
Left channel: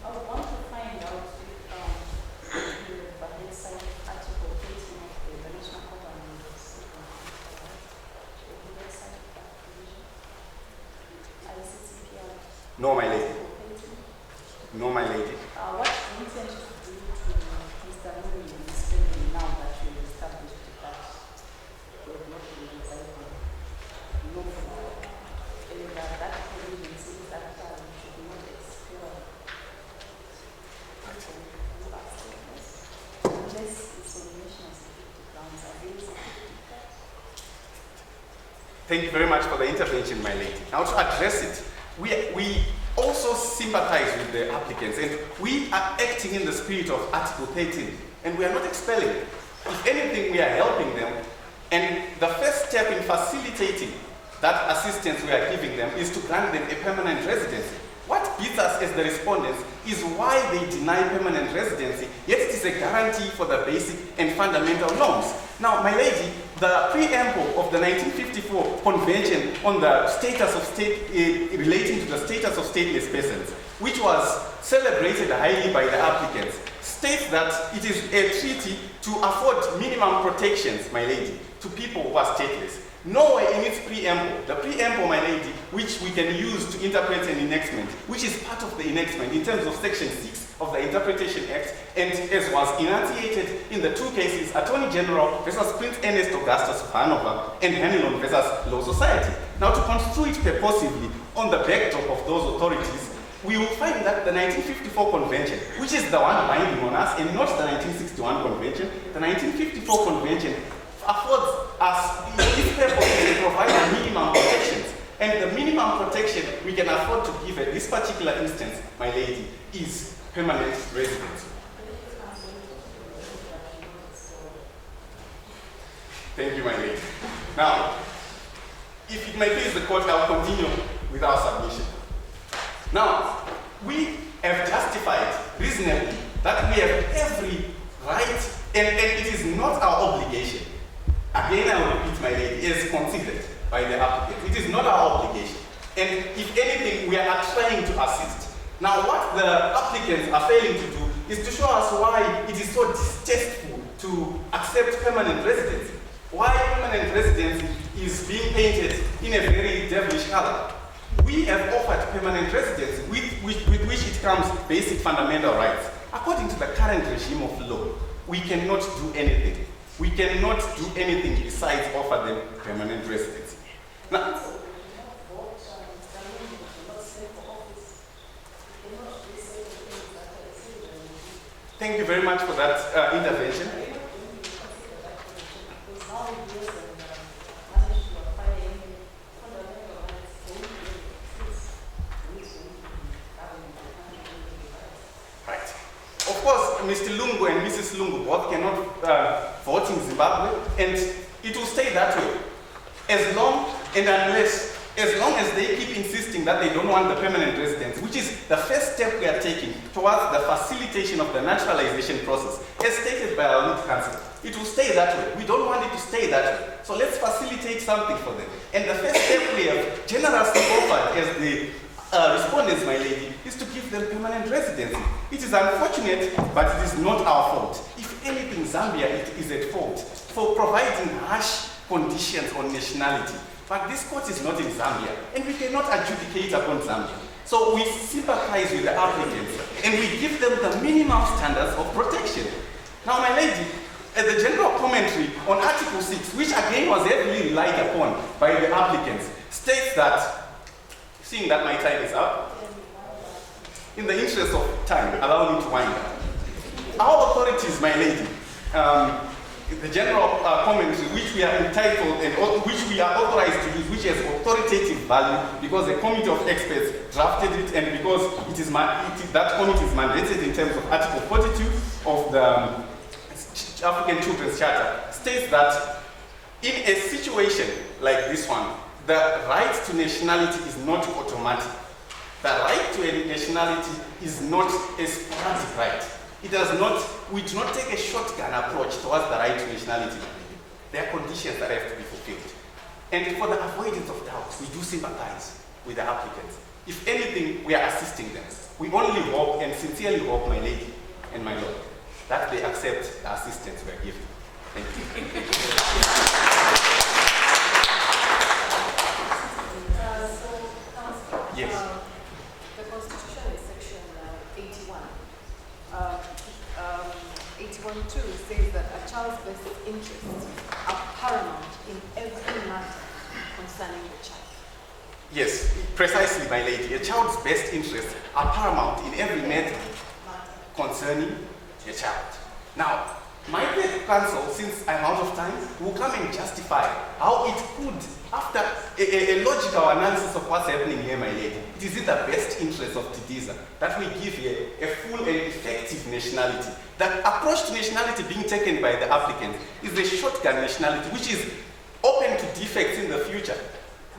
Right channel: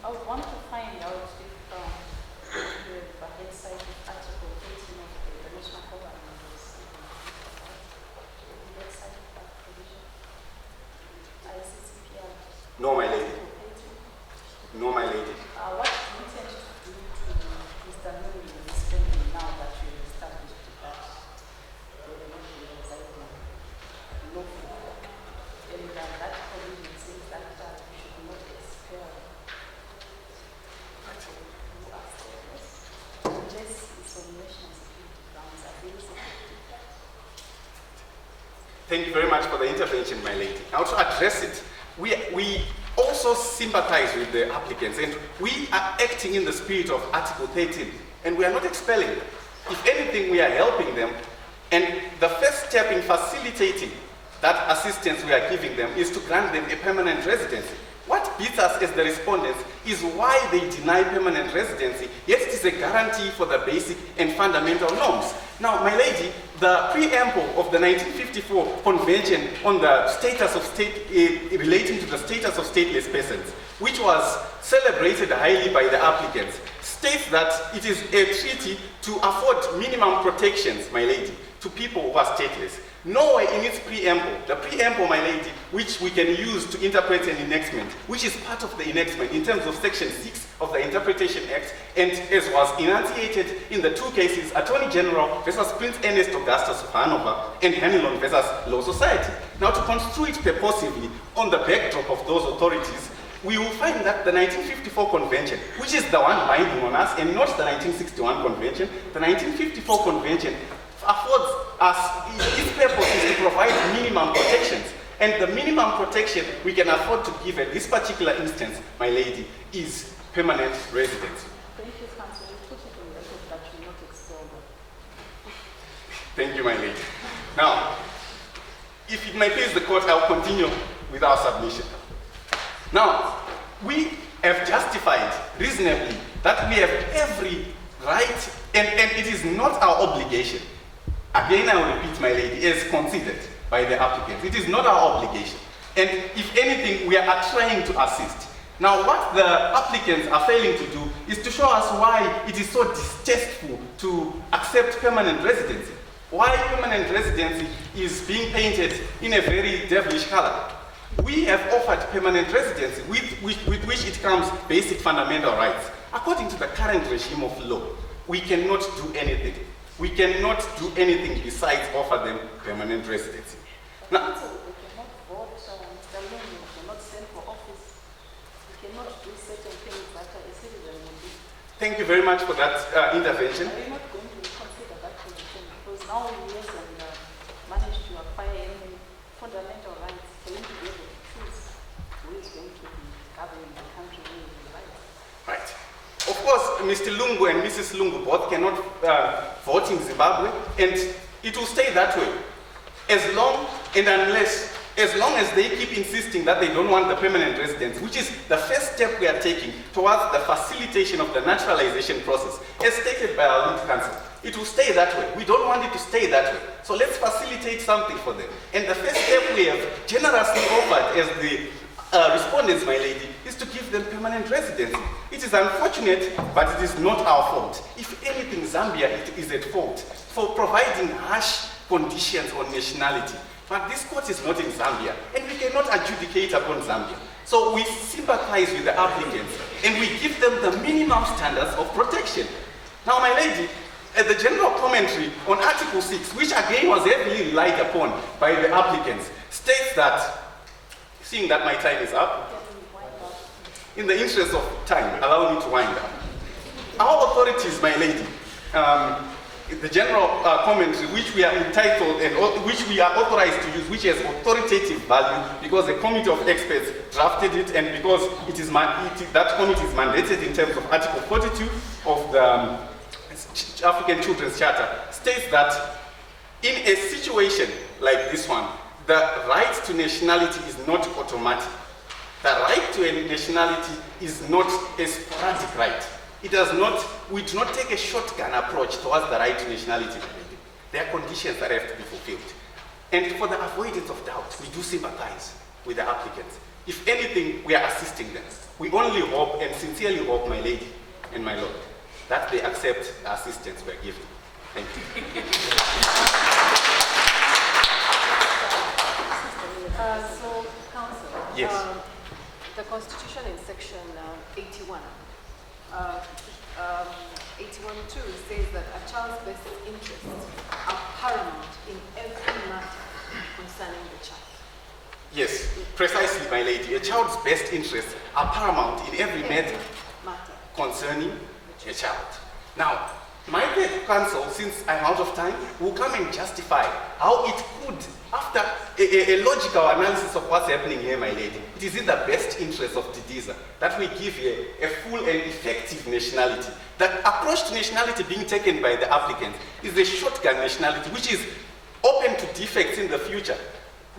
I would want to find out if you have a side article 18 of the International Covenant of Civil website that provision. ICCPR. No, my lady. Article 18. No, my lady. What do you intend to do to Mr. Nuri in this family now that you have established that you have not been residing lawfully? And that provision says that you should not expel people who are stateless unless it's on national security grounds. Are they security grounds? Thank you very much for the intervention, my lady. Now to address it, we also sympathize with the applicants, and we are acting in the spirit of Article 13, and we are not expelling. If anything, we are helping them, and the first step in facilitating that assistance we are giving them is to grant them a permanent residency. What beats us as the respondents is why they deny permanent residency, yet it is a guarantee for the basic and fundamental norms. Now, my lady, the preamble of the 1954 Convention on the status of state, relating to the status of stateless persons, which was celebrated highly by the applicants, states that it is a treaty to afford minimum protections, my lady, to people who are stateless. Nowhere in its preamble, the preamble, my lady, which we can use to interpret an enactment, which is part of the enactment in terms of Section 6 of the Interpretation Act, and as was enunciated in the two cases, Attorney General versus Prince Ernest Augustus of Hanover and Hanlon versus Law Society. Now, to construe it purposively on the backdrop of those authorities, we will find that the 1954 Convention, which is the one binding on us and not the 1961 Convention, the 1954 Convention affords us, its purpose is to provide minimum protections. And the minimum protection we can afford to give at this particular instance, my lady, is permanent residence. Thank you, Counsel. You put it on the record that you not expel them. Thank you, my lady. Now, if it may please the court, I'll continue with our submission. Now, we have justified reasonably that we have every right, and it is not our obligation. Again, I will repeat, my lady, as considered by the applicant. It is not our obligation. And if anything, we are trying to assist. Now, what the applicants are failing to do is to show us why it is so distasteful to accept permanent residency. Why permanent residency is being painted in a very devilish color. We have offered permanent residency with which it comes basic fundamental rights. According to the current regime of law, we cannot do anything. We cannot do anything besides offer them permanent residency. Now, Counsel, we cannot vote, Mr. Lungu, we cannot stand for office. We cannot do certain things that a citizen will do. thank you very much for that intervention. Are you not going to consider that position? Because now we yes and manage to acquire any fundamental rights, so we will be able to choose who is going to be governing the country when we rights. Right. Of course, Mr. Lungu and Mrs. Lungu both cannot vote in Zimbabwe, and it will stay that way. As long as they keep insisting that they don't want the permanent residence, which is the first step we are taking towards the facilitation of the naturalization process, as stated by our lead counsel, it will stay that way. We don't want it to stay that way. So let's facilitate something for them. And the first step we have generously offered as the respondents, my lady, is to give them permanent residency. It is unfortunate, but it is not our fault. If anything, Zambia is at fault for providing harsh conditions on nationality. But this court is not in Zambia, and we cannot adjudicate upon Zambia. So we sympathize with the applicants, and we give them the minimum standards of protection. Now, my lady, the general commentary on Article 6, which again was heavily relied upon by the applicants, states that, seeing that my time is up, in the interest of time, allow me to wind up. Our authorities, my lady, the general commentary which we are entitled and which we are authorized to use, which has authoritative value because a committee of experts drafted it and because that committee is mandated in terms of Article 42 of the African Children's Charter, states that in a situation like this one, the right to nationality is not automatic. The right to a nationality is not a sporadic right. We do not take a shotgun approach towards the right to nationality. There are conditions that have to be fulfilled. And for the avoidance of doubt, we do sympathize with the applicants. If anything, we are assisting them. We only hope and sincerely hope, my lady and my lord, that they accept the assistance we are giving. Thank you. So, Council, Yes. the Constitution in Section 81, 81.2 says that a child's best interests are paramount in every matter concerning the child. Yes, precisely, my lady. A child's best interests are paramount in every matter concerning a child. Now, my third counsel, since I'm out of time, will come and justify how it could, after a logical analysis of what's happening here, my lady, it is in the best interest of Didiza that we give here a full and effective nationality. The approach to nationality being taken by the applicant is a shotgun nationality, which is open to defects in the future.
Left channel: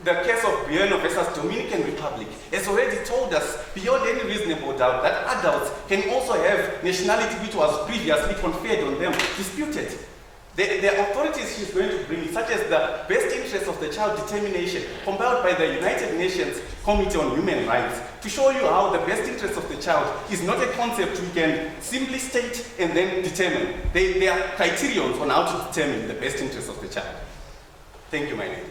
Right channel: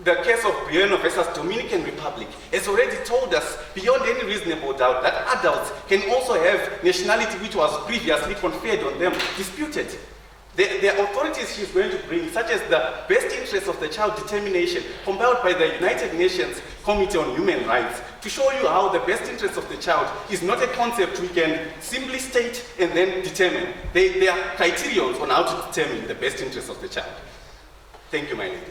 The case of Bueno versus Dominican Republic has already told us beyond any reasonable doubt that adults can also have nationality which was previously conferred on them disputed. The authorities she's going to bring, such as the best interest of the child determination compiled by the United Nations Committee on Human Rights, to show you how the best interest of the child is not a concept we can simply state and then determine. There are criterions on how to determine the best interest of the child. Thank you, my lady.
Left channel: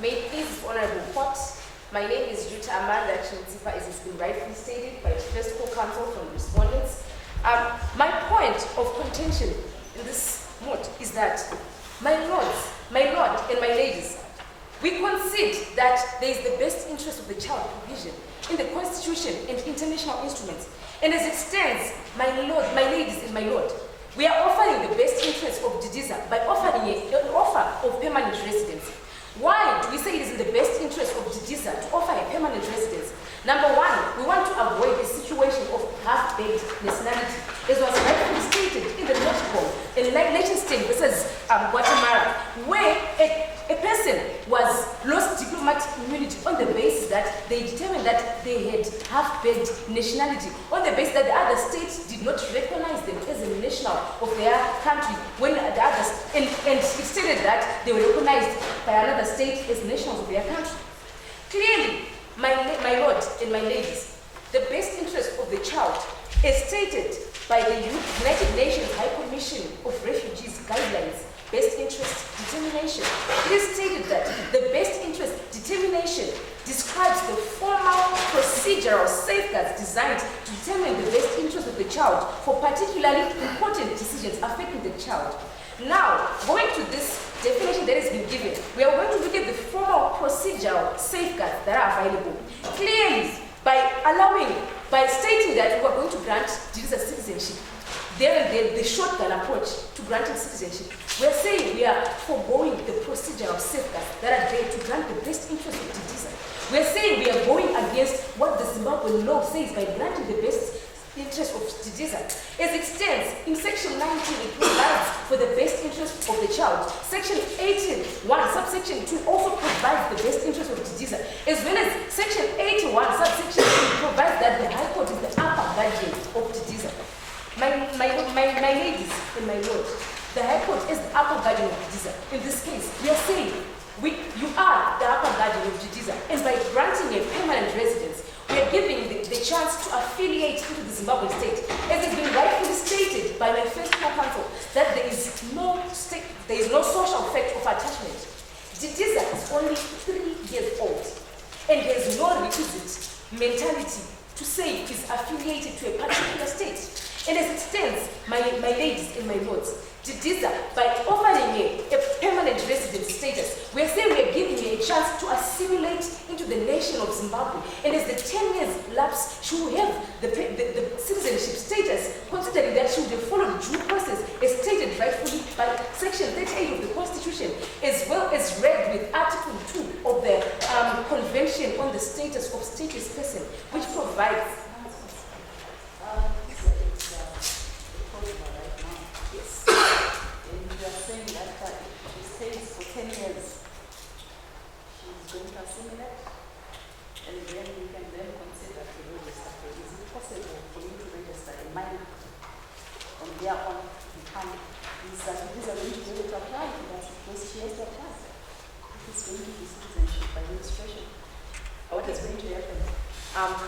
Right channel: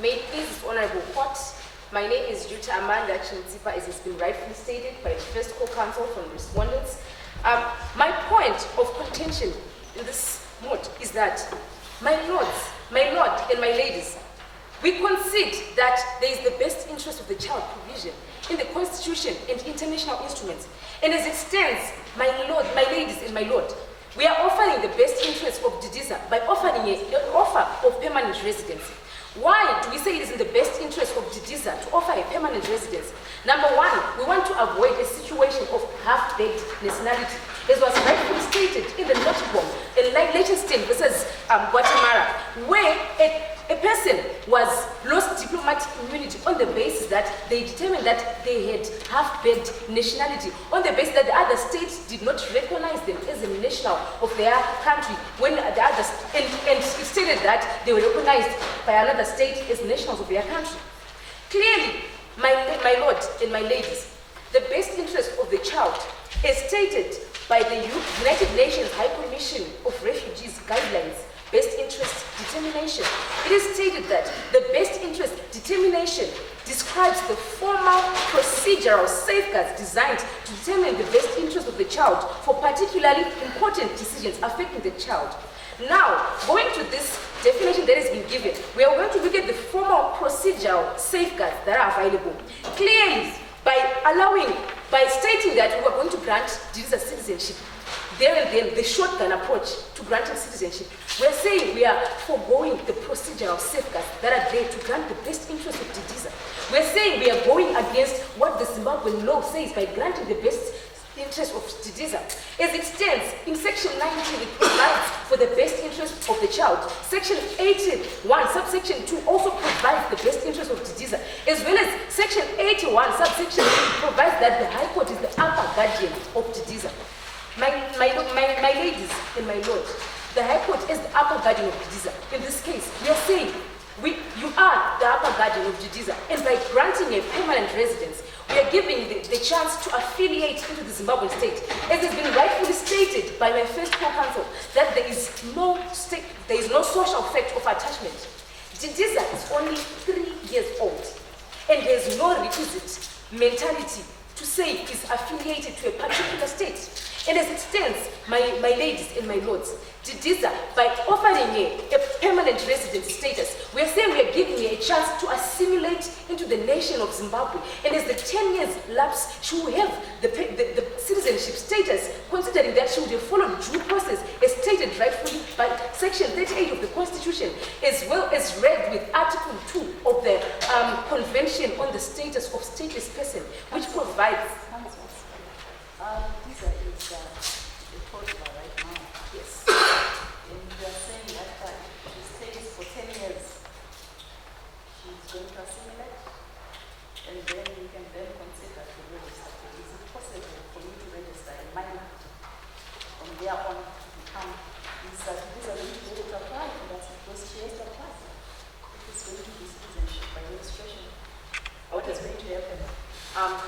May it please the Honorable Court, my name is Juta Amanda Chintipa, as has been rightfully stated by the first co-counsel from respondents. My point of contention in this moot is that, my lord and my ladies, we concede that there is the best interest of the child provision in the Constitution and international instruments. And as it stands, my lord, my ladies and my lord, we are offering the best interest of Didiza by offering an offer of permanent residency. Why do we say it is in the best interest of Didiza to offer a permanent residence? Number one, we want to avoid a situation of half-baked nationality, as was rightfully stated in the notebook in Liechtenstein versus Guatemala, where a person was lost diplomatic immunity on the basis that they determined that they had half-baked nationality, on the basis that the other states did not recognize them as a national of their country, when the others, and it stated that they were recognized by another state as nationals of their country. Clearly, my lord and my ladies, the best interest of the child is stated by the United Nations High Commission of Refugees guidelines, best interest determination. It is stated that the best interest determination describes the formal procedural safeguards designed to determine the best interest of the child for particularly important decisions affecting the child. Now, going to this definition that has been given, we are going to look at the formal procedural safeguards that are available. Clearly, by stating that we are going to grant Didiza citizenship, there and then the shotgun approach to granting citizenship, we are saying we are foregoing the procedural safeguards that are there to grant the best interest of Didiza. We are saying we are going against what the Zimbabwean law says by granting the best interest of Didiza. As it stands, in Section 19, it provides for the best interest of the child. Section 18(1), subsection 2 also provides the best interest of Didiza, as well as Section 81, subsection 3 provides that the High Court is the upper guardian of Didiza. My ladies and my lord, the High Court is the upper guardian of Didiza. In this case, we are saying you are the upper guardian of Didiza, and by granting a permanent residence, we are giving the chance to affiliate into the Zimbabwean state. As has been rightfully stated by my first co-counsel, that there is no social effect of attachment. Didiza is only 3 years old and has no requisite mentality to say is affiliated to a particular state. And as it stands, my ladies and my lords, Didiza, by offering her a permanent resident status, we are saying we are giving her a chance to assimilate into the nation of Zimbabwe. And as the 10 years lapse, she will have the citizenship status, considering that she would have followed due process as stated rightfully by Section 38 of the Constitution, as well as read with Article 2 of the Convention on the Status of Stateless Person, which provides... Going to assimilate, and then you can then consider to register. Is it possible for you to register a minor from there on to become these are going to be able to apply to that because she has to apply? It is going to be citizenship by registration. What is going to happen?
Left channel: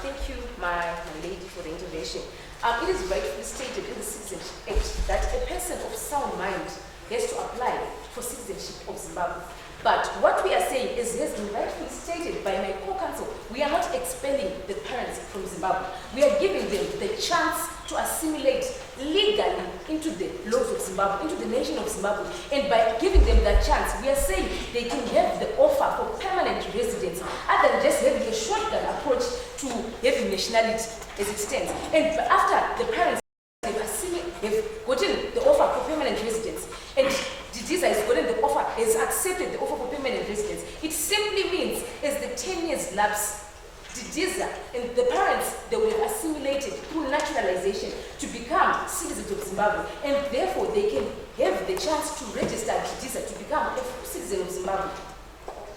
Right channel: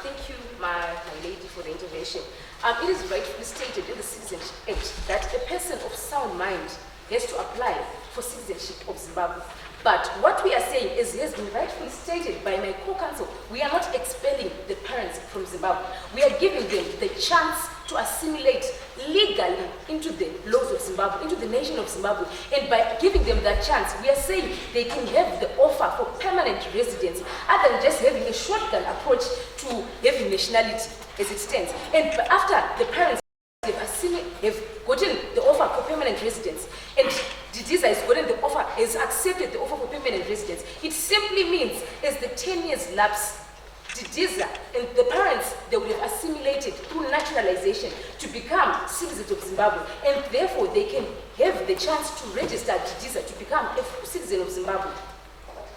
Thank you, my lady, for the intervention. It is rightfully stated in the Citizenship Act that a person of sound mind has to apply for citizenship of Zimbabwe. But what we are saying is, has been rightfully stated by my co-counsel, we are not expelling the parents from Zimbabwe. We are giving them the chance to assimilate legally into the laws of Zimbabwe, into the nation of Zimbabwe. And by giving them that chance, we are saying they can have the offer for permanent residence, other than just having a shotgun approach to having nationality as it stands. And after the parents have gotten the offer for permanent residence, and Didiza has gotten the offer, has accepted the offer for permanent residence, it simply means as the 10 years lapse, Didiza and the parents, they will have assimilated through naturalization to become citizens of Zimbabwe, and therefore they can have the chance to register Didiza to become a citizen of Zimbabwe.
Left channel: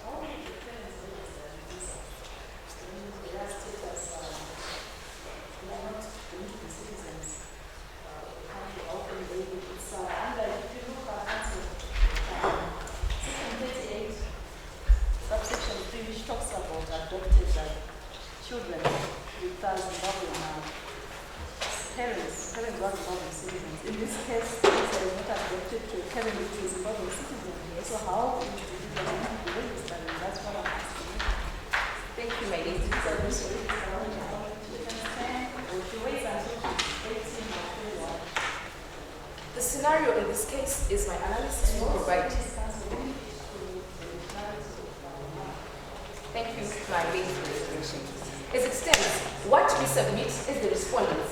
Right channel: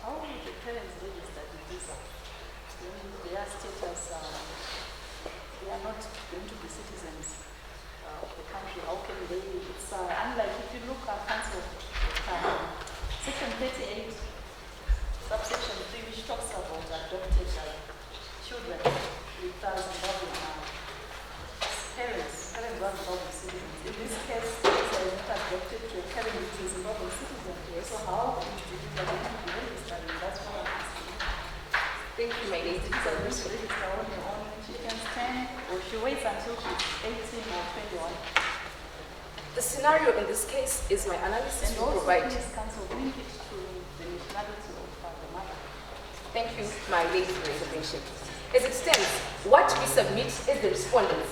How will the parents register Didiza? Their status, they are not going to be citizens of the country. How can they be? It's unlike if you look at Section 38, subsection 3, which talks about adopted children with Zimbabwean parents who are Zimbabwean citizens. In this case, they are not adopted to a parent who is a Zimbabwean citizen. So how can you do that? Going to be registered? And that's what I'm asking you. Thank you, my lady. These are going to register on their own. She can stand, or she waits until she's 18 or 21. The scenario in this case is my analysis will provide. Thank you, my lady, for the intervention. As it stands, what we submit as the respondents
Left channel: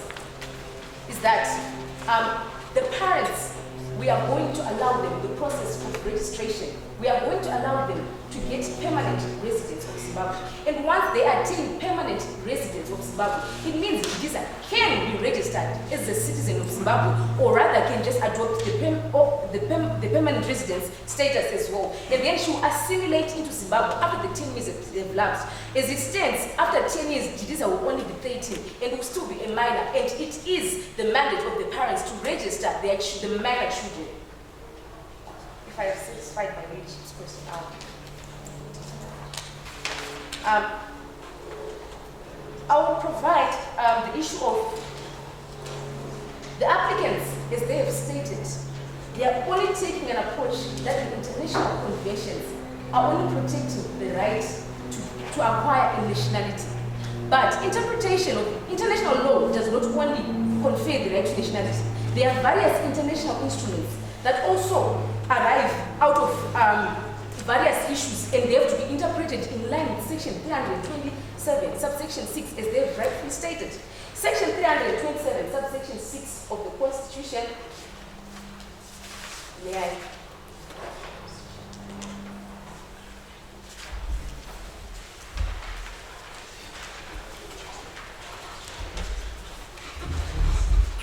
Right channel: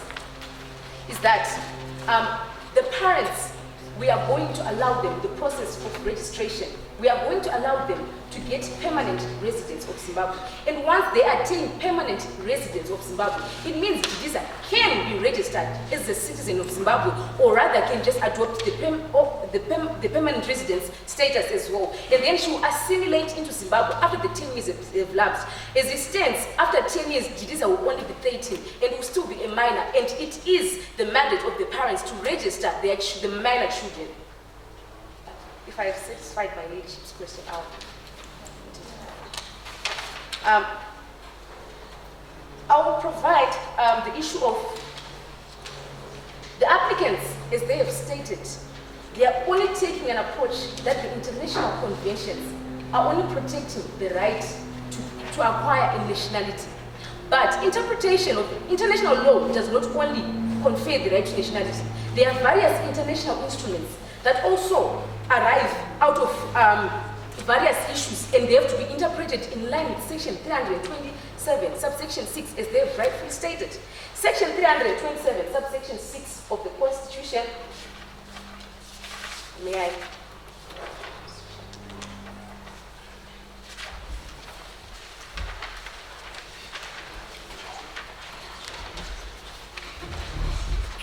is that the parents, we are going to allow them the process of registration. We are going to allow them to get permanent residence of Zimbabwe. And once they attain permanent residence of Zimbabwe, it means Didiza can be registered as a citizen of Zimbabwe, or rather can just adopt the permanent residence status as well. And then she will assimilate into Zimbabwe after the 10 years have lapsed. As it stands, after 10 years, Didiza will only be 13 and will still be a minor. And it is the mandate of the parents to register the minor children. If I have satisfied my ladyship's question, I will provide the issue of the applicants, as they have stated. They are only taking an approach that the international conventions are only protecting the right to acquire a nationality. But interpretation of international law does not only confer the right to nationality. There are various international instruments that also arrive out of various issues, and they have to be interpreted in line with Section 327, subsection 6, as they have rightfully stated. Section 327, subsection 6 of the Constitution, may I?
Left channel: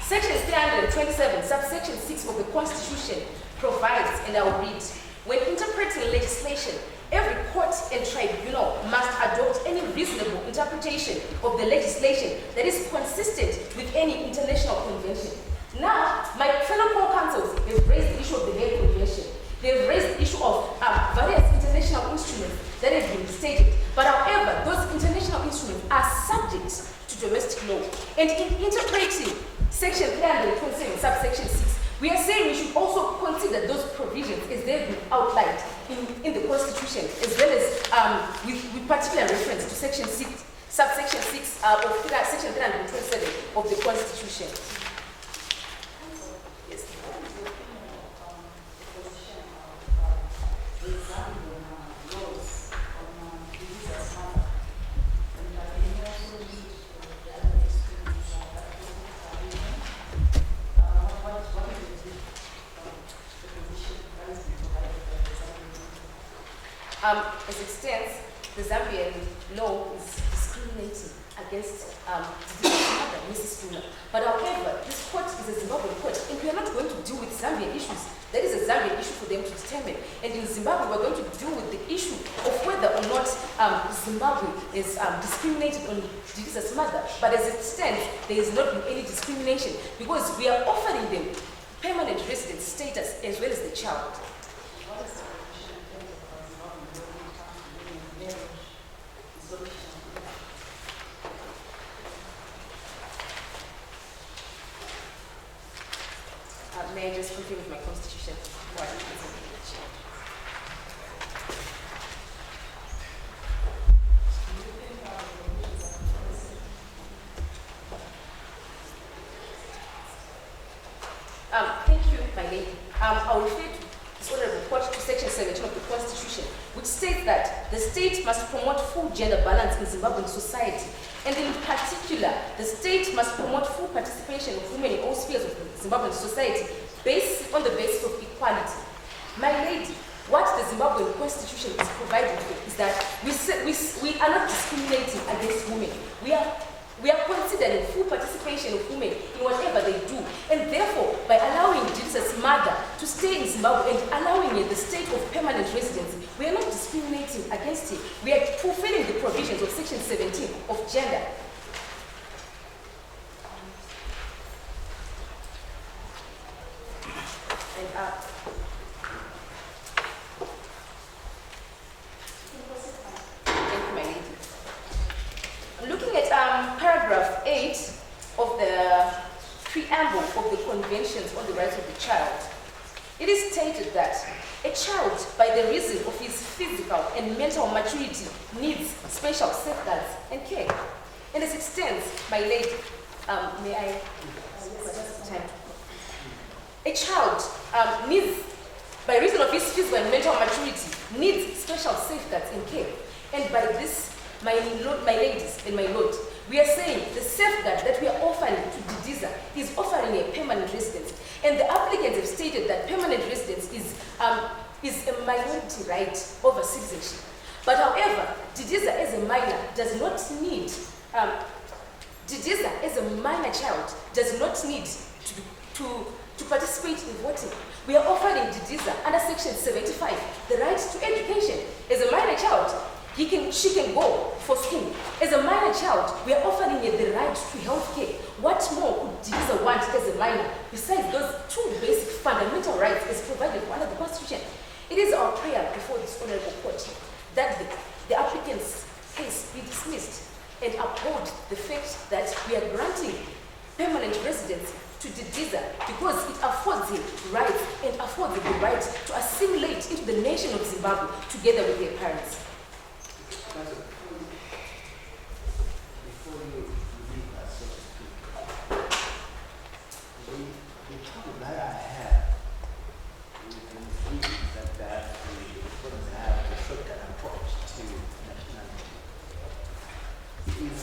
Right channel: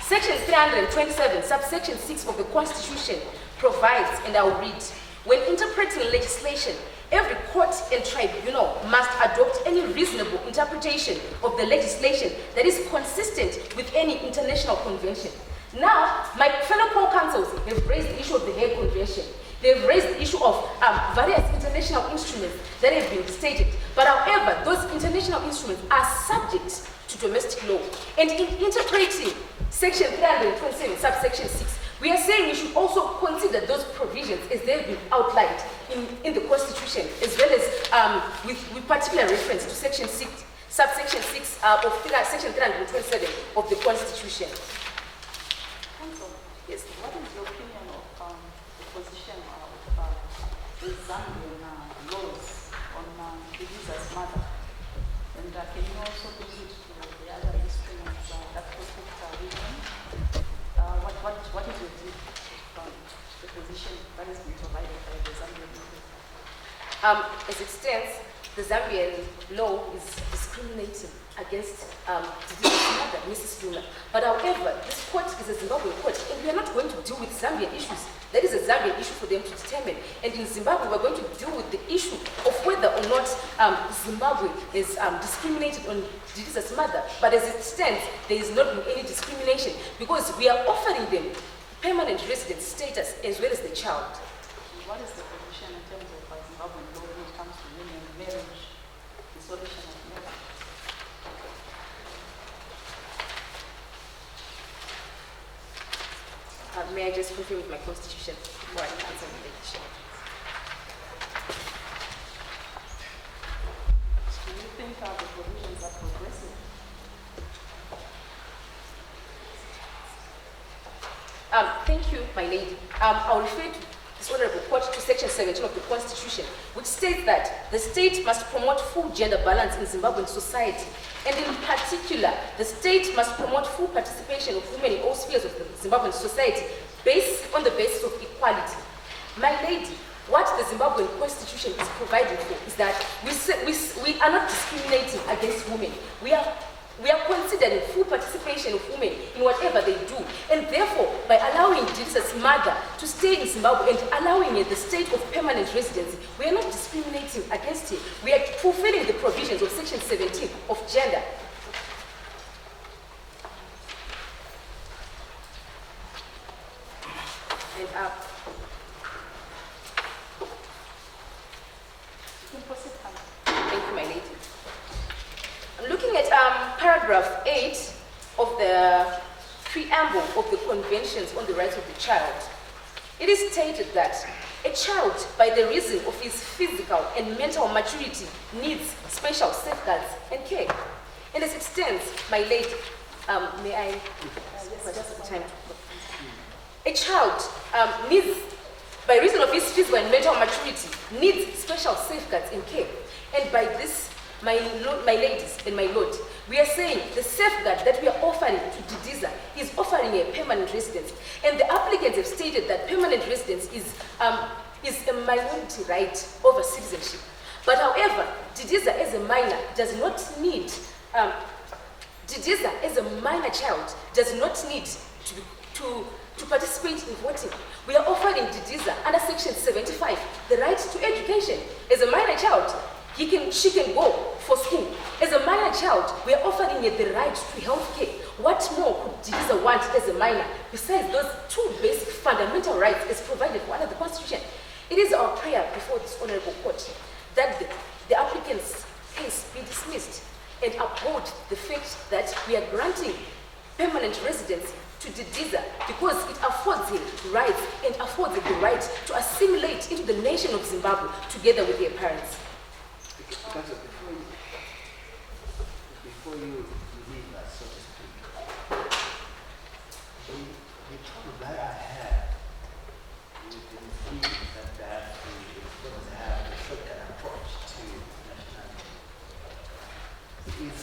Section 327, subsection 6 of the Constitution provides, and I will read, when interpreting legislation, every court and tribunal must adopt any reasonable interpretation of the legislation that is consistent with any international convention. Now, my fellow co-counsels have raised the issue of the Hague Convention. They've raised the issue of various international instruments that have been stated. But however, those international instruments are subject to domestic law. And in interpreting Section 327, subsection 6, We are saying we should also consider those provisions as they've been outlined in the Constitution, as well as with particular reference to Section 6, subsection 6 of Section 327 of the Constitution. Council, Yes. what is your opinion of the position of the Zambian laws on Divisa's mother? And can you also lead to the other instruments that protect women? What is your view on the position that has been provided by the Zambian law? As it stands, the Zambian law is discriminating against mother, Mrs. Luna. But however, this court is a Zimbabwean court, and we are not going to deal with Zambian issues. That is a Zambian issue for them to determine. And in Zimbabwe, we're going to deal with the issue of whether or not Zimbabwe is discriminated on Divisa's mother. But as it stands, there is not any discrimination because we are offering them permanent resident status as well as the child. What is the position in terms of Zimbabwean law when it comes to women, marriage, dissolution of marriage? May I just confirm with my constitution before I answer the question? Do you think the provisions are progressive? Thank you, my lady. I'll refer to this honorable court to section 17 of the Constitution, which states that the state must promote full gender balance in Zimbabwean society. And in particular, the state must promote full participation of women in all spheres of the Zimbabwean society based on the basis of equality. My lady, what the Zimbabwean Constitution is providing for is that we are not discriminating against women. We are considering full participation of women in whatever they do. And therefore, by allowing Divisa's mother to stay in Zimbabwe and allowing her the state of permanent residency, we are not discriminating against her. We are fulfilling the provisions of Section 17 of gender. And thank you, my lady. I'm looking at paragraph 8 of the preamble of the Conventions on the Rights of the Child. It is stated that a child, by the reason of his physical and mental maturity, needs special safeguards and care. And as it stands, my lady, may I just time to a child needs, by reason of his physical and mental maturity, needs special safeguards and care. And by this, my ladies and my lord, we are saying the safeguard that we are offering to Didiza is offering a permanent residence. And the applicants have stated that permanent residence is a minority right over citizenship. But however, Didiza as a minor does not need, Didiza as a minor child does not need to participate in voting. We are offering Didiza under Section 75 the right to education. As a minor child, she can go for school. As a minor child, we are offering her the right to health care. What more could Didiza want as a minor besides those two basic fundamental rights as provided for under the Constitution? It is our prayer before this honorable court that the applicant's case be dismissed and uphold the fact that we are granting permanent residency to Didiza because it affords him rights and affords him the right to assimilate into the nation of Zimbabwe together with their parents. Before you leave us, so to speak, the trouble that I have with the Muslims that we're going to have a shortcut approach to nationality is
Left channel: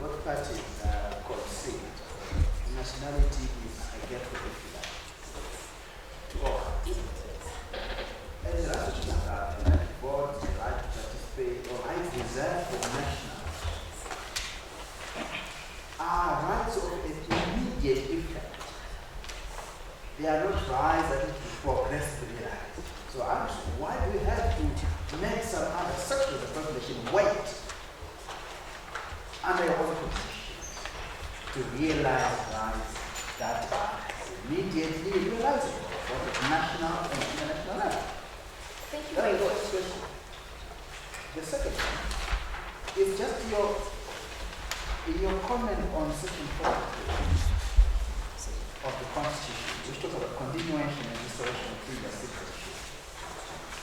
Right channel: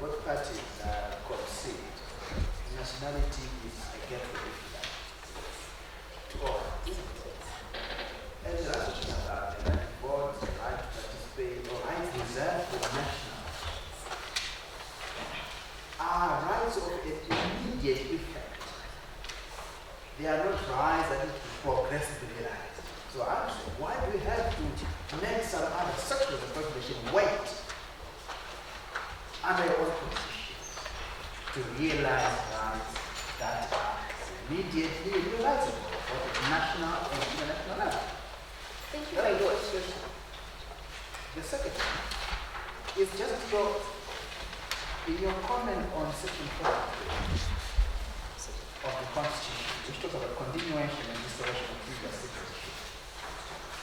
both parties concede nationality is a gateway to all. And the other thing about the board's right to participate or rights reserved for nationals are rights of immediate effect. They are not rights that need to progressively rise. So why do we have to make some other sectors of the population wait under your own constitution to realize rights that are immediately realizable for the national and international level? Thank you, my lord. The second one is just in your comment on Section 4. of the Constitution, which talks about continuation and restoration of previous citizenship.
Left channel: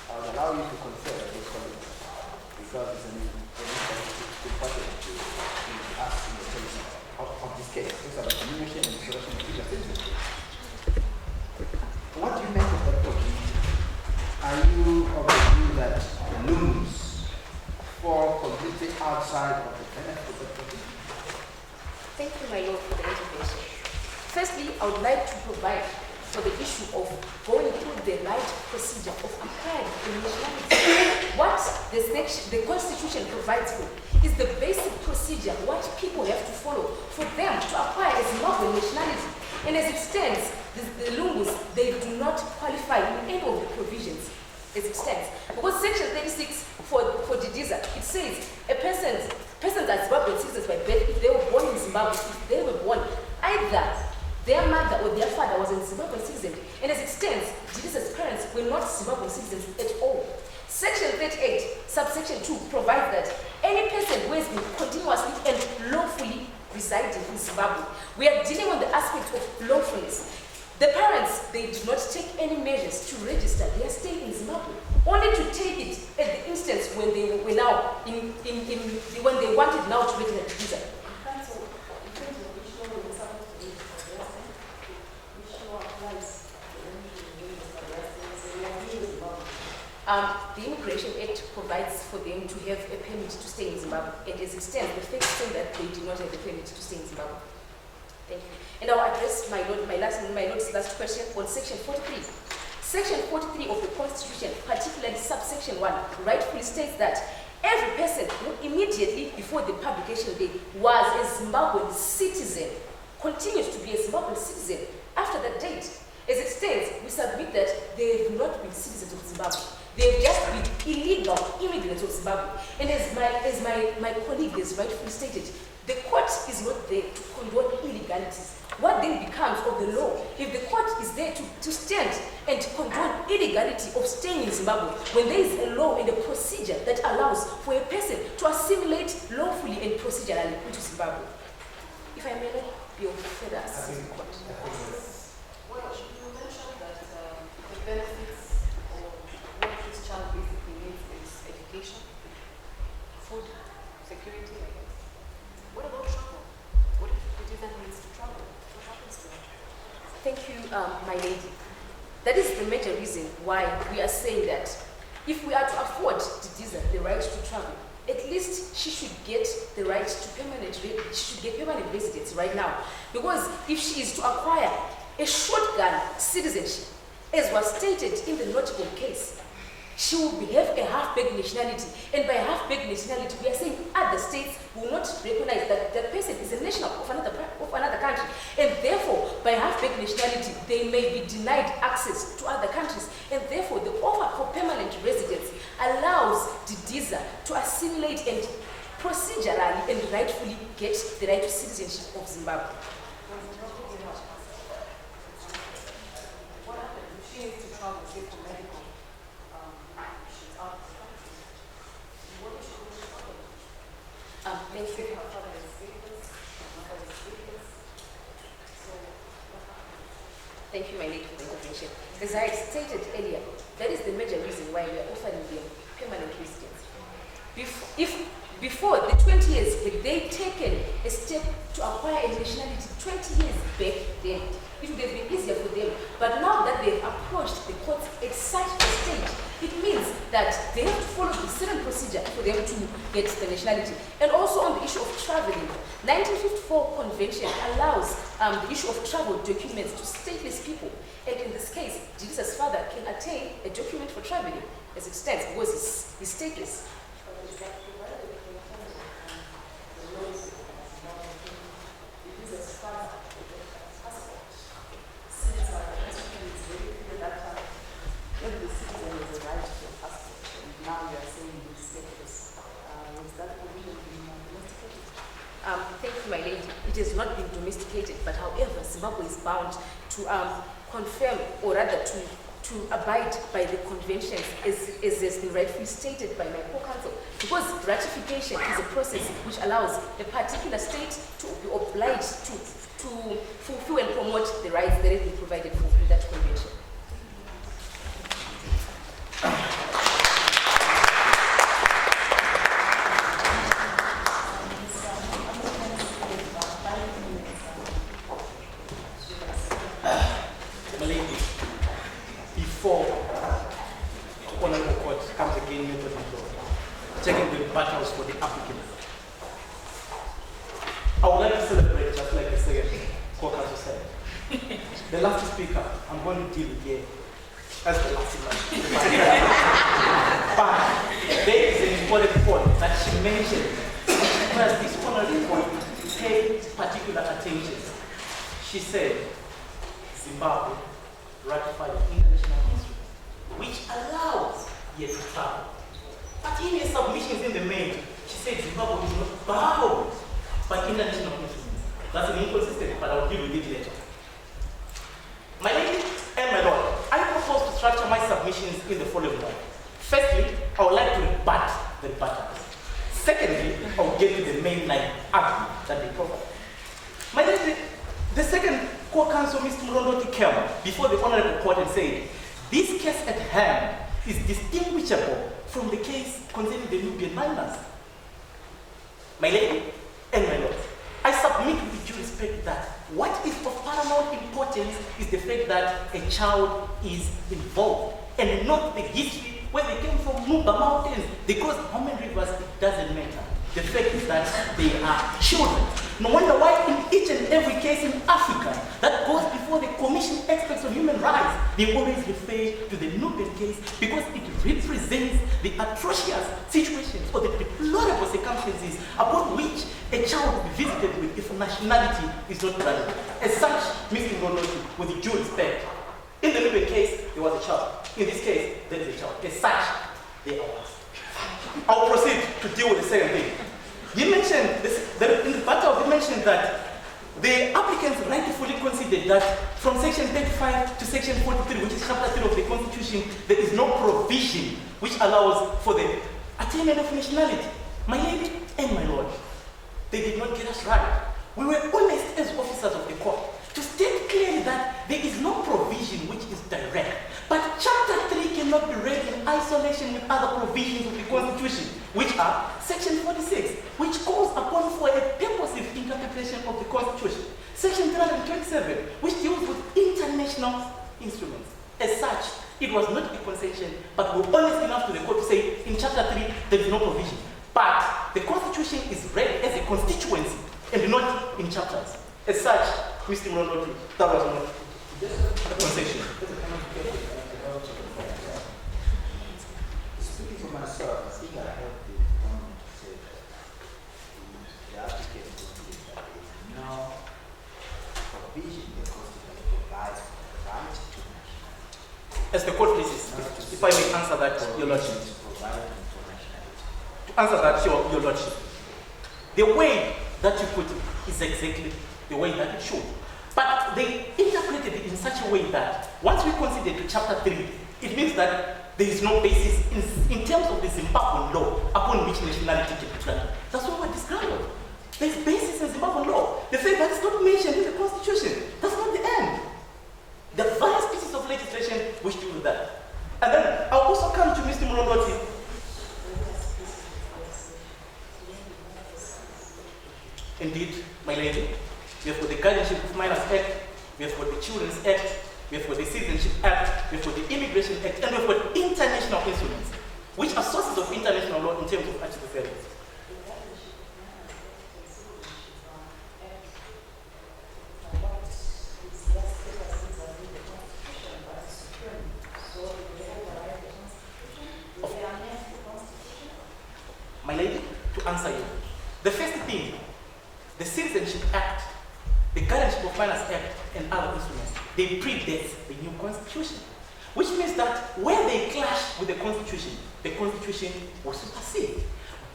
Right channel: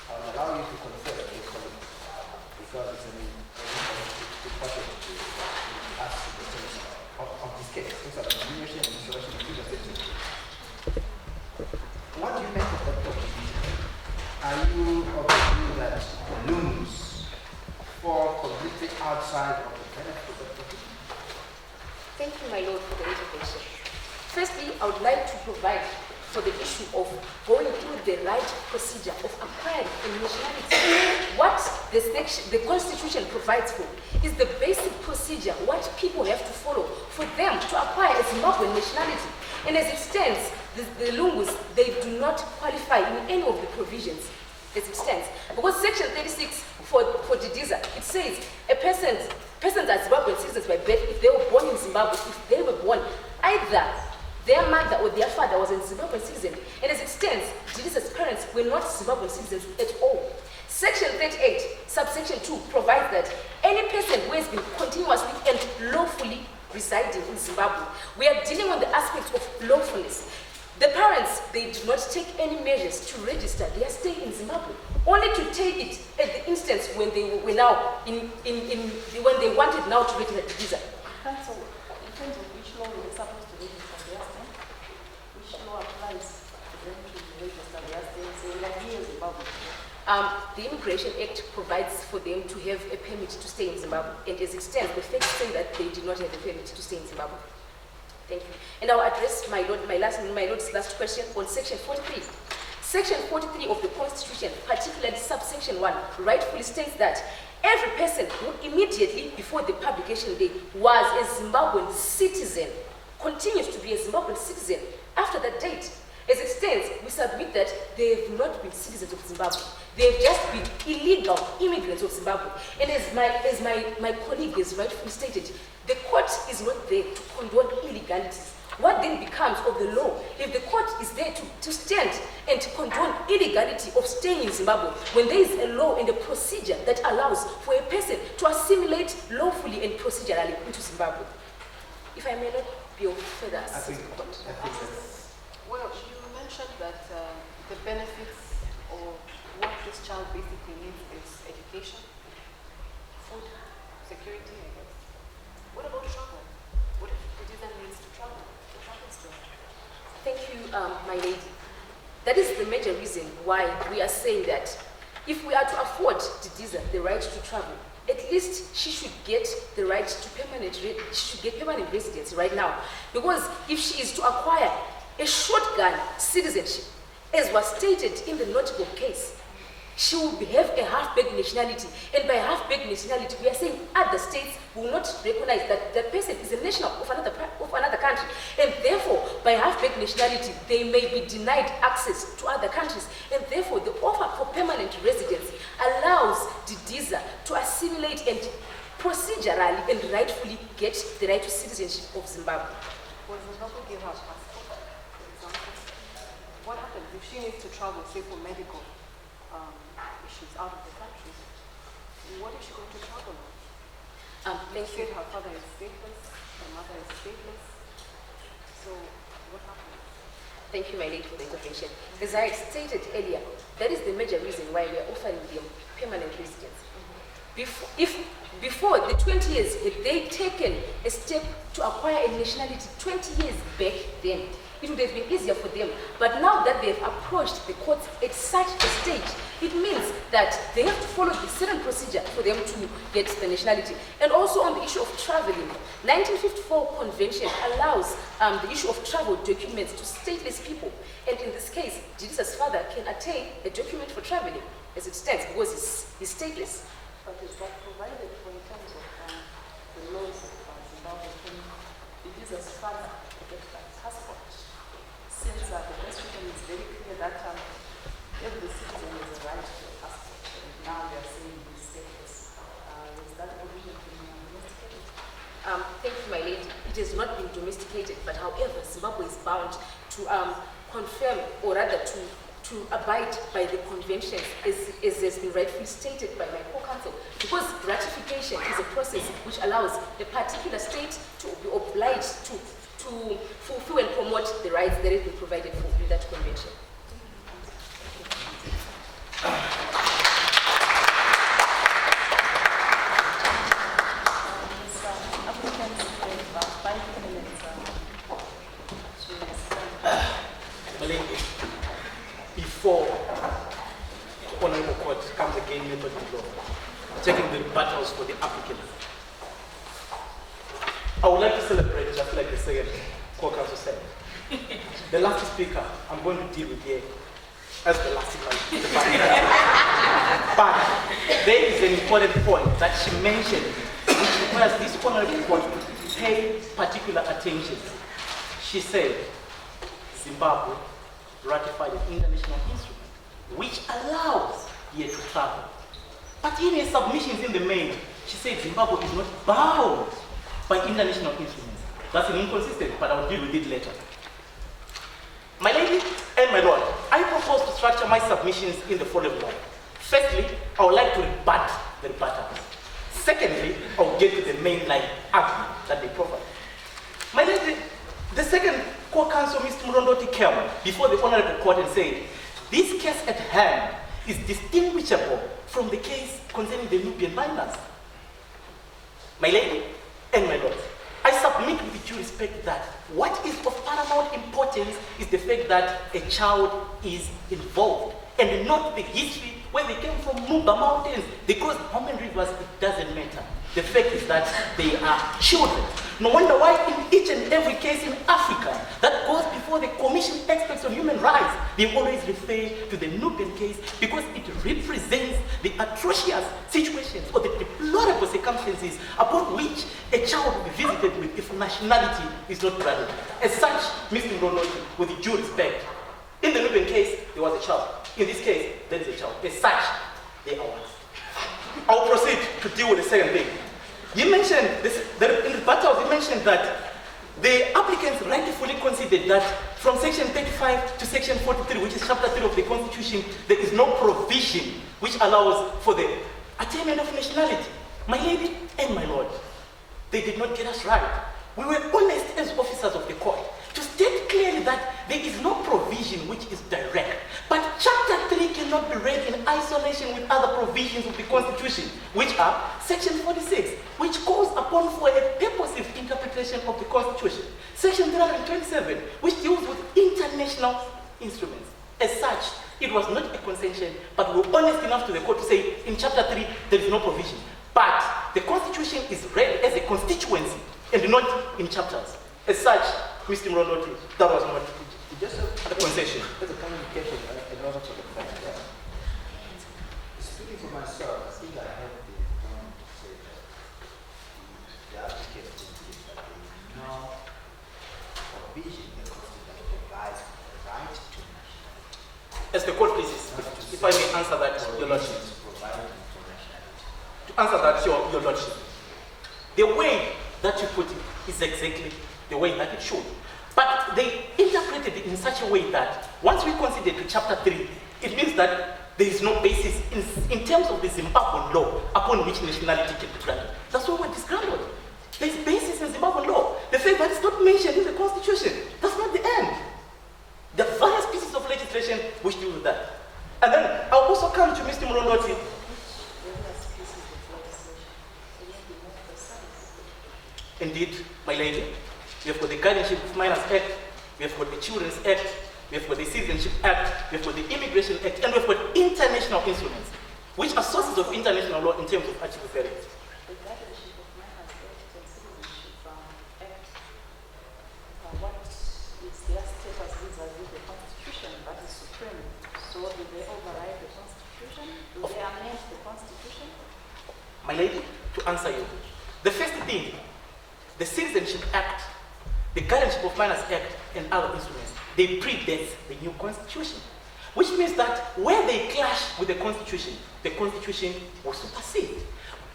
I will allow you to confer with your colleagues because it's an important to ask in the case of this case. Talks about continuation and restoration of previous citizenship. What do you make of that document? Are you of the view that the looms fall completely outside of the benefit of the document? Thank you, my Lord, for the intervention. Firstly, I would like to provide for the issue of going through the right procedure of acquiring a nationality. What the Constitution provides for is the basic procedure, what people have to follow for them to acquire a Zimbabwean nationality. And as it stands, the Lungus, they do not qualify in any of the provisions as it stands. Because Section 36 for Didiza, it says a persons are Zimbabwean citizens by birth if they were born in Zimbabwe, if they were born either their mother or their father was a Zimbabwean citizen. And as it stands, Didiza's parents were not Zimbabwean citizens at all. Section 38, subsection 2 provides that any person who has been continuously and lawfully residing in Zimbabwe, we are dealing on the aspect of lawfulness. The parents, they do not take any measures to register their stay in Zimbabwe, only to take it at the instance when they were now when they wanted now to register the visa. Council, in terms of which law we're supposed to register their stay, which law applies to them to register their stay? So we are here in Zimbabwe. The Immigration Act provides for them to have a permit to stay in Zimbabwe. And as it stands, the facts say that they do not have a permit to stay in Zimbabwe. Thank you. And I'll address my Lord's last question on Section 43. Section 43 of the Constitution, particularly subsection 1, rightfully states that every person who immediately before the publication day was a Zimbabwean citizen continues to be a Zimbabwean citizen after that date. As it stands, we submit that they have not been citizens of Zimbabwe. They have just been illegal immigrants of Zimbabwe. And as my colleague has rightfully stated, the court is not there to condone illegalities. What then becomes of the law? If the court is there to stand and to condone illegality of staying in Zimbabwe, when there is a law and a procedure that allows for a person to assimilate lawfully and procedurally into Zimbabwe. If I may not be of further assistance. Well, you mentioned that the benefits or what this child basically needs is education, food, security, I guess. What about travel? What if the user needs to travel? What happens to him? Thank you, my lady. That is the major reason why we are saying that if we are to afford Didiza the right to travel, at least she should get the right to permanent residence right now. Because if she is to acquire a shotgun citizenship, as was stated in the notable case, she will have a half-baked nationality. And by half-baked nationality, we are saying other states will not recognize that that person is a national of another country. And therefore, by half-baked nationality, they may be denied access to other countries. And therefore, the offer for permanent residency allows Didiza to assimilate and procedurally and rightfully get the right to citizenship of Zimbabwe. Well, Zimbabwe gave her passport, for example. What happens if she needs to travel, say, for medical? She's out of the country. What is she going to travel? Thank you. Her father is stateless, her mother is stateless. So what happens? Thank you, my lady, for the intervention. As I stated earlier, that is the major reason why we are offering them permanent residence. Before the 20 years, had they taken a step to acquire a nationality 20 years back then, it would have been easier for them. But now that they have approached the courts at such a stage, it means that they have to follow the certain procedure for them to get the nationality. And also on the issue of traveling, 1954 convention allows the issue of travel documents to stateless people. And in this case, Didiza's father can attain a document for traveling as it stands because he's stateless. But is that provided for in terms of the laws of Zimbabwe? Didiza's father to get that passport. Since the Constitution is very clear that every citizen has a right to a passport, and now you are saying he's stateless. Is that provision being domesticated? Thank you, my lady. It has not been domesticated, but however, Zimbabwe is bound to confirm, or rather to abide by the conventions as has been rightfully stated by my co-counsel, because ratification is a process which allows a particular state to be obliged to to fulfill and promote the rights that have been provided for in that convention. Before the Honorable Court comes again with the law, checking the rebuttals for the applicant, I would like to celebrate, just like the second court counsel said. The last speaker, I'm going to deal with here as the last one. But there is an important point that she mentioned, which requires this honorable court to pay particular attention. She said, Zimbabwe ratified an international instrument which allows here to travel. But in her submissions in the main, she said Zimbabwe is not bound by international instruments. That's an inconsistency, but I'll deal with it later. My lady and my lord, I propose to structure my submissions in the following way. Firstly, I would like to rebut the rebuttals. Secondly, I will get to the mainline argument that they provide. My lady, the second co-counsel, Mr. Murondoti, came before the Honorable Court and said, this case at hand is distinguishable from the case concerning the Nubian minors. My lady and my lord, I submit with due respect that what is of paramount importance is the fact that a child is involved and not the history where they came from Nuba Mountains. They crossed how many rivers, it doesn't matter. The fact is that they are children. No wonder why in each and every case in Africa that goes before the Commission Experts on Human Rights, they always refer to the Nubian case because it represents the atrocious situations or the deplorable circumstances upon which a child will be visited with if nationality is not granted. As such, Mr. Ngonoji, with due respect, in the Nubian case, there was a child. In this case, there is a child. As such, they are ours. I'll proceed to deal with the second thing. You mentioned this, in the battle, you mentioned that the applicants rightfully considered that from section 35 to section 43, which is chapter 3 of the Constitution, there is no provision which allows for the attainment of nationality. My lady and my lord, they did not get us right. We were honest as officers of the court to state clearly that there is no provision which is direct. But chapter 3 cannot be read in isolation with other provisions of the Constitution, which are section 46, which calls upon for a purposive interpretation of the Constitution. Section 327, which deals with international instruments. As such, it was not a concession, but we were honest enough to the court to say in chapter 3, there is no provision. But the Constitution is read as a constituency and not in chapters. As such, Mr. Murondoti, that was not Just a concession. That's a kind of careful. I don't know what to find out. Speaking for myself, I think I heard the government say that the applicant considered that there is no provision in the Constitution that provides for the right to nationality. As the court pleases, if I may answer that, Your Lordship. Provided for nationality. To answer that, Your Lordship, the way that you put it is exactly the way that it should. But they interpreted it in such a way that once we consider to chapter 3, it means that there is no basis in terms of the Zimbabwean law upon which nationality can be granted. That's what we're discovered. There's basis in Zimbabwean law. The fact that it's not mentioned in the Constitution, that's not the end. There are various pieces of legislation which deal with that. And then I'll also come to Mr. Murondoti. Indeed, my lady, we have got the Guardianship of Minors Act, we have got the Children's Act, we have got the Citizenship Act, we have got the Immigration Act, and we have got international instruments, which are sources of international law in terms of article 30. The Guardianship of Minors Act and Citizenship Act, what is their status vis-a-vis the Constitution that is supreme? So do they override the Constitution? Do they amend the Constitution? My lady, to answer you, the first thing, the Citizenship Act, the Guardianship of Minors Act, and other instruments, they predate the new Constitution, which means that where they clash with the Constitution will supersede.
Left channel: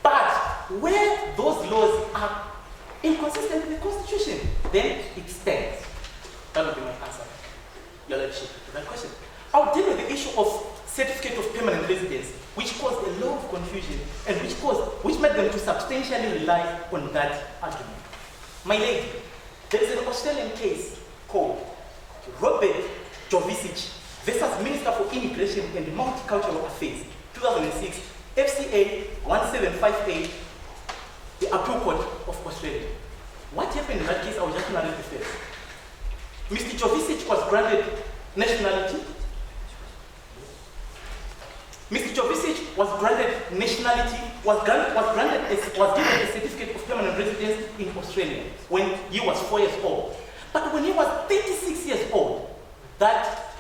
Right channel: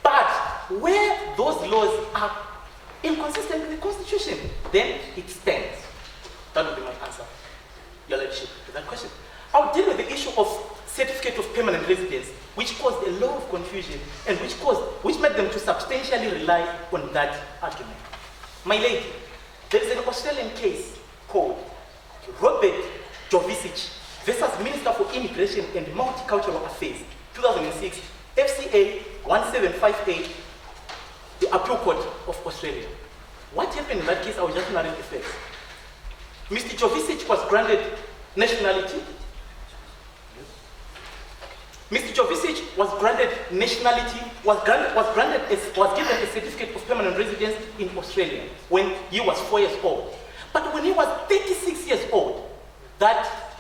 But where those laws are inconsistent with the Constitution, then it stands. That would be my answer, Your Lordship, to that question. I'll deal with the issue of certificate of permanent residence, which caused a lot of confusion and which made them to substantially rely on that argument. My lady, There is an Australian case called Robert Jovicic versus Minister for Immigration and Multicultural Affairs, 2006, FCA 1758, the Appeal Court of Australia. What happened in that case? I will just narrate the facts. Mr. Jovicic was granted nationality. Mr. Jovicic was granted nationality, was given a certificate of permanent residence in Australia when he was 4 years old. But when he was 36 years old, that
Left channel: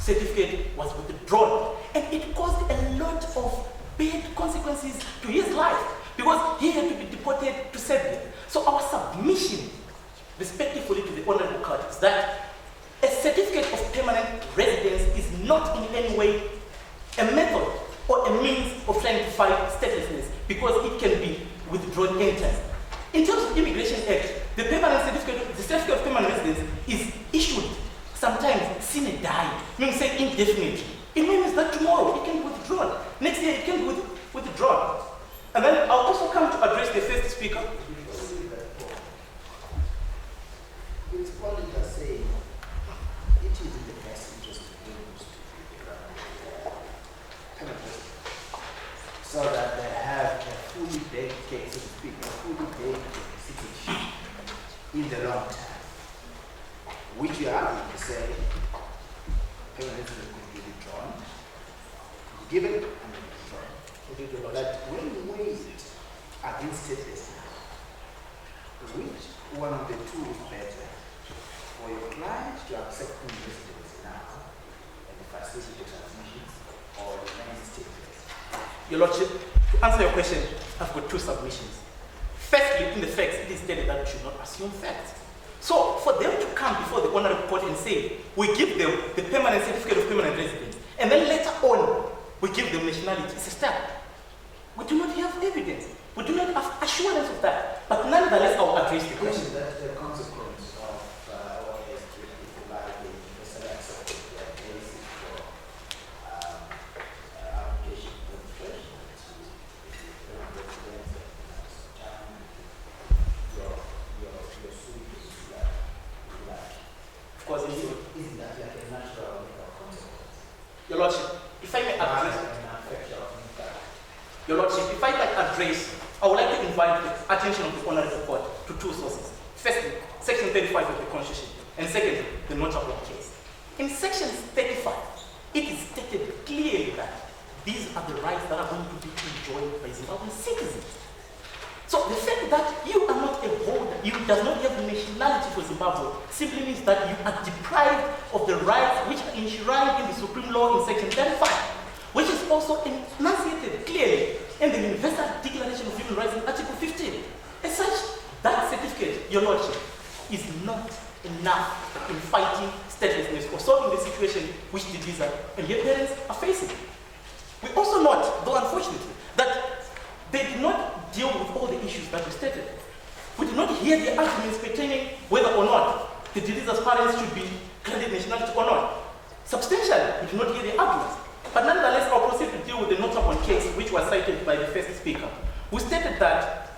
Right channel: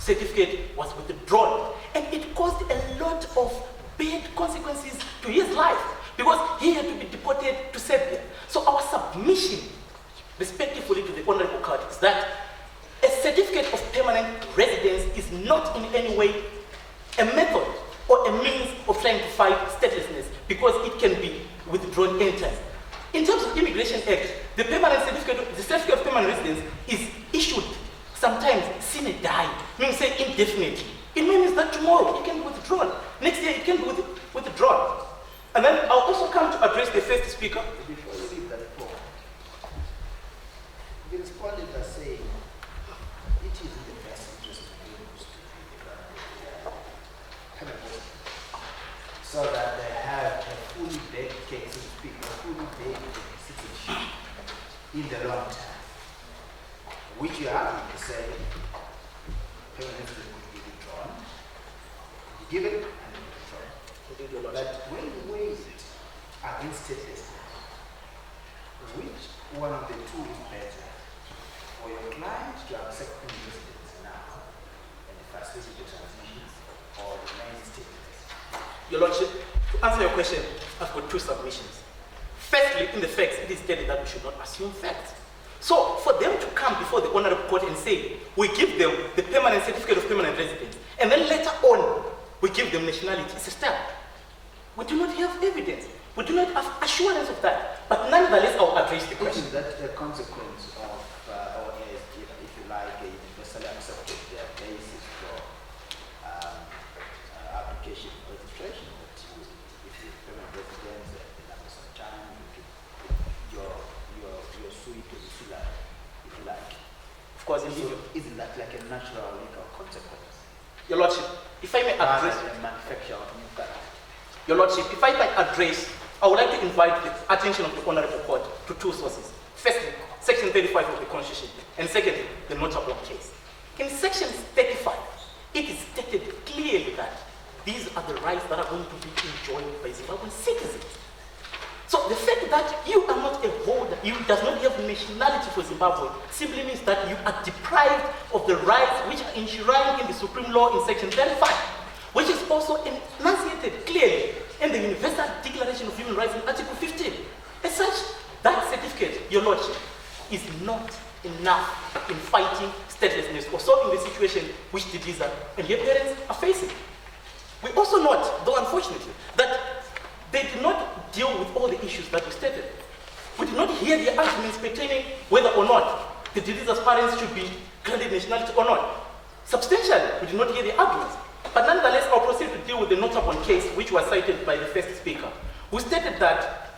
certificate was withdrawn, and it caused a lot of bad consequences to his life because he had to be deported to Serbia. So our submission, respectively to the Honorable Court, is that a certificate of permanent residence is not in any way a method or a means of trying to fight statelessness because it can be withdrawn anytime. In terms of Immigration Act, the certificate of permanent residence is issued sometimes sine die, meaning say indefinitely. It means that tomorrow it can be withdrawn. Next year it can be withdrawn. And then I'll also come to address the first speaker. Before you leave that point, the respondent are saying it is in the best interest of those so that they have a fully baked case, so to speak, a fully baked citizenship in the long term, which you are to say permanent residence could be withdrawn, given and withdrawn. But when you weigh it against statelessness, which one of the two is better for your client to accept residence now and the facility transmissions or remain stateless? Your Lordship, to answer your question, I've got two submissions. Firstly, in the facts, it is stated that we should not assume facts. So, for them to come before the Honorable Court and say, we give them the permanent certificate of permanent residence, and then later on, we give them nationality, it's a step. We do not have evidence. We do not have assurance of that. But nonetheless, I will address the question. Isn't that the consequence of, or if you like, a universally accepted basis for application for registration? If you permanent residence and after some time, you're suing to the if you like. Of course, indeed. Isn't that like a natural legal consequence? Your Lordship, if I may address... manufacture of new fact. Your Lordship, if I might address, I would like to invite the attention of the Honorable Court to two sources. Firstly, Section 35 of the Constitution, and secondly, the notable case. In Section 35, it is stated clearly that these are the rights that are going to be enjoyed by Zimbabwean citizens. So the fact that you are not a holder, you does not have nationality for Zimbabwe, simply means that you are deprived of the rights which are enshrined in the Supreme Law in Section 35, which is also enunciated clearly in the Universal Declaration of Human Rights in Article 15. As such, that certificate, Your Lordship, is not enough in fighting statelessness or solving the situation which the Diza and their parents are facing. We also note, though unfortunately, that they did not deal with all the issues that were stated. We did not hear the arguments pertaining whether or not the Diza's parents should be granted nationality or not. Substantially, we did not hear the arguments. But nonetheless, I'll proceed to deal with the notable case which was cited by the first speaker, who stated that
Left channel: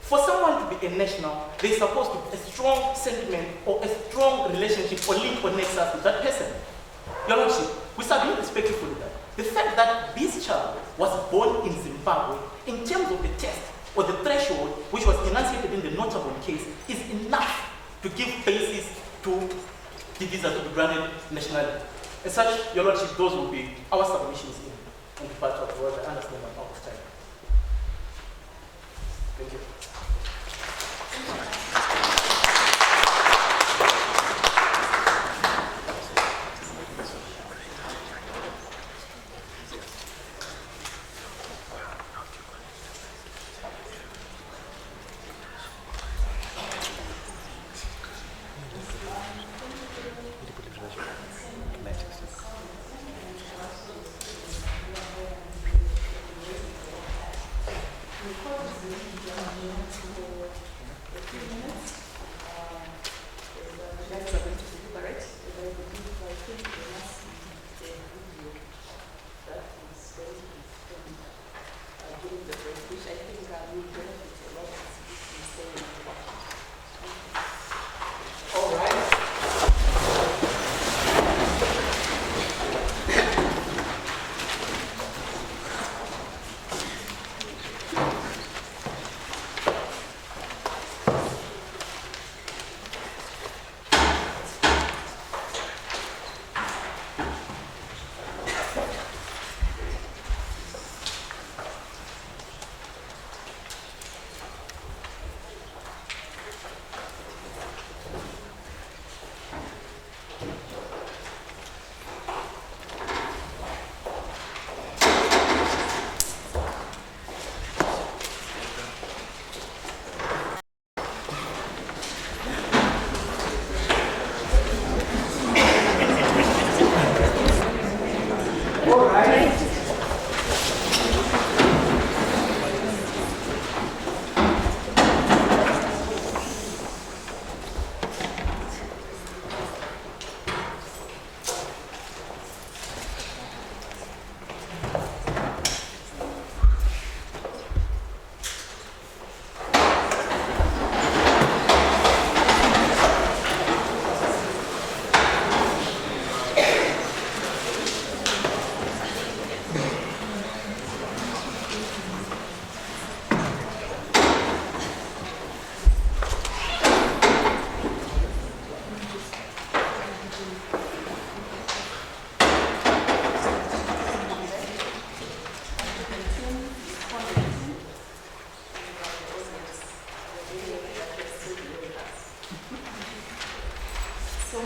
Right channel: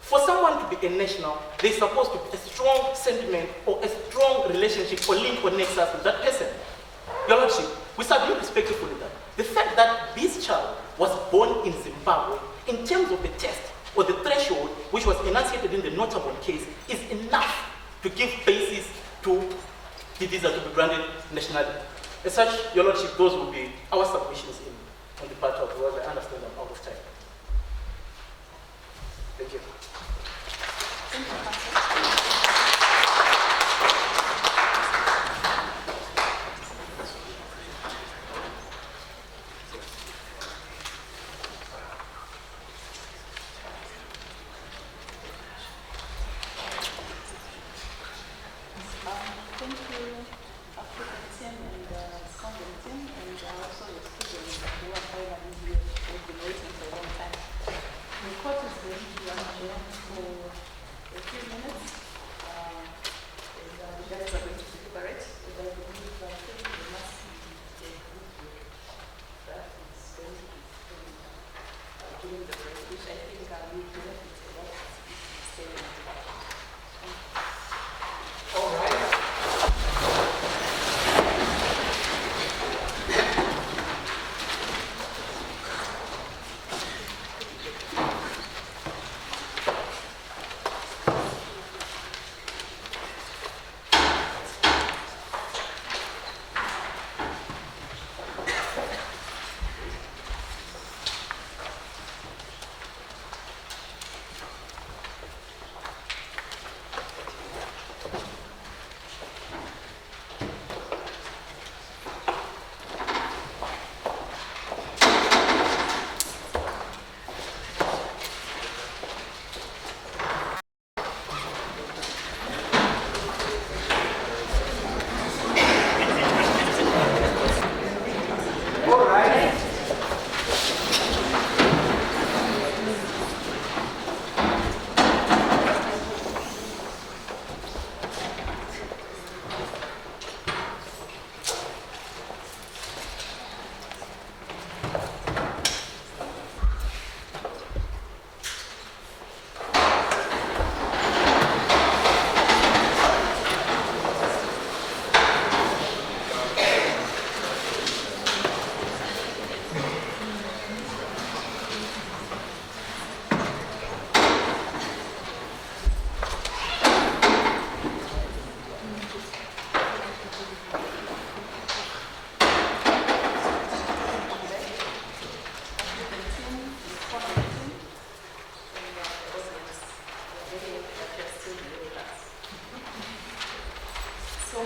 for someone to be a national, there's supposed to be a strong sentiment or a strong relationship or link or nexus with that person. Your Lordship, we submit respectfully that the fact that this child was born in Zimbabwe, in terms of the test or the threshold which was enunciated in the notable case, is enough to give basis to the visa to be granted nationality. As such, Your Lordship, those will be our submissions on the part of the world. I understand I'm out of time. Thank you. The court is going to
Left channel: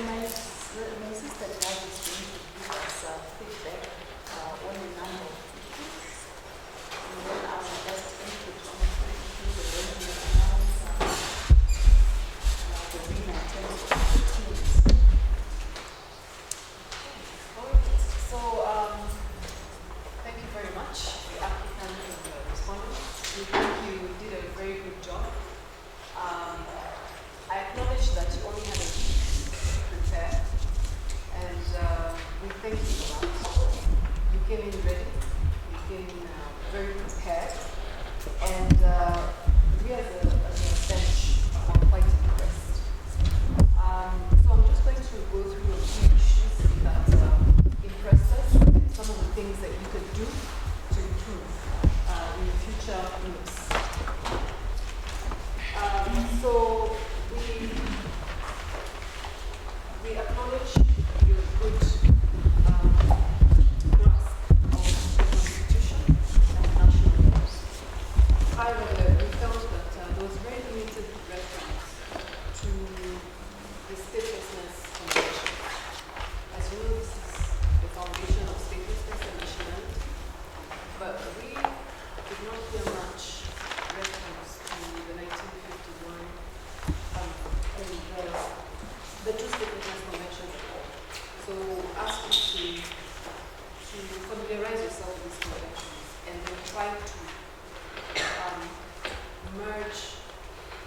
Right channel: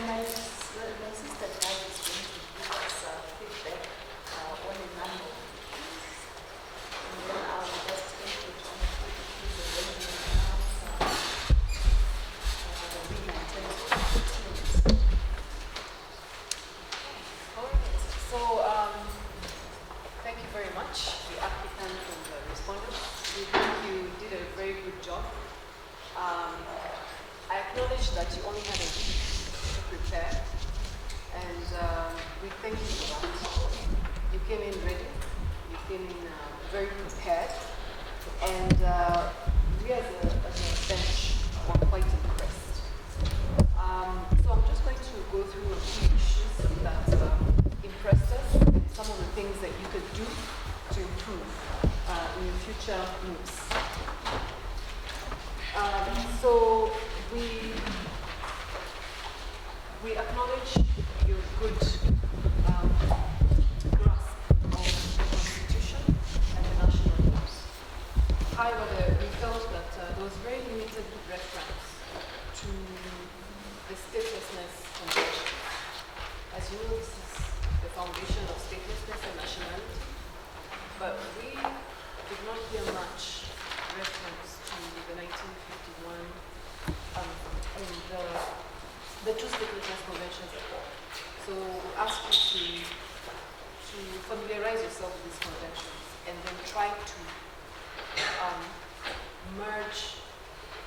my sister Judge is going to give us feedback on a number of issues. And then I will just input on a few issues and then we will announce the winner in terms of the teams. Alright, so thank you very much, the applicant and the respondent. We think you did a very good job. I acknowledge that you only had a week to prepare, and we thank you for that. You came in ready, you came in very prepared, and we as a bench were quite impressed. So I'm just going to go through a few issues that impressed us and some of the things that you could do to improve in your future moves. So we acknowledge your good grasp of the Constitution and the national laws. However, we felt that there was very limited reference to the statelessness convention. As you know, this is the foundation of statelessness and nationality, but we did not hear much reference to the 1951 and the two statelessness conventions at all. So ask you to familiarize yourself with these conventions and then try to merge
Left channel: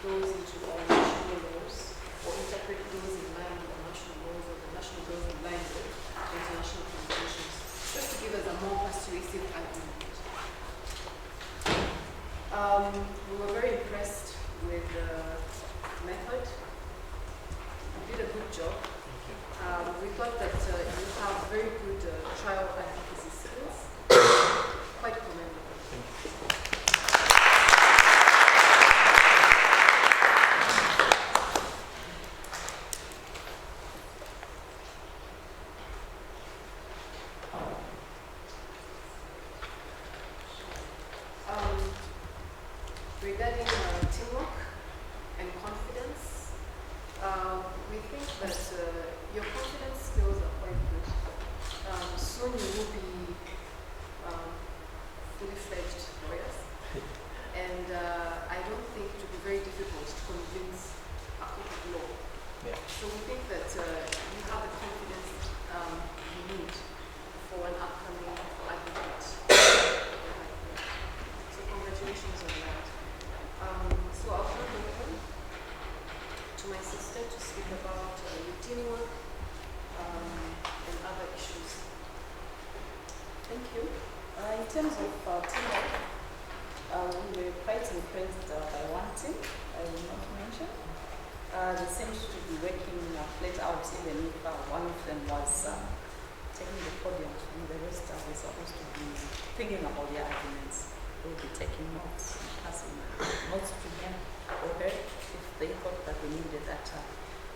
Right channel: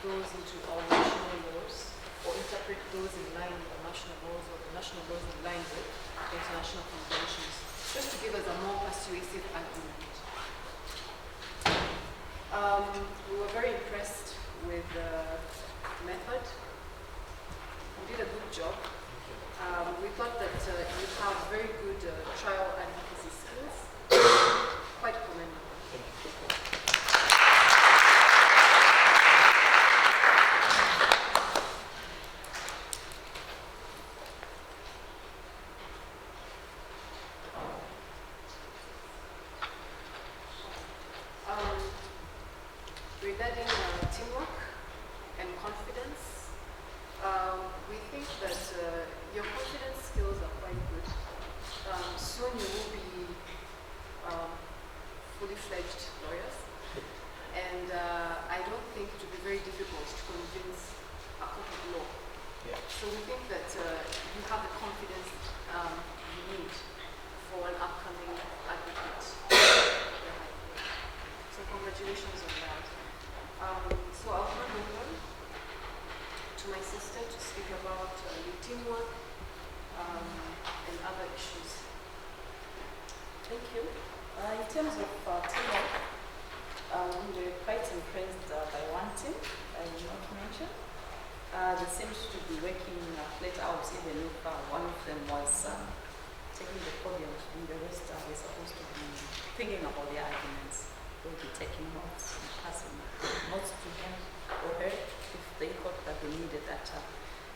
those into our national laws or interpret those in line with the national laws or the national laws in line with international conventions, just to give us a more persuasive argument. We were very impressed with the method. You did a good job. We thought that you have very good trial advocacy skills. Quite commendable. Regarding teamwork and confidence, we think that your confidence skills are quite good. Soon you will be fully fledged lawyers, and I don't think it will be very difficult to convince a court of law. Yeah. So we think that you have the confidence you need for an upcoming advocate. So congratulations on that. So I'll hand over to my sister to speak about your teamwork and other issues. Thank you. In terms of teamwork, we were quite impressed by one team I will not mention. They seemed to be working flat out, even if one of them was taking the podium and the rest were supposed to be thinking about their arguments. They'll be taking notes and passing notes to him or her if they thought that they needed that.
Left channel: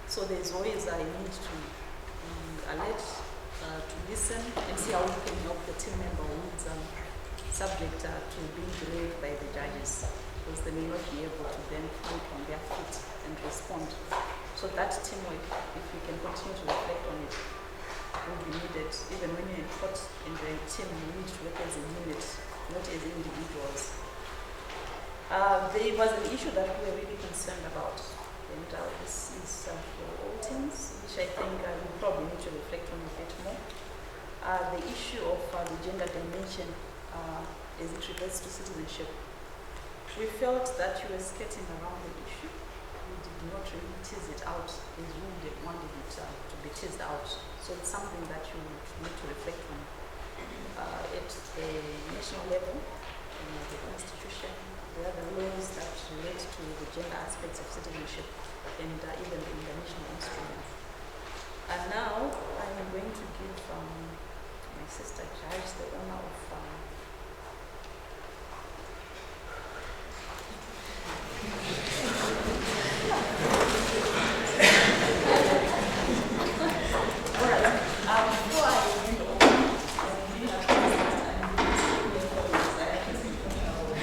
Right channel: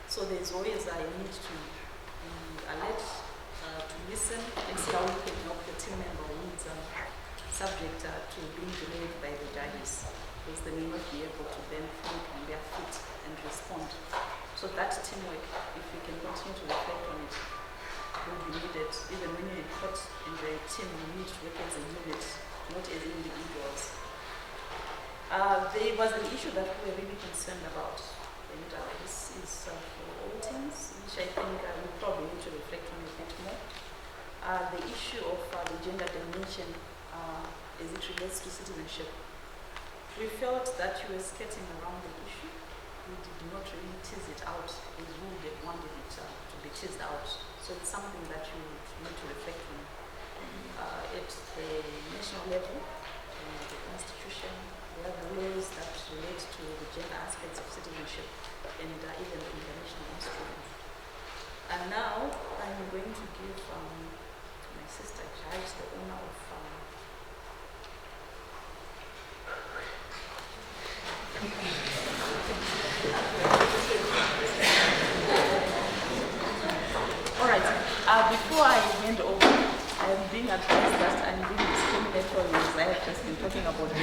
So there's always a need to be alert, to listen and see how we can help the team member who is subject to being delayed by the judges, because they may not be able to then think on their feet and respond. So that teamwork, if we can continue to reflect on it, will be needed. Even when you're in court in the team, you need to work as a unit, not as individuals. There was an issue that we were really concerned about, and this is for all teams, which I think we probably need to reflect on a bit more. The issue of the gender dimension as it relates to citizenship. We felt that you were skirting around the issue. We did not really tease it out as we would have wanted it to be teased out. So it's something that you need to reflect on. At the national level, the Constitution, there are the laws that relate to the gender aspects of citizenship and even the international instruments. And now I'm going to give my sister Judge the honor of all right. Before I hand over, I'm being advised that I'm leaving school employees. I have just been talking about it.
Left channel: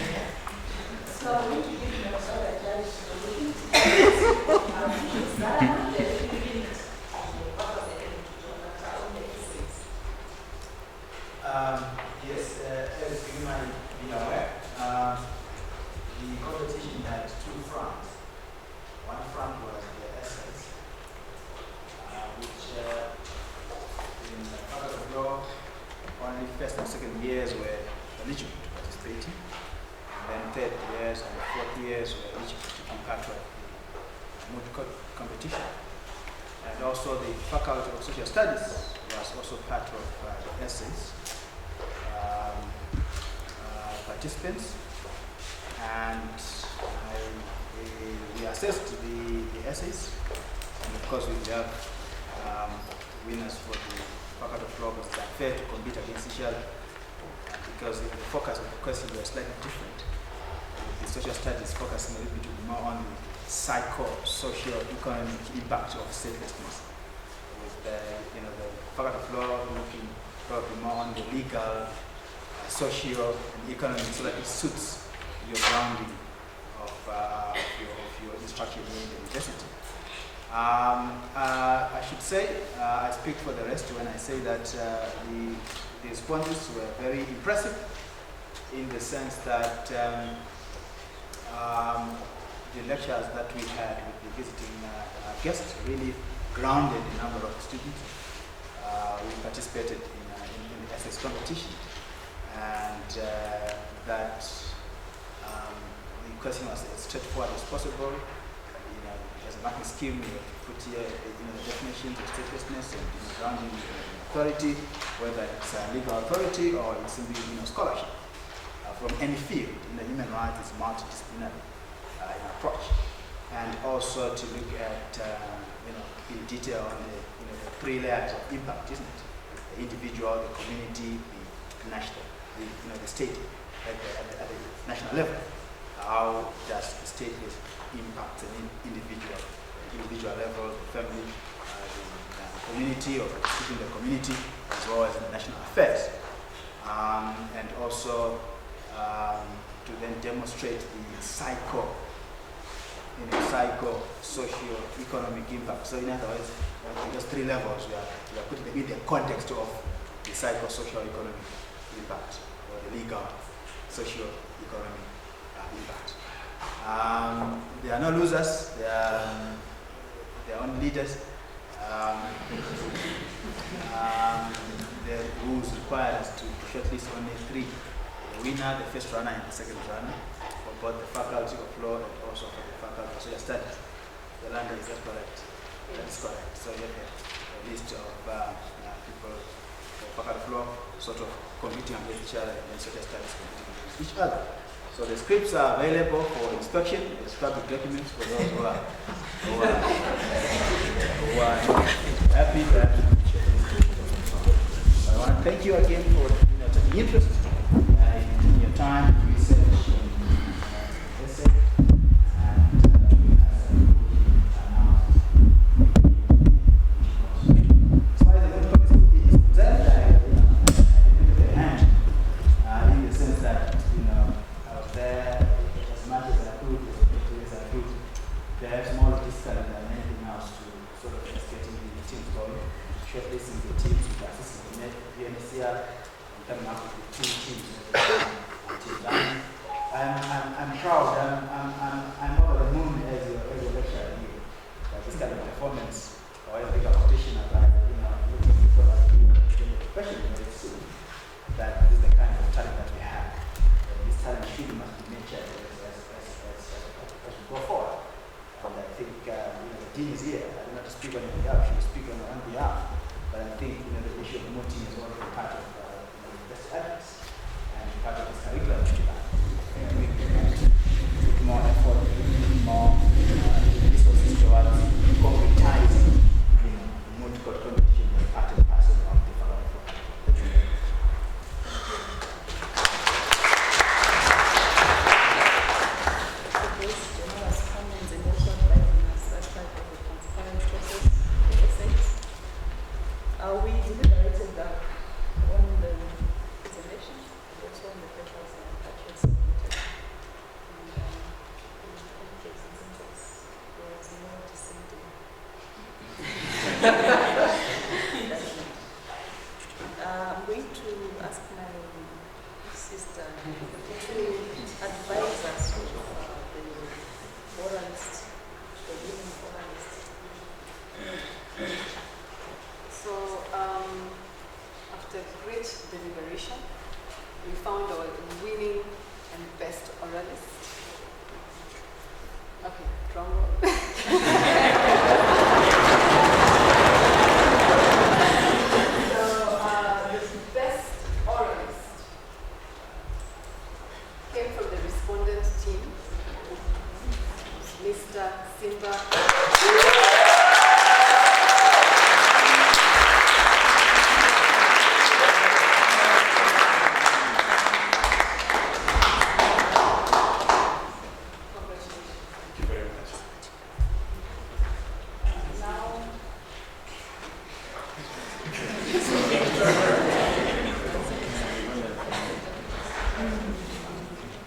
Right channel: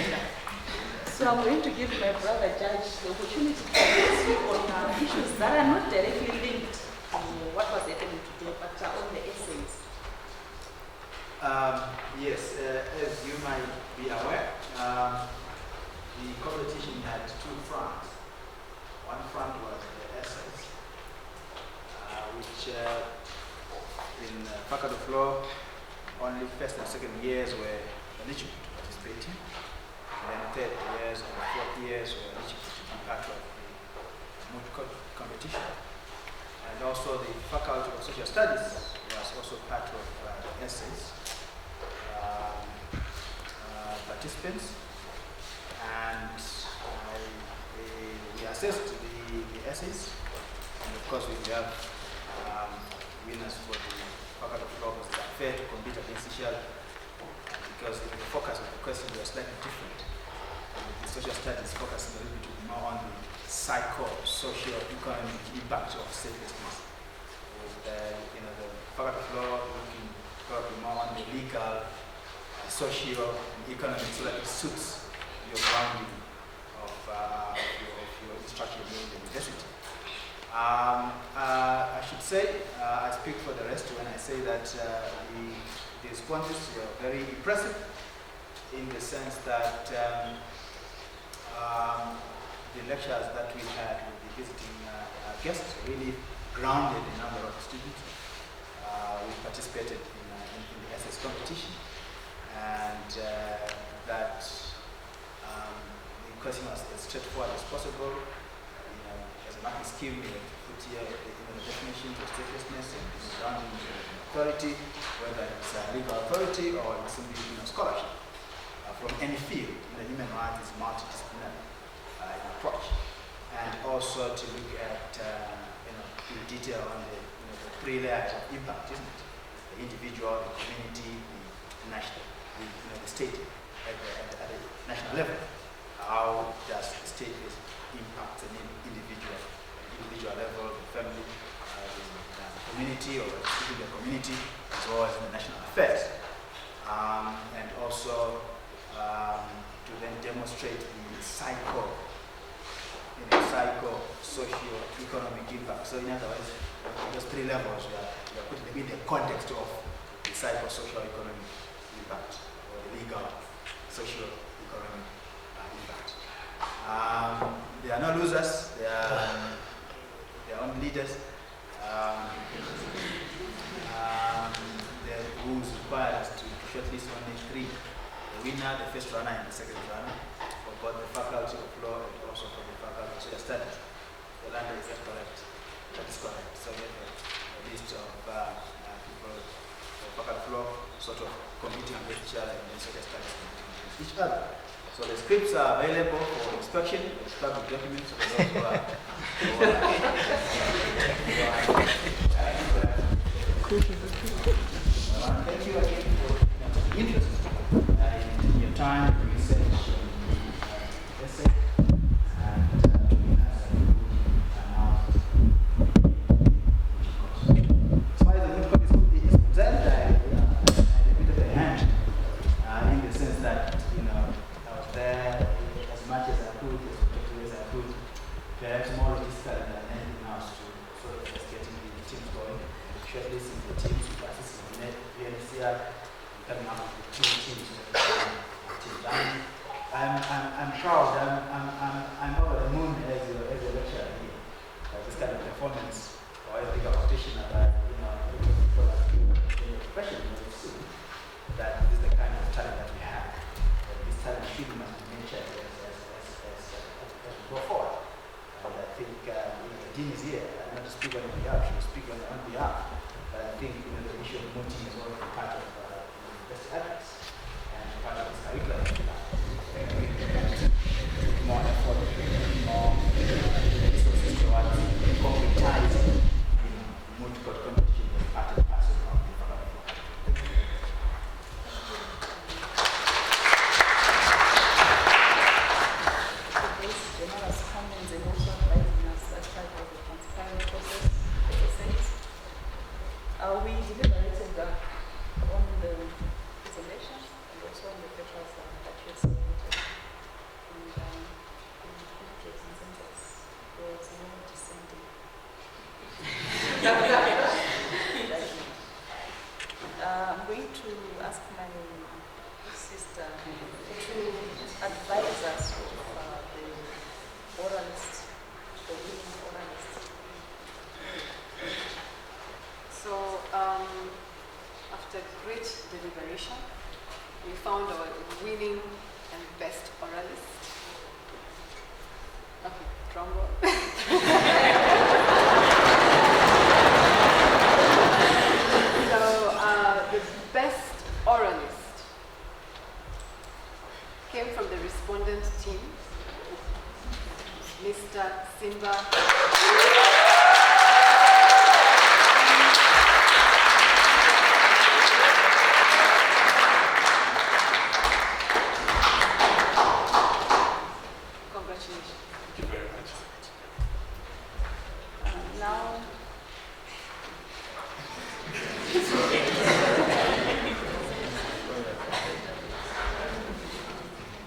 So I'm going to give my brother Judge the opportunity to speak on issues that are not directly linked to 4th years were eligible to be part of the Moot competition. And also the Faculty of Social Studies was also part of the essays participants. And we assessed the essays, and of course we have winners for the Faculty of Law. It's unfair to compete against each other because the focus of the questions were slightly different. The social studies focusing a little bit more on the psycho-social economic impact of statelessness. With the Faculty of Law looking probably more on the legal, social, and economic, so that it suits your grounding of your instruction in the university. I should say, I speak for the rest when I say that the responses were very impressive in the sense that the lectures that we had with the visiting guests really grounded a number of students. We participated in the essays competition, and that the question was as straightforward as possible. As a marking scheme, we put here the definitions of statelessness and grounding authority, whether it's a legal authority or it's simply scholarship from any field. Human rights is multidisciplinary in approach, and also to look at in detail on the the 3 layers of impact, isn't it? The individual, the community, the national, the state at the national level. How does the state impact an individual level, the family, the community, or within the community, as well as in the national affairs, and also to then demonstrate the socio-economic impact. So in other words, those 3 levels, we are putting them in the context of the socio-economic impact, or the legal, socio-economic impact. There are no losers, they are only leaders. The rules require us to shortlist only 3. The winner, the first runner, and the second runner, for both the Faculty of Law and also for the Faculty of Social Studies. The lander is that correct? That is correct. So you have a list of people for Faculty of Law sort of competing against each other, and then Social Studies competing against each other. So the scripts are available for inspection. It's public documents for those who are happy that. I want to thank you again for the interest in your time, research, and essay, and we have announced. As far as the good code is concerned, I did a hand in the sense that I was there as much as I could, as I could. Perhaps more logistically than anything else to sort of just getting the teams going, shortlisting the teams, with assisting the UNHCR, and coming up with the 2 teams until done. I'm proud. I'm over the moon as a lecturer here. This kind of performance or ethical competition about looking for that profession that this is the kind of talent that we have. This talent should must be nurtured as we go forward. And I think the dean is here. I don't want to speak on his behalf. She will speak on behalf. But I think the issue of mooting is already part of best ethics and part of his curriculum. We put more effort, more resources towards concretizing Moot competition as part and parcel of the Faculty of Law. Thank you. Generous comments and also advising us as part of the transparent process, the essays. We deliberated on the presentation and also on the papers that you submitted. And indicate consensus. There was no dissenting. I'm going to ask my sister to advise us of the oralist, the winning oralist. So, The best oralist came from the respondent team, Mr. Simba. Congratulations. Thank you very much. Now,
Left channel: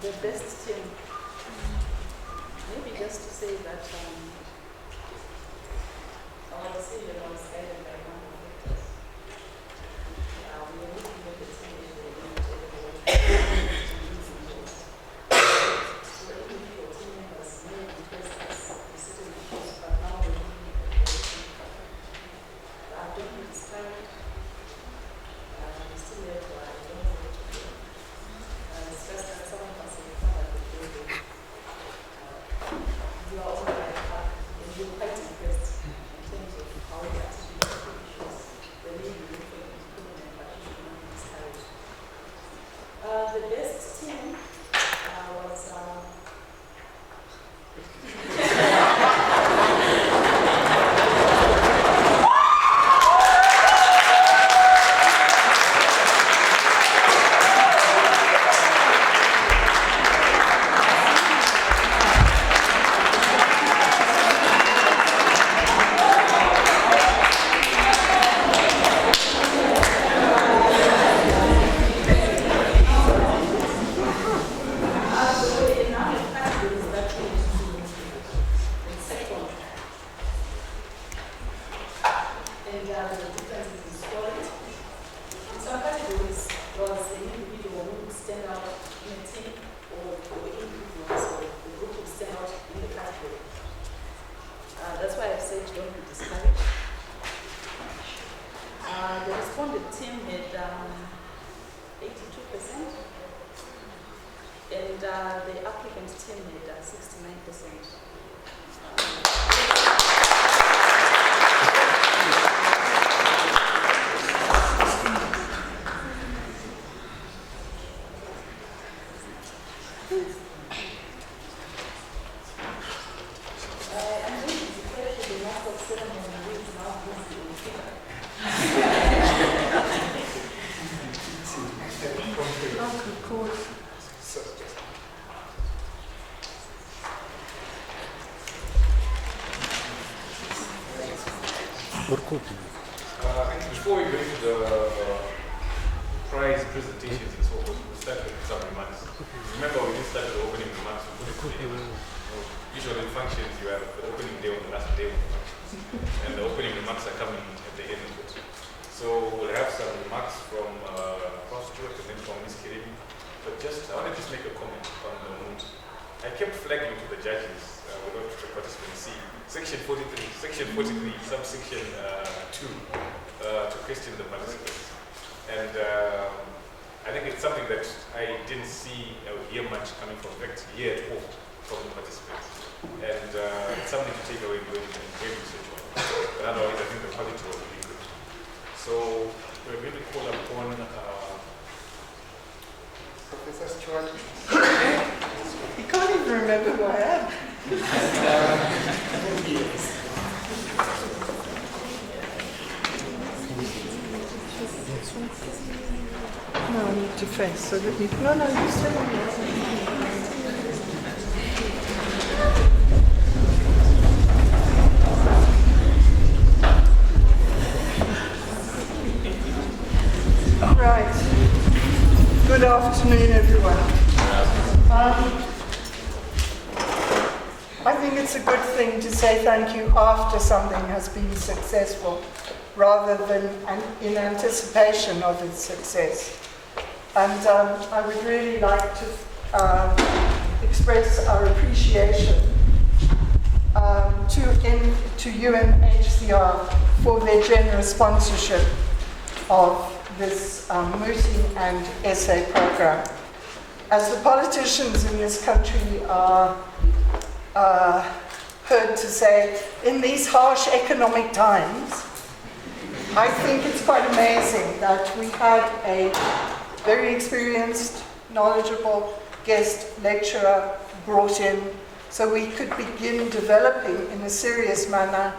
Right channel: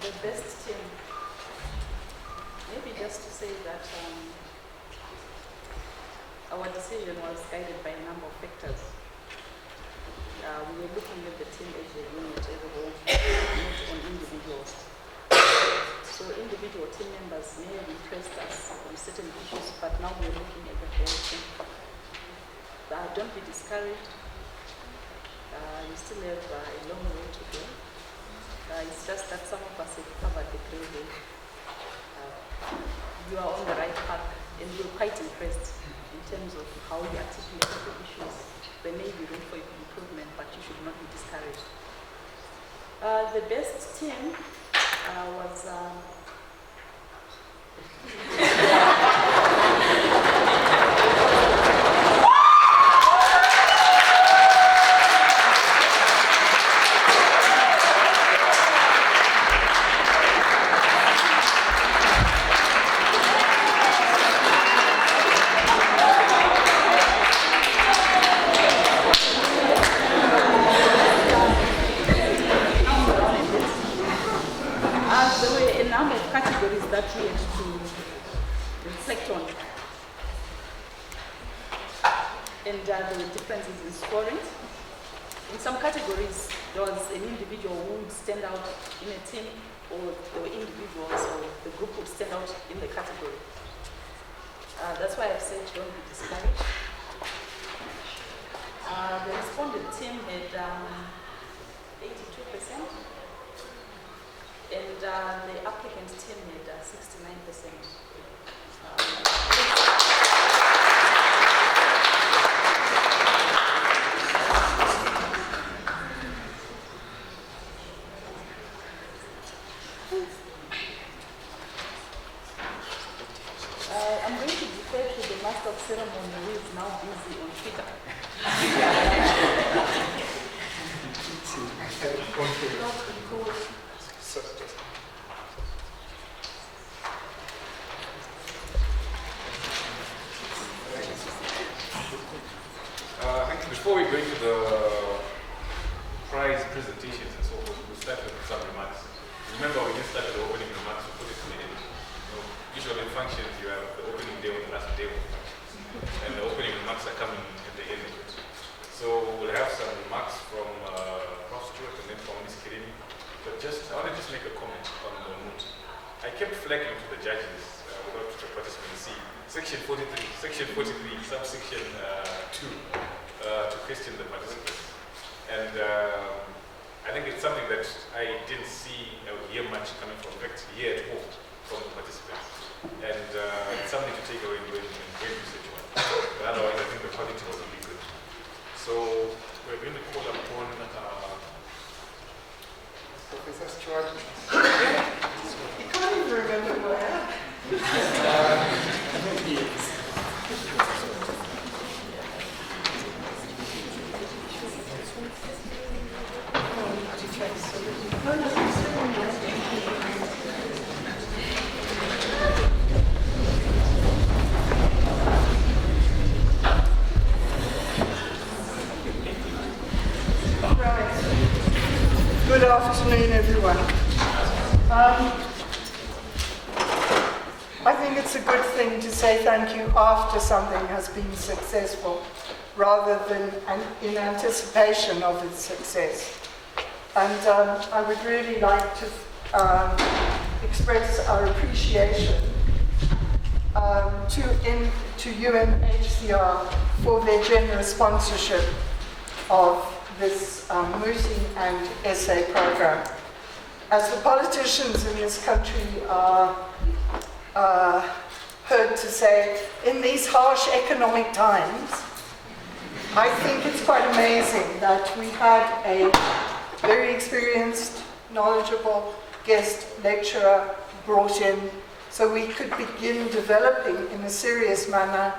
the best team. Maybe just to say that our decision was guided by a number of factors. We were looking at the team as a unit, as a whole, and individuals. So individual team members may request us with certain issues, but now we're looking at the whole team. Don't be discouraged. We still have a long way to go. It's just that some of us have covered the building. You are on the right path, and we're quite impressed in terms of how you articulate the issues. There may be room for improvement, but you should not be discouraged. The best team was that's why I've said don't be discouraged. The respondent team had 82%, and the applicant team had 69%. I'm going to defer to the master of ceremony who is now busy on Twitter. I think before we go into the prize presentations and so forth, we'll start with some remarks. Remember, we didn't start with the opening remarks, we put it to the end. Usually in functions, you have the opening day on the last day of the function. And the opening remarks are coming at the end of it. So we'll have some remarks from Prof. Stewart and then from Ms. Kirimi. But just, I want to just make a comment on the Moot. I kept flagging to the judges without the participants see section 43, subsection 2, to question the participants. And I think it's something that I didn't see or hear much coming from, in fact, here at home from the participants. And it's something to take away and go and research on. But otherwise, I think the quality was really good. So we're going to call upon Professor Stewart. You can't even remember who I am. No, different. So let me go Right. Good afternoon, everyone. I think it's a good thing to say thank you after something has been successful, rather than in anticipation of its success. And I would really like to express our appreciation to UNHCR for their generous sponsorship of this mooting and essay program. As the politicians in this country are heard to say, in these harsh economic times, I think it's quite amazing that we had a very experienced, knowledgeable guest lecturer brought in so we could begin developing in a serious manner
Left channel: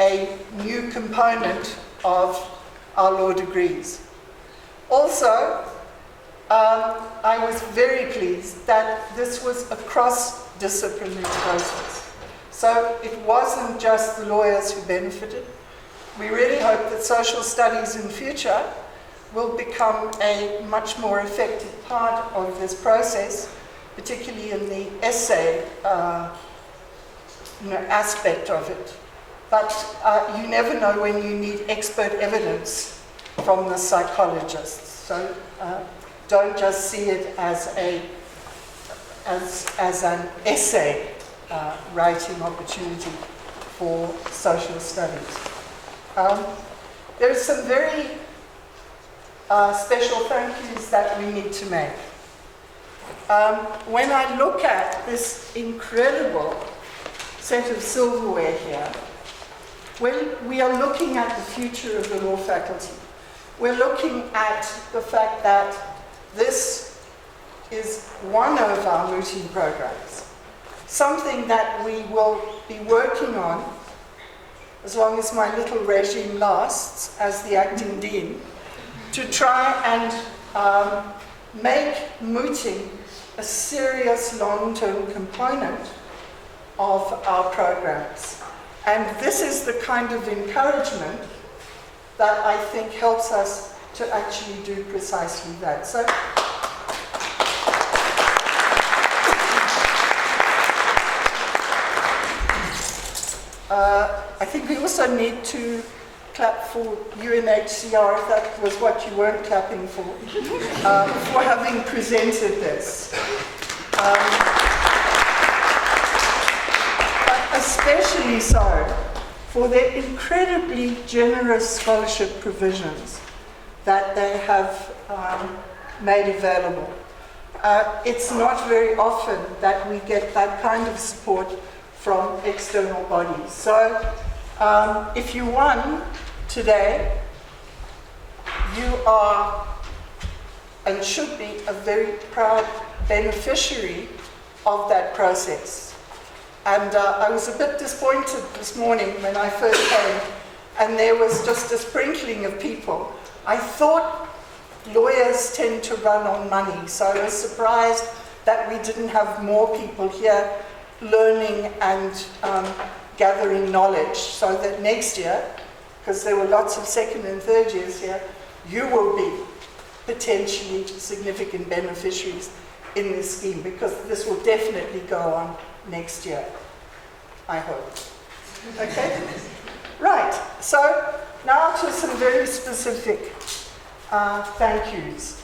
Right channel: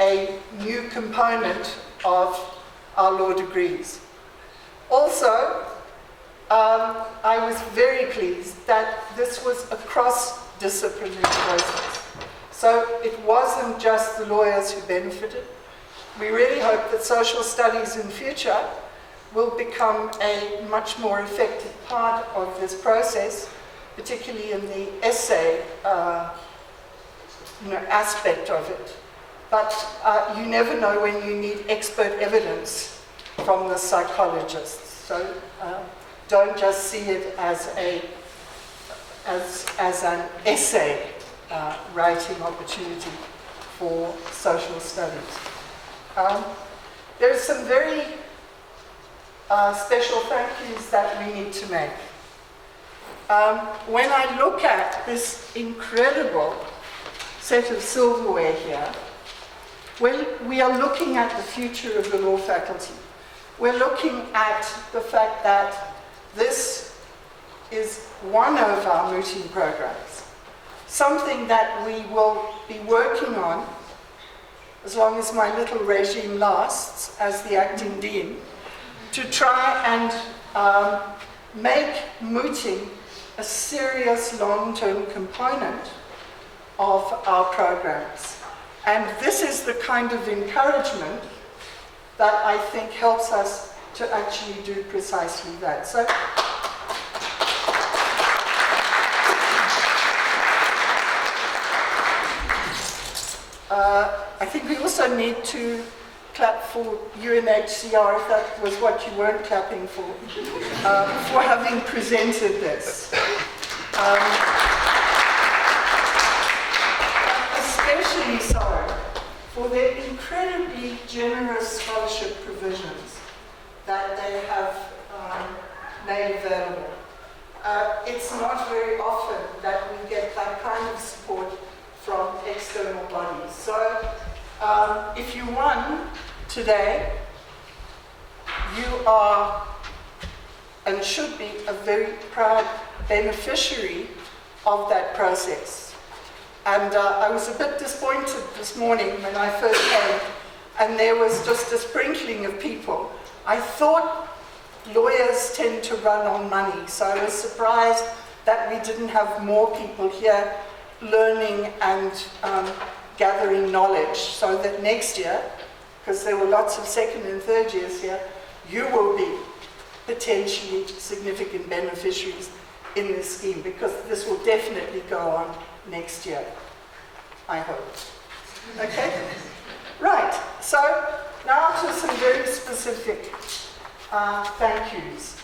a new component of our law degrees. Also, I was very pleased that this was a cross-disciplinary process. So it wasn't just the lawyers who benefited. We really hope that social studies in future will become a much more effective part of this process, particularly in the essay aspect of it. But you never know when you need expert evidence from the psychologists. So don't just see it as an essay writing opportunity for social studies. There are some very special thank yous that we need to make. When I look at this incredible set of silverware here, we are looking at the future of the law faculty. We're looking at the fact that this is one of our mooting programs, something that we will be working on as long as my little regime lasts as the acting dean, to try and make mooting a serious long-term component of our programs. And this is the kind of encouragement that I think helps us to actually do precisely that. So, I think we also need to clap for UNHCR, if that was what you weren't clapping for having presented this. Especially so for their incredibly generous scholarship provisions that they have made available. It's not very often that we get that kind of support from external bodies. So if you won today, you are and should be a very proud beneficiary of that process. And I was a bit disappointed this morning when I first came, and there was just a sprinkling of people. I thought lawyers tend to run on money, so I was surprised that we didn't have more people here learning and gathering knowledge, so that next year, because there were lots of second and third years here, you will be potentially significant beneficiaries in this scheme, because this will definitely go on next year, I hope. Okay? Right, so now to some very specific thank yous.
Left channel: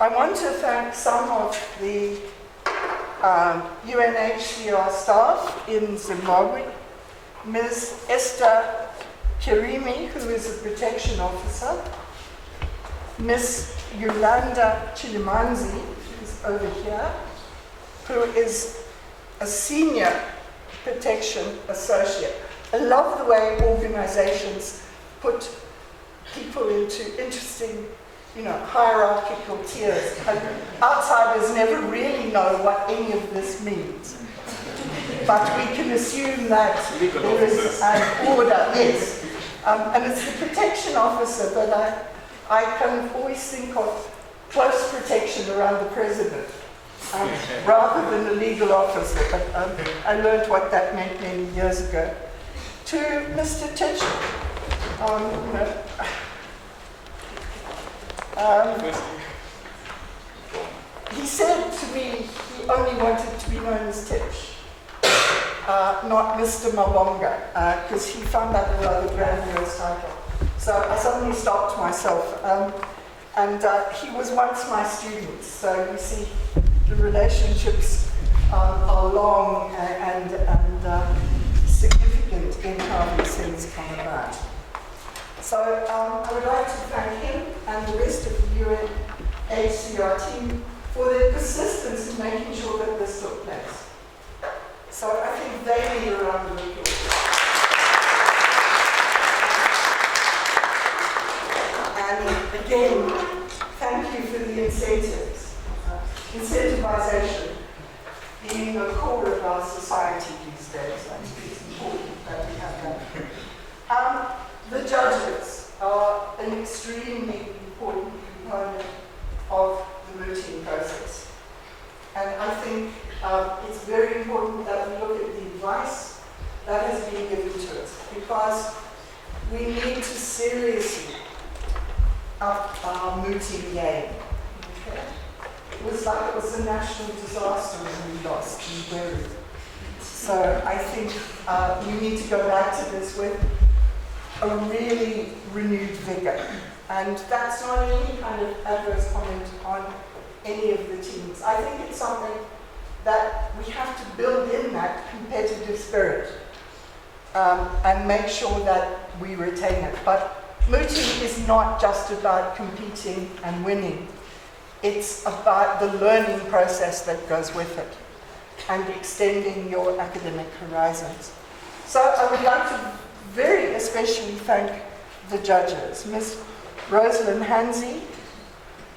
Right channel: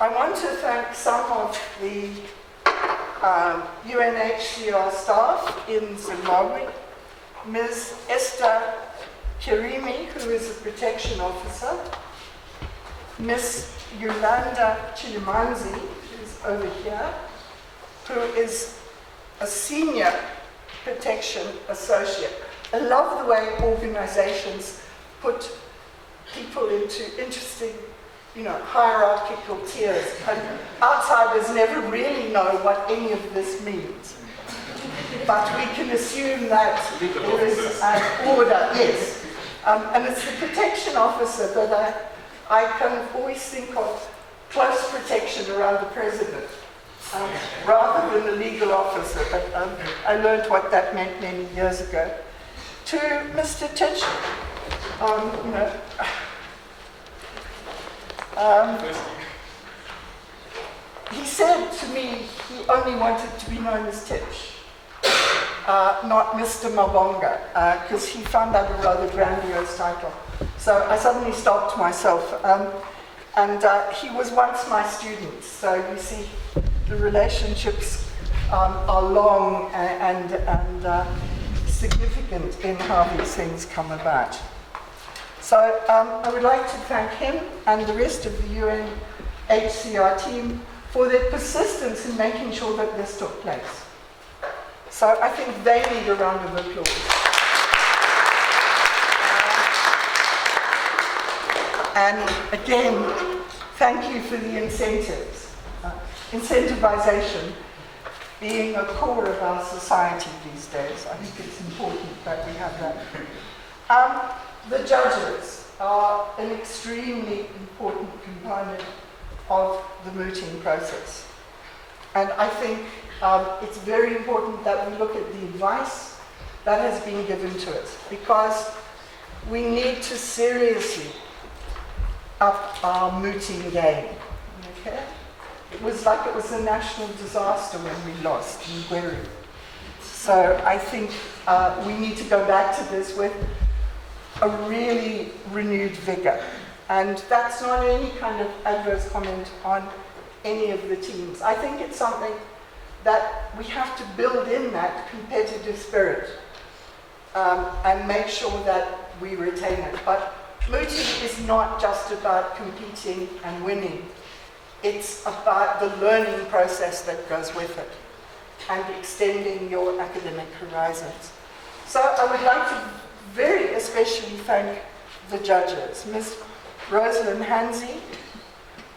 I want to thank some of the UNHCR staff in Zimbabwe, Ms. Esther Kirimi, who is a protection officer, Ms. Yolanda Chilimanzi, who's over here, who is a senior protection associate. I love the way organizations put people into interesting, hierarchical tiers. And outsiders never really know what any of this means. But we can assume that there is an order, yes. And it's the protection officer that I can always think of close protection around the president, rather than a legal officer. But I learned what that meant many years ago. To Mr. Titch, he said to me he only wanted to be known as Titch, not Mr. Mabonga, because he found that a rather grandiose title. So I suddenly stopped myself. And he was once my student, so you see the relationships are long and significant in how these things come about. So I would like to thank him and the rest of the UNHCR team for their persistence in making sure that this took place. So I think they need a round of applause. And again, thank you for the incentives. Incentivization being a core of our society these days. I think it's important that we have that. The judges are an extremely important component of the mooting process. And I think it's very important that we look at the advice that has been given to us, because we need to seriously up our mooting game. Okay? It was like it was a national disaster when we lost in Gweru. So I think we need to go back to this with a really renewed vigor. And that's not any kind of adverse comment on any of the teams. I think it's something that we have to build in that competitive spirit and make sure that we retain it. But mooting is not just about competing and winning. It's about the learning process that goes with it and extending your academic horizons. So I would like to very especially thank the judges, Ms. Rosalind Hansi,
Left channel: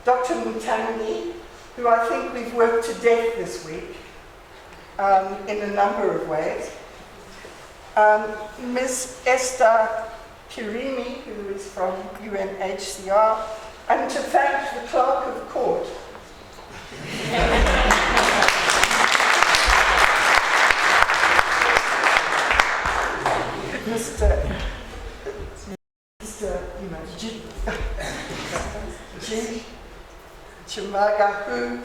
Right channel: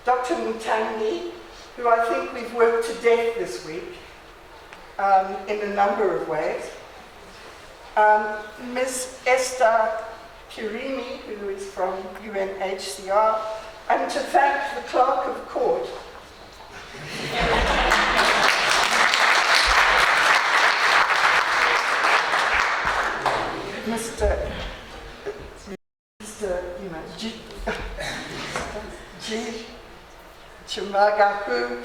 Dr. Mutangi, who I think we've worked to death this week in a number of ways, Ms. Esther Kirimi, who is from UNHCR, and to thank the clerk of court. Mr. G. Chimaga, who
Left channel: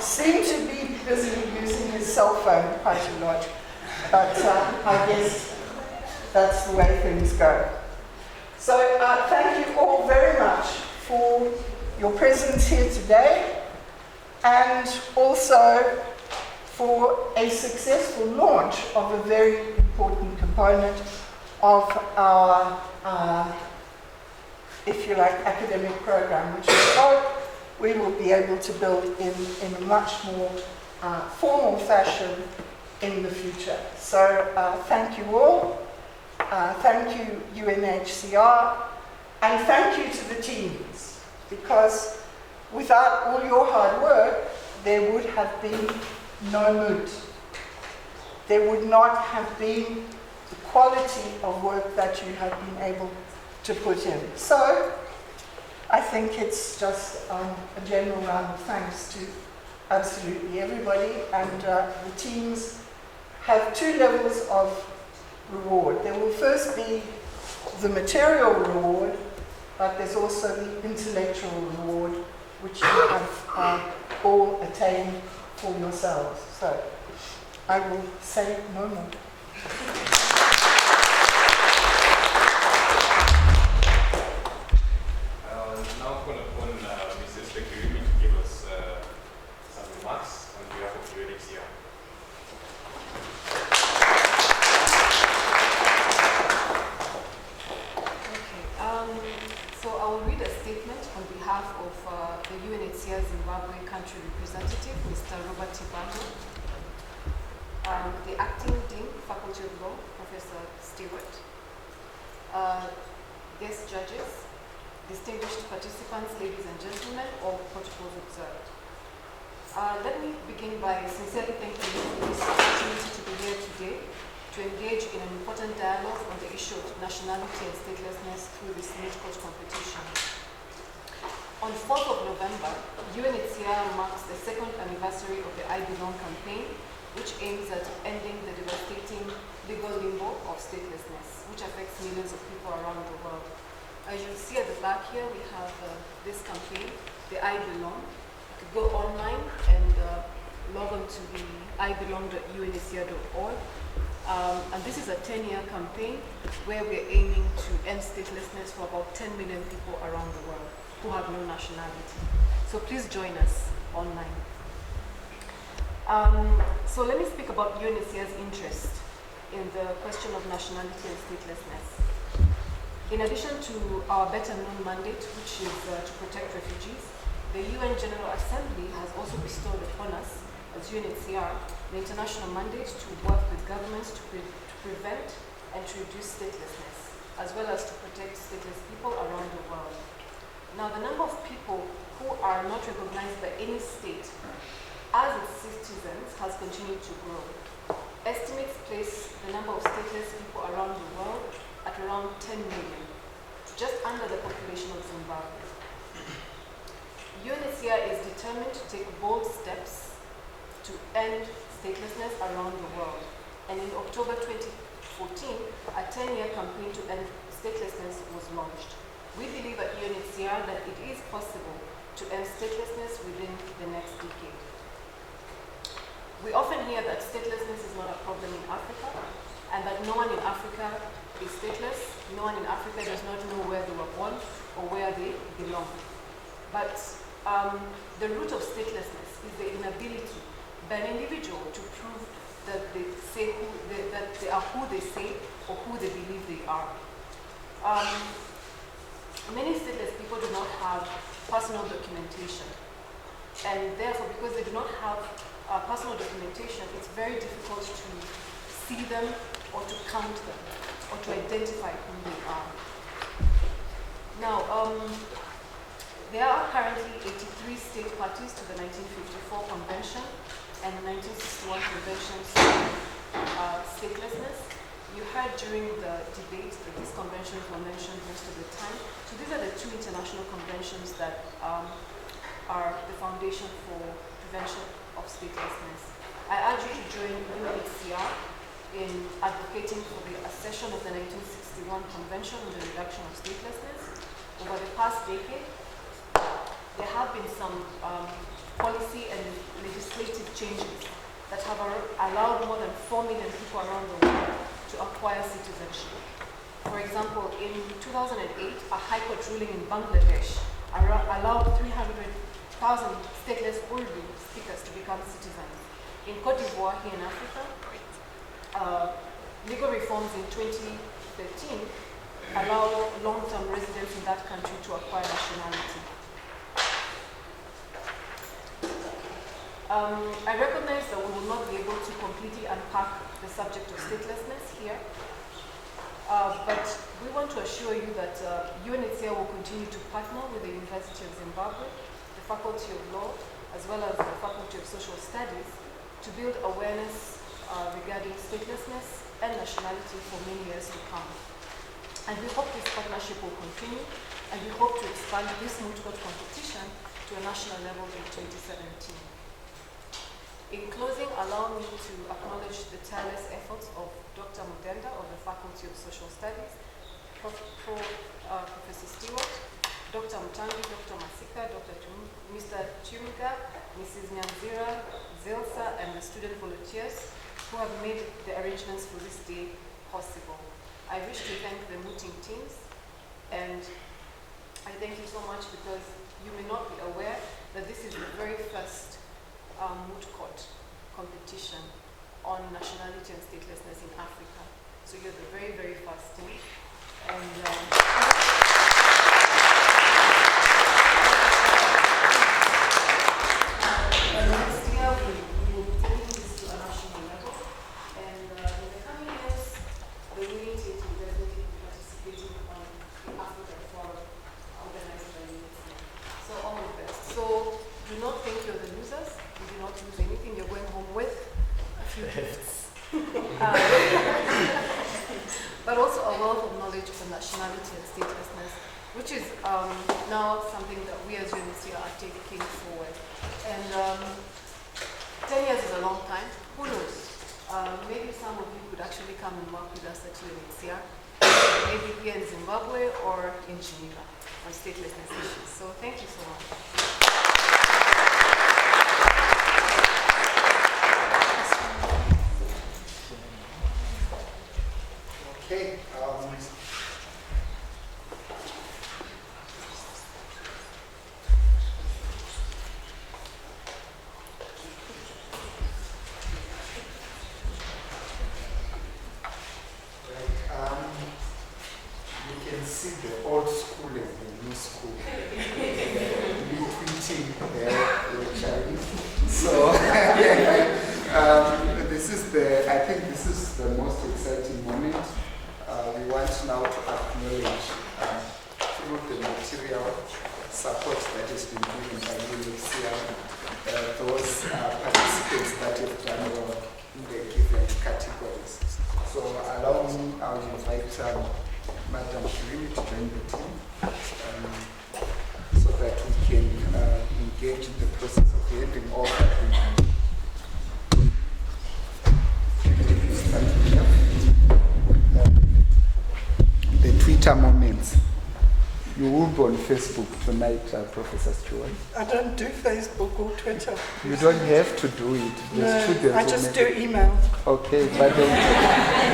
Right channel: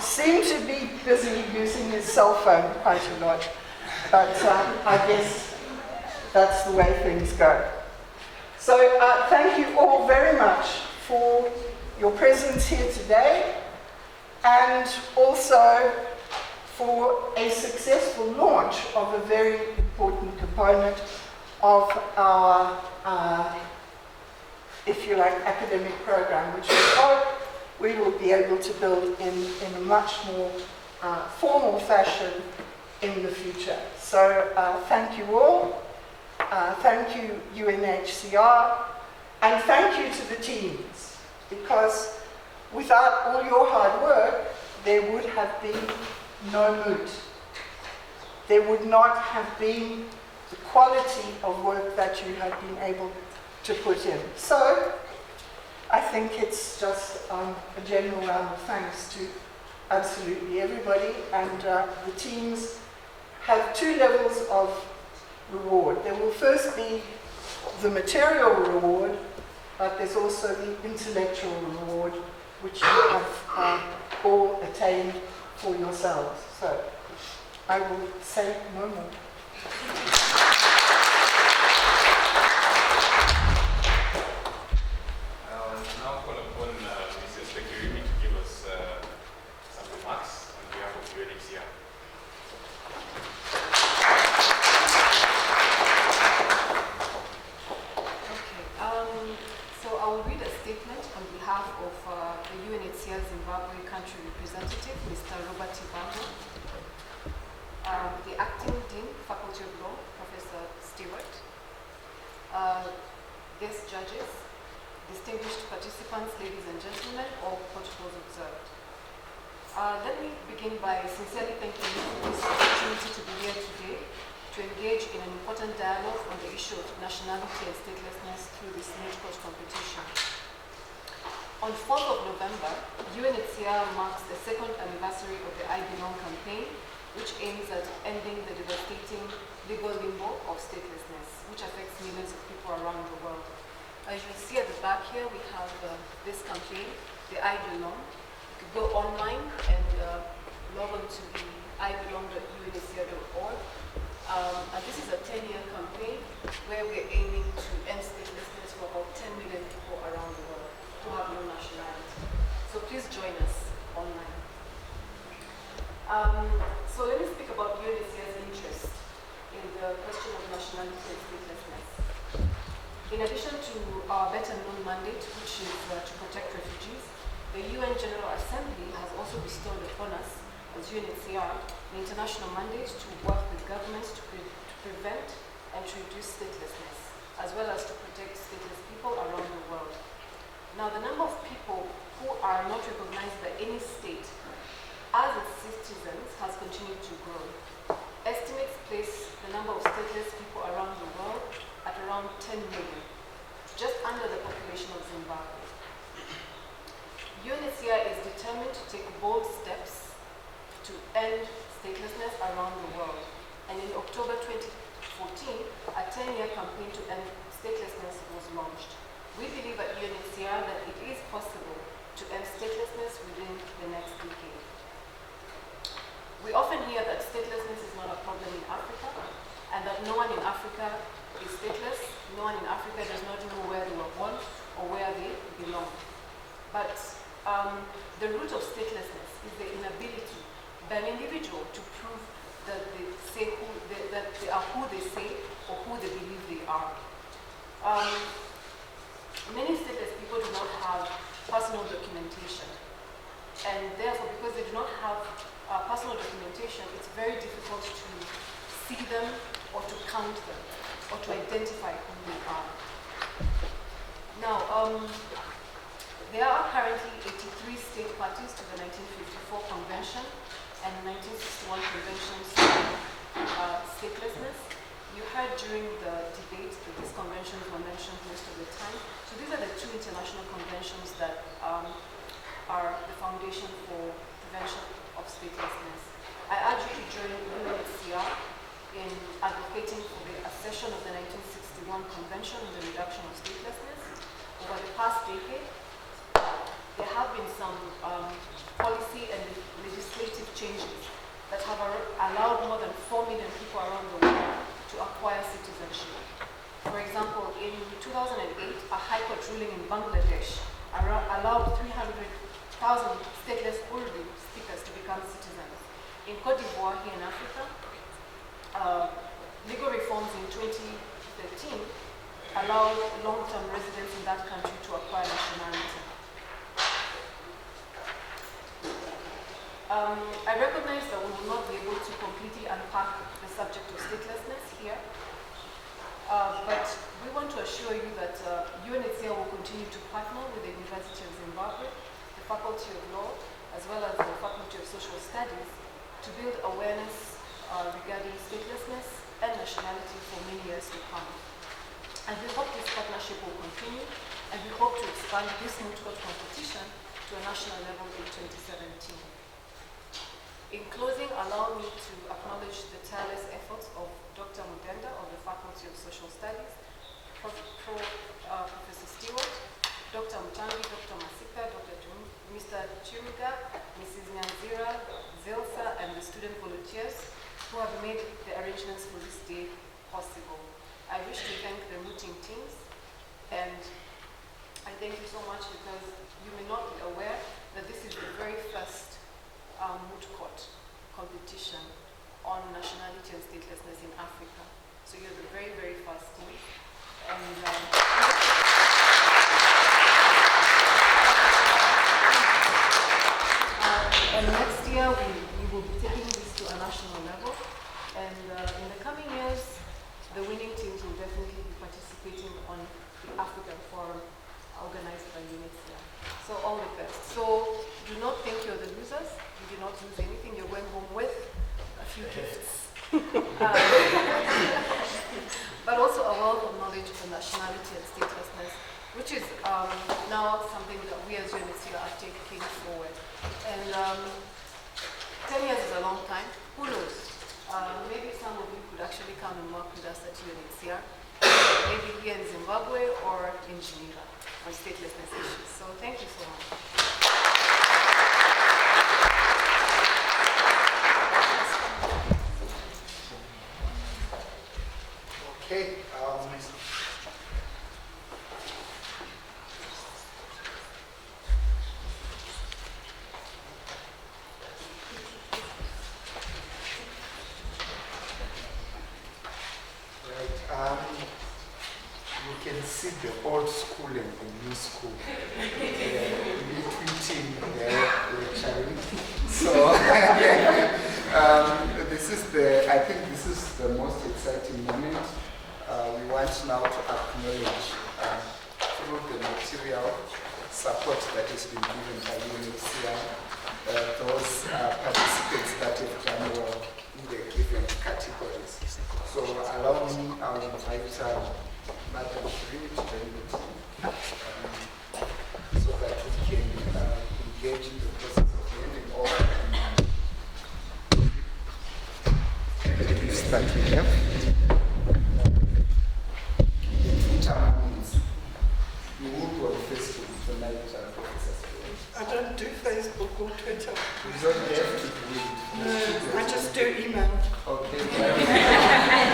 seemed to be busy using his cell phone quite a lot, but I guess that's the way things go. So thank you all very much for your presence here today, and also for a successful launch of a very important component of our, if you like, academic program, which we hope we will be able to build in a much more formal fashion in the future. So thank you all. Thank you, UNHCR, and thank you to the teams, because without all your hard work, there would have been no Moot. There would not have been the quality of work that you have been able to put in. So I think it's just a general round of thanks to absolutely everybody, and the teams have two levels of reward. There will first be the material reward, but there's also the intellectual reward, which you have all attained for yourselves. So I will say no more. Now call upon Mrs. Sekirimi to give us some remarks on behalf of UNHCR. So I will read a statement on behalf of the UNHCR Zimbabwe country representative, Mr. Robert Tibando, the acting dean, Faculty of Law, Professor Stewart, guest judges, distinguished participants, ladies and gentlemen, all protocols observed. Let me begin by sincerely thanking you for this opportunity to be here today to engage in an important dialogue on the issue of nationality and statelessness through this Moot Court competition. On 4th of November, UNHCR marks the second anniversary of the I Belong campaign, which aims at ending the devastating legal limbo of statelessness, which affects millions of people around the world. As you see at the back here, we have this campaign, the I Belong. You could go online and log on to the ibelong.unhcr.org. And this is a 10-year campaign where we're aiming to end statelessness for about 10 million people around the world who have no nationality. So please join us online. So let me speak about UNHCR's interest in the question of nationality and statelessness. In addition to our better known mandate, which is to protect refugees, The UN General Assembly has also bestowed upon us, as UNHCR, the international mandate to work with governments to prevent and to reduce statelessness, as well as to protect stateless people around the world. Now, the number of people who are not recognized by any state as its citizens has continued to grow. Estimates place the number of stateless people around the world at around 10 million, just under the population of Zimbabwe. UNHCR is determined to take bold steps to end statelessness around the world. And in October 2014, a 10-year campaign to end statelessness was launched. We believe at UNHCR that it is possible to end statelessness within the next decade. We often hear that statelessness is not a problem in Africa, and that no one in Africa is stateless. No one in Africa does not know where they were born or where they belong. But the root of statelessness is the inability by an individual to prove that that they are who they say or who they believe they are. Many stateless people do not have personal documentation, and therefore, because they do not have personal documentation, it's very difficult to see them or to count them or to identify who they are. Now, there are currently 83 state parties to the 1954 Convention and 1961 Conventions on statelessness. You heard during the debate that these conventions were mentioned most of the time. So these are the two international conventions that are the foundation for prevention of statelessness. I urge you to join UNHCR in advocating for the accession of the 1961 Convention on the Reduction of Statelessness. Over the past decade, there have been some policy and legislative changes that have allowed more than 4 million people around the world to acquire citizenship. For example, in 2008, a High Court ruling in Bangladesh allowed 300,000 stateless Urdu speakers to become citizens. In Cote d'Ivoire, here in Africa, legal reforms in 2013 allowed long-term residents in that country to acquire nationality. I recognize that we will not be able to completely unpack the subject of statelessness here, but we want to assure you that UNHCR will continue to partner with the University of Zimbabwe, the Faculty of Law, as well as the Faculty of Social Studies, to build awareness regarding statelessness and nationality for many years to come. And we hope this partnership will continue, and we hope to expand this Moot Court competition to a national level in 2017. In closing, allow me to acknowledge the tireless efforts of Dr. Mudenda of the Faculty of Social Studies, Professor Stewart, Dr. Mutangi, Dr. Masika, Mr. Chumuga, Mrs. Nyanzira, Zilsa, and the student volunteers who have made the arrangements for this day possible. I wish to thank the mooting teams, and I thank you so much because you may not be aware that this is the very first Moot Court competition on nationality and statelessness in Africa. So you're the very, very first team. And next year we will be taking this to a national level. And in the coming years, the winning teams will definitely be participating on the African Forum organized by UNICEF. So all the best. So do not think you're the losers. You do not lose anything. You're going home with a few gifts. But also a wealth of knowledge on nationality and statelessness, which is now something that we as UNHCR are taking forward. And 10 years is a long time. Who knows? Maybe some of you could actually come and work with us at UNHCR, maybe here in Zimbabwe or in Geneva on statelessness issues. So thank you so much. Okay. You can see the old school and the new school. Between sitting there lecturing. So I think this is the most exciting moment. We want now to acknowledge through the material support that has been given by UNHCR, those participants that have done well in the given categories. So allow me, I'll invite Madam Shirini to join the team so that we can engage in the process of handing over the Twitter moments. You will be on Facebook tonight, Professor Stewart. I don't do Facebook or Twitter. You don't have to do it. No, I just do email. Okay, but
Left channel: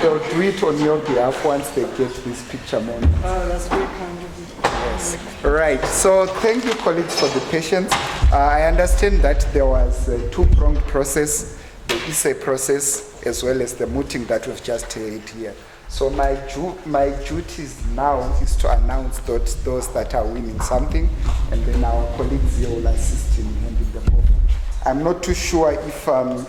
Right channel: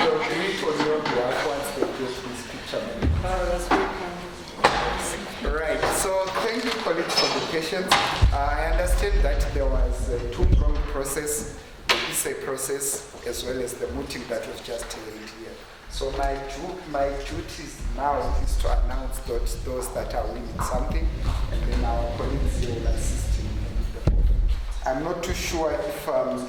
they'll do it on your behalf once they get this picture moment. Oh, that's very kind of you. Right, so thank you colleagues for the patience. I understand that there was a two-pronged process, the essay process as well as the mooting that was just held here. So my duties now is to announce those that are winning something, and then our colleagues here will assist in handing them over. I'm not too sure if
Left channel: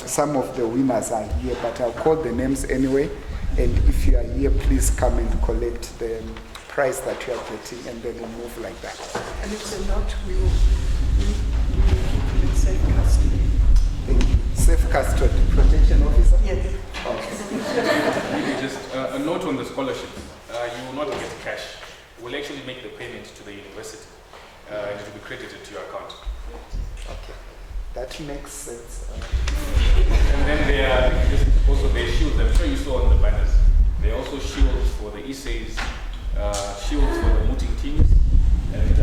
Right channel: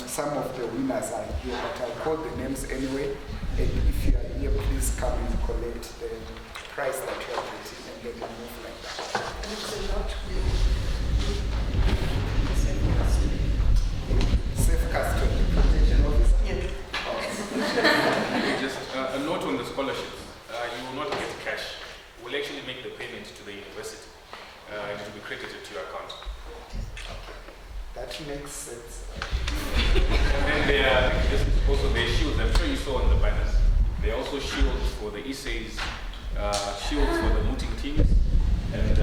some of the winners are here, but I'll call the names anyway, and if you are here, please come and collect the prize that you are getting, and then we'll move like that. And it's a lot safe custody. Safe custody, protection officer? Yes. Just a note on the scholarship. You will not get cash. We'll actually make the payment to the university and it will be credited to your account. Okay, that makes sense. And then there are also the shields. I'm sure you saw on the banners. There are also shields for the essays, shields for the mooting teams, and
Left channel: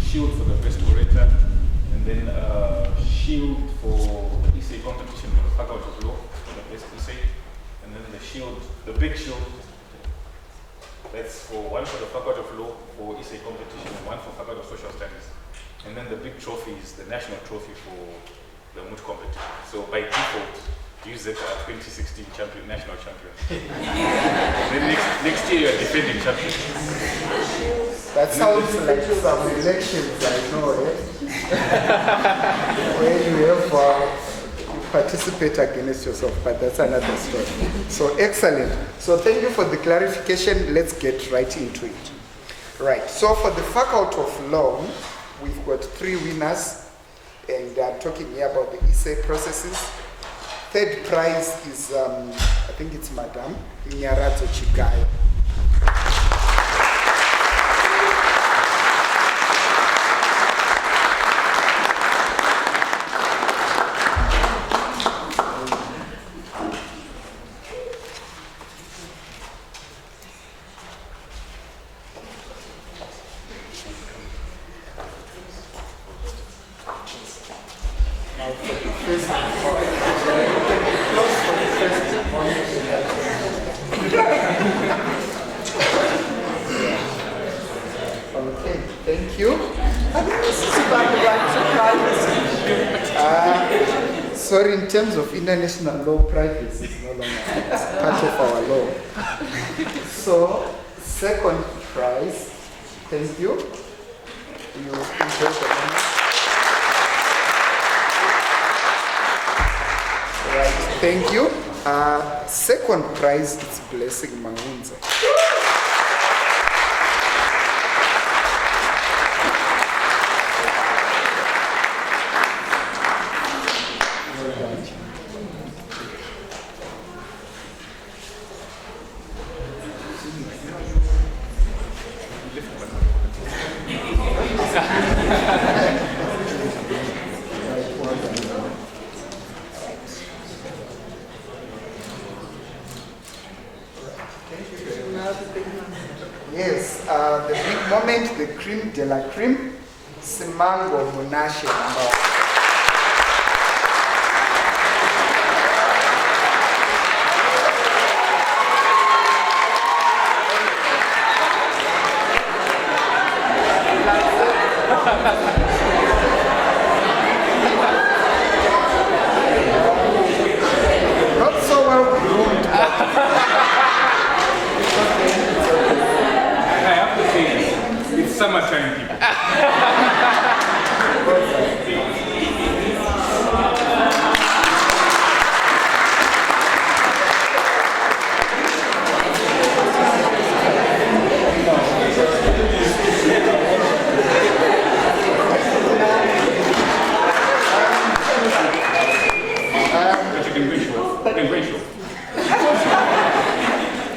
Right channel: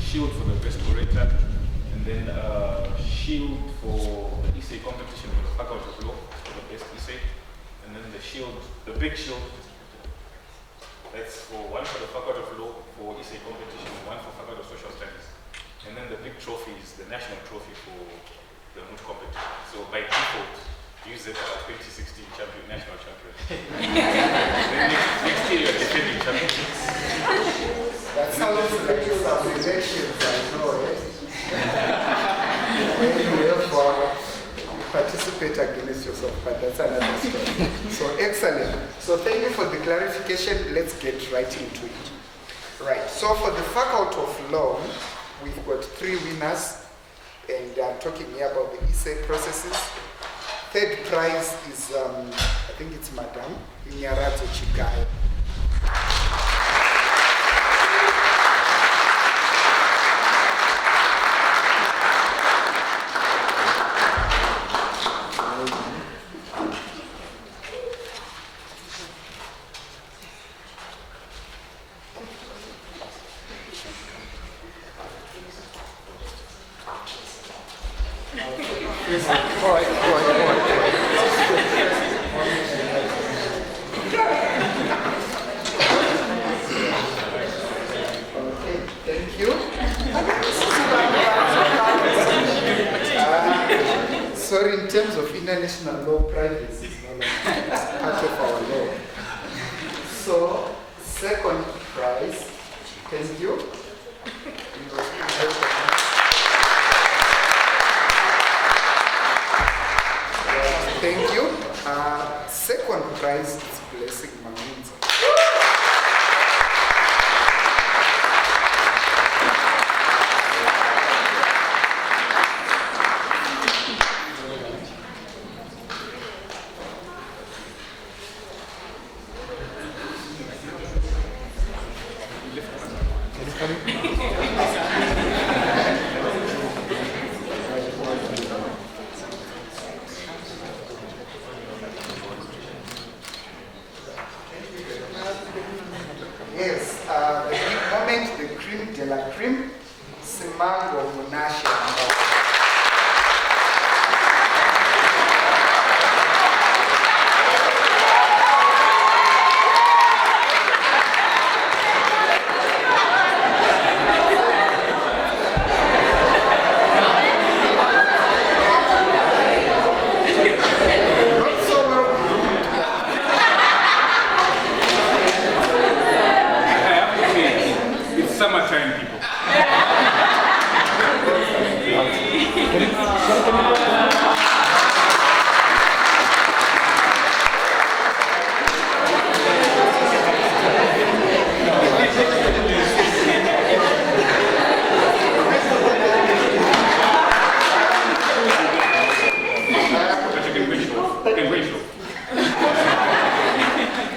shield for the best orator, and then shield for the essay competition for the faculty of law for the best essay, and then the shield, the big shield, that's for one for the faculty of law for essay competition, and one for faculty of social studies, and then the big trophy is the national trophy for the Moot competition. So by default, use it as 2016 champion, national champion. Then next year you're defending champion. That sounds like some elections, I know, eh? When you have participate against yourself, but that's another story. So excellent. So thank you for the clarification. Let's get right into it. Right, so for the faculty of law, we've got 3 winners, and I'm talking here about the essay processes. Third prize is, I think it's Madam Nyarazo Chigayo. Sorry, in terms of international law, privacy is no longer part of our law. So, second prize, thank you. Right, thank you. Second prize is Blessing Maunza. Yes, the big moment, the creme de la creme, Simango Munashe. Not so well groomed. I have to say, it's summertime, people. Okay, Rachel.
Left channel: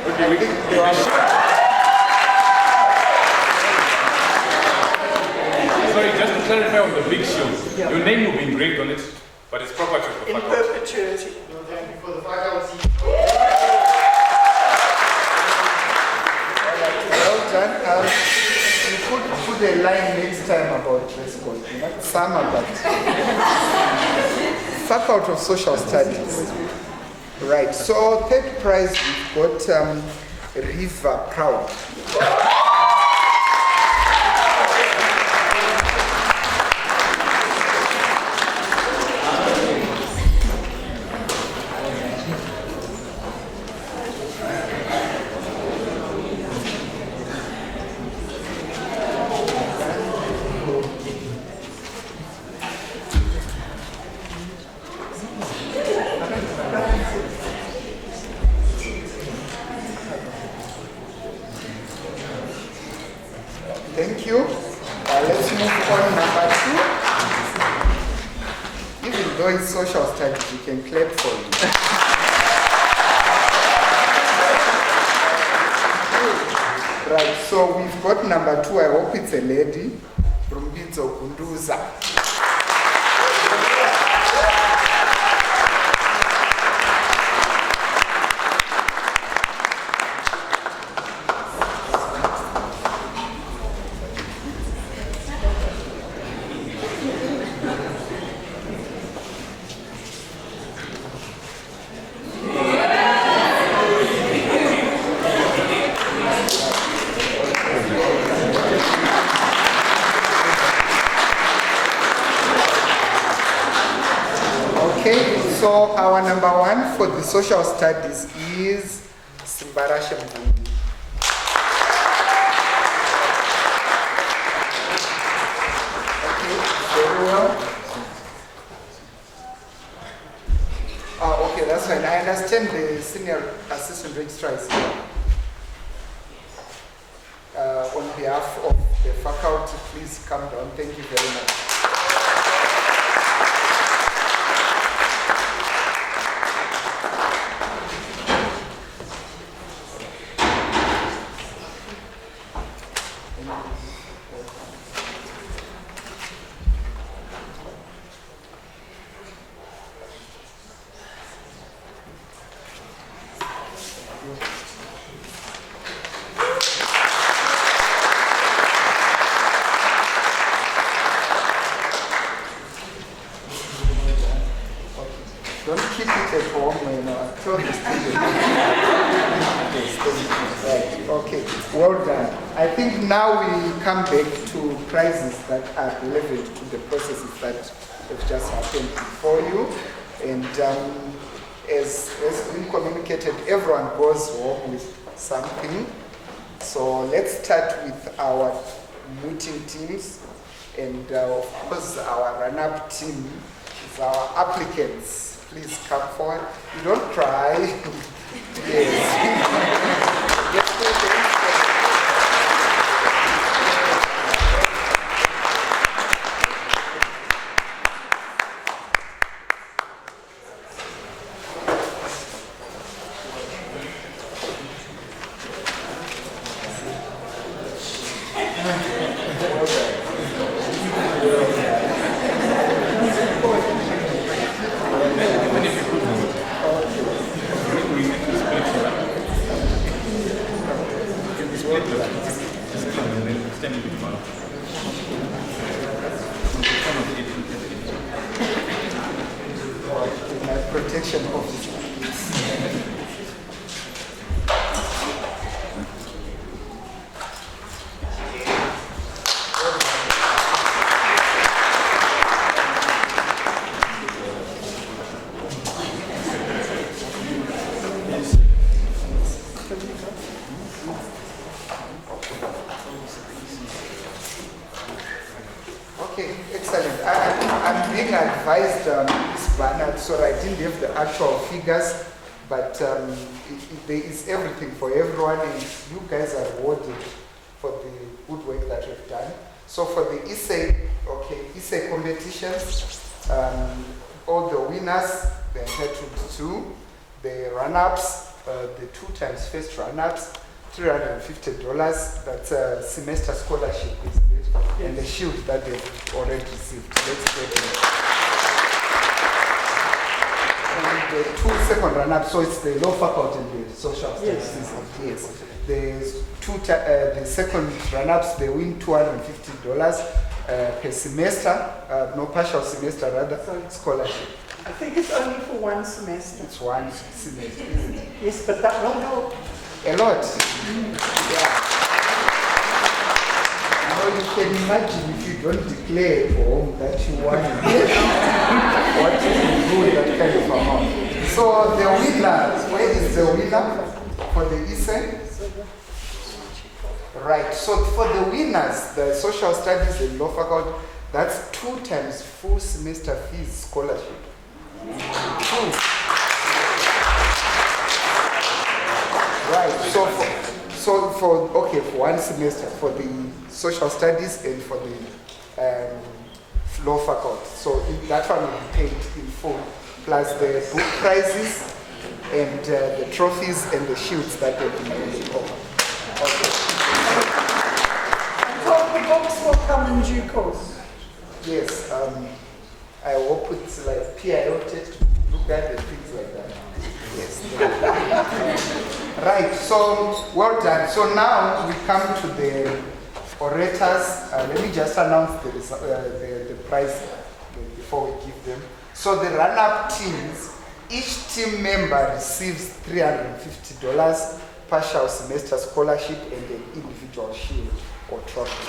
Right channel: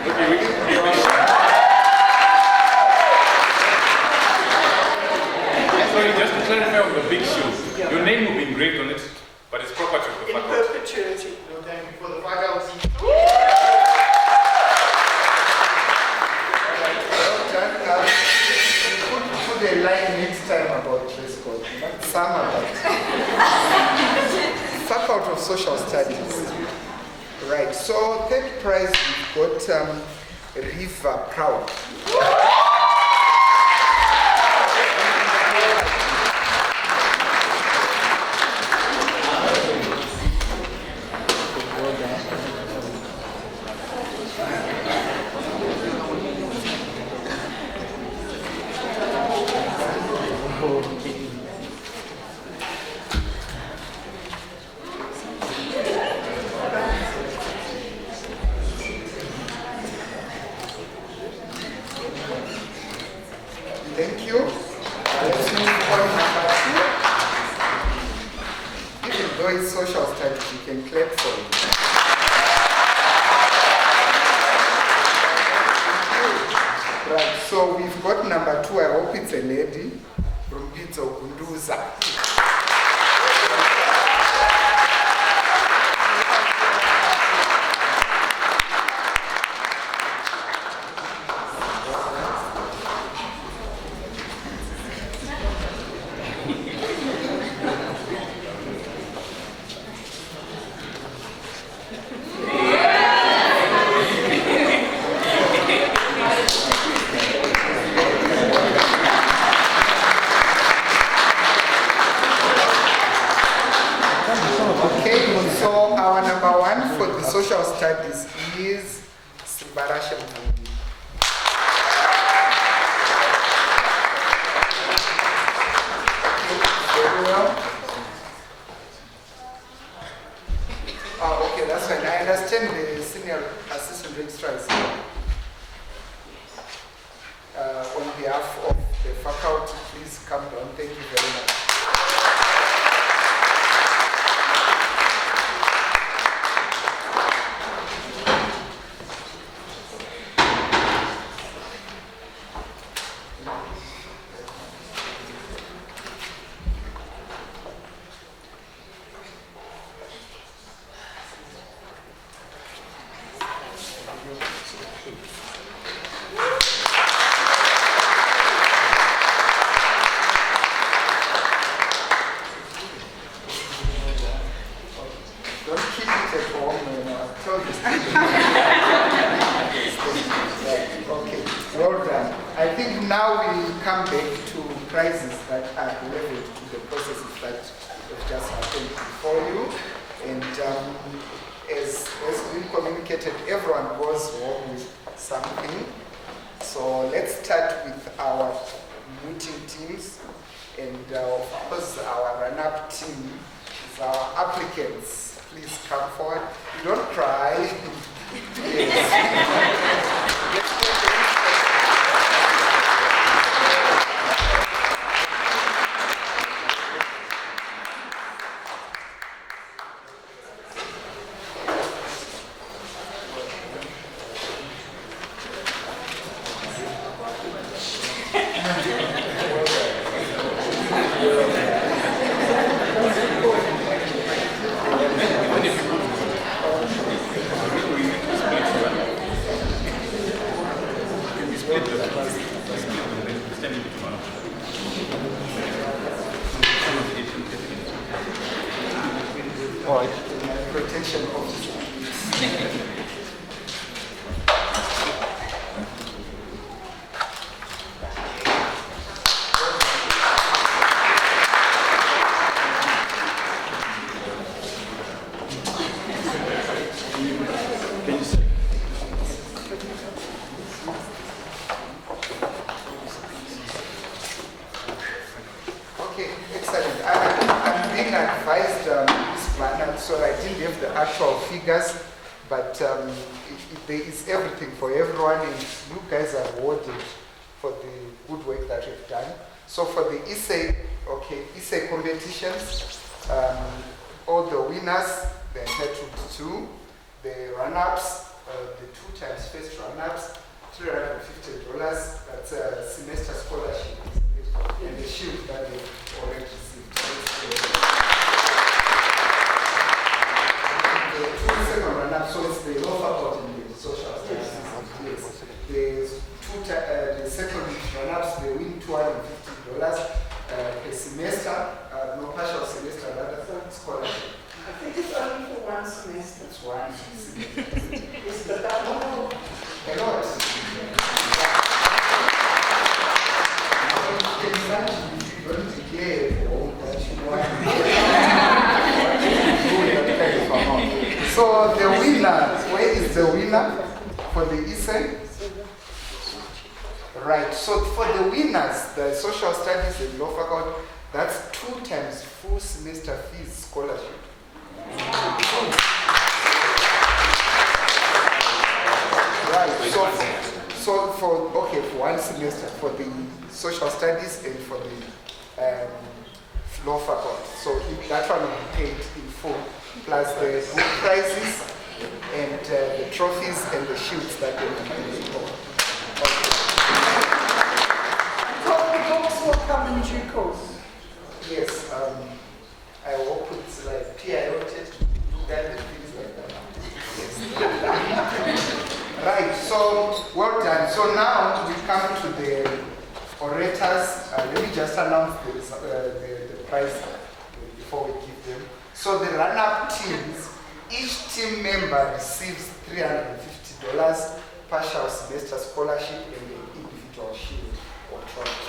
Okay, we can. Sorry, just to clarify on the big shield, your name will be engraved on it, but it's property of the In faculty. perpetuity. For the faculty. Well done. You could put a line next time about dress code. Some about Faculty of Social Studies. Right. So third prize we've got River Proud. Thank you. Let's move on number 2. Even though it's social studies, you can clap for it. Right, so we've got number 2. I hope it's a lady. Rumbidzo Kunduza. So our number 1 for the social studies is Simbarashe Mvumbi. Okay, very well. Okay, that's fine. I understand the senior assistant registrar is here. On behalf of the faculty, please come down. Thank you very much. Don't keep it at home, you know. Okay, well done. I think now we come back to prizes that are relevant to the processes that have just happened before you. And as been communicated, everyone goes home with something. So let's start with our mooting teams. And of course, our run-up team is our applicants. Please come forward. You don't cry. Yes. Protection officer. Okay, excellent. I'm being advised this banner, so I didn't have the actual figures, but there is everything for everyone, and you guys are awarded for the good work that you've done. So for the essay competitions, all the winners, they're entitled to the run-ups, the 2 times first run-ups, $350. That's a semester scholarship, isn't it? And the shield that they've already received. Let's go to and the 2 second run-ups, so it's the law faculty and the social studies. Yes. The second run-ups, they win $250 per semester, no partial semester, rather scholarship. I think it's only for one semester. It's one semester, isn't it? Yes, but that will help. A lot. Yeah. Now you can imagine if you don't declare home that you want what you do with that kind of amount. So the winner, where is the winner for the ESEN? Right, so for the winners, the social studies and law faculty, that's 2 times full semester fees scholarship. 2. Right, so for one semester for the social studies and for the law faculty. So that one will be paid in full, plus the book prizes and the trophies and the shields that they will be paid for. Okay. I hope the books will come in due course. Yes, I hope it's like PIO test, look at the things like that. Yes. Right, so well done. So now we come to the orators. Let me just announce the prize before we give them. So the run-up teams, each team member receives $350 partial semester scholarship and an individual shield or trophy.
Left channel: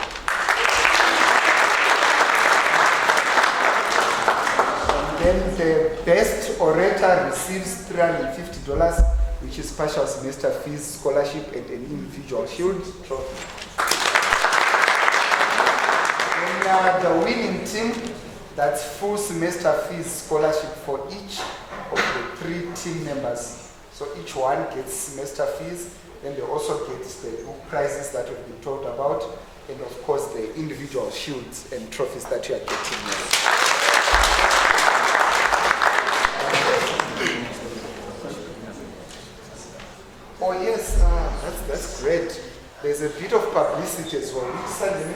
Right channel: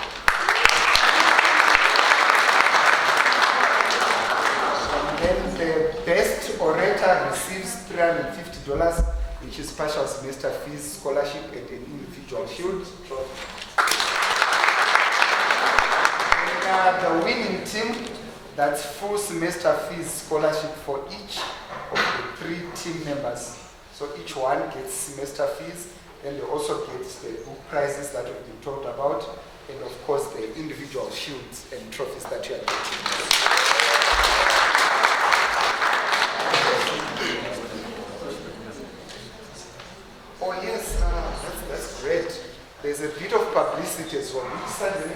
And then the best orator receives $350, which is partial semester fees, scholarship, and an individual shield trophy. And the winning team, that's full semester fees, scholarship for each of the 3 team members. So each one gets semester fees, and they also get the book prizes that we've been talked about, and of course the individual shields and trophies that you are getting. Oh yes, that's great. There's a bit of publicity as well. Which Sunday?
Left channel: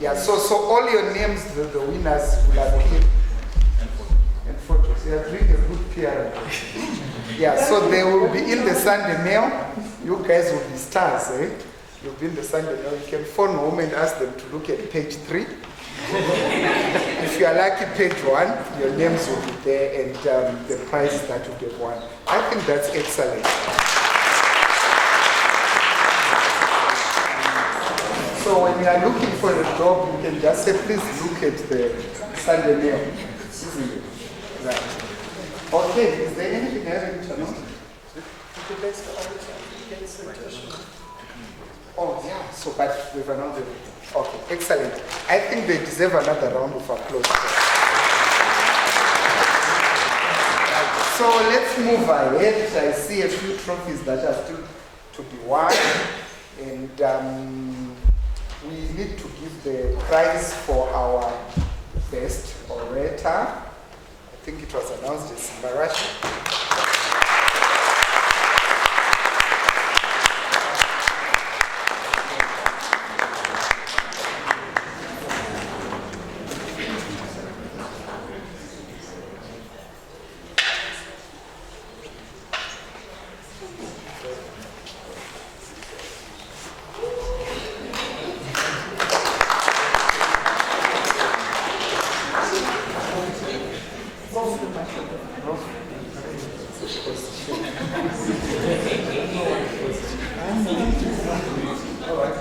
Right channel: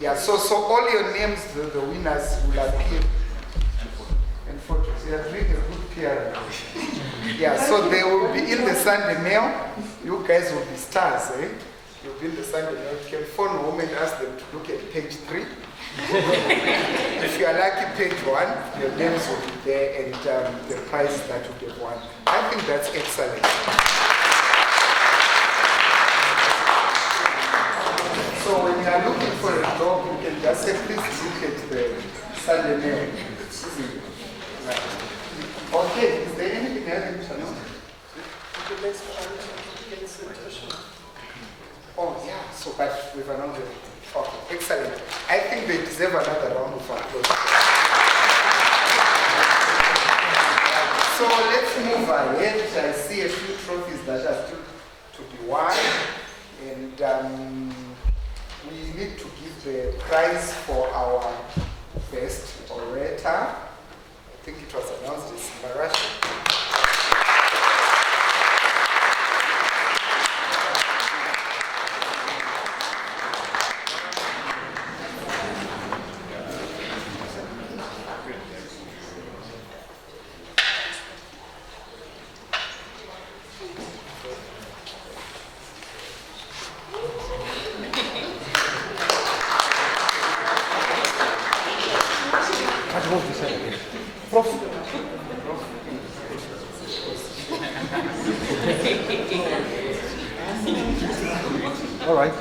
Yeah, so all your names, the winners will appear. And photos. You are doing a good PR. Yeah, so they will be in the Sunday mail. You guys will be stars, eh? You'll be in the Sunday mail. You can phone home and ask them to look at page 3. If you are lucky, page 1, your names will be there and the prize that you get won. I think that's excellent. So when you are looking for a job, you can just say, please look at the Sunday mail. Right. Okay, is there anything else you know? Oh yeah, so but we've announced it. Okay, excellent. I think they deserve another round of applause. So let's move ahead. I see a few trophies that are still to be won. And we need to give the prize for our best orator. I think it was announced as Marashi. All right.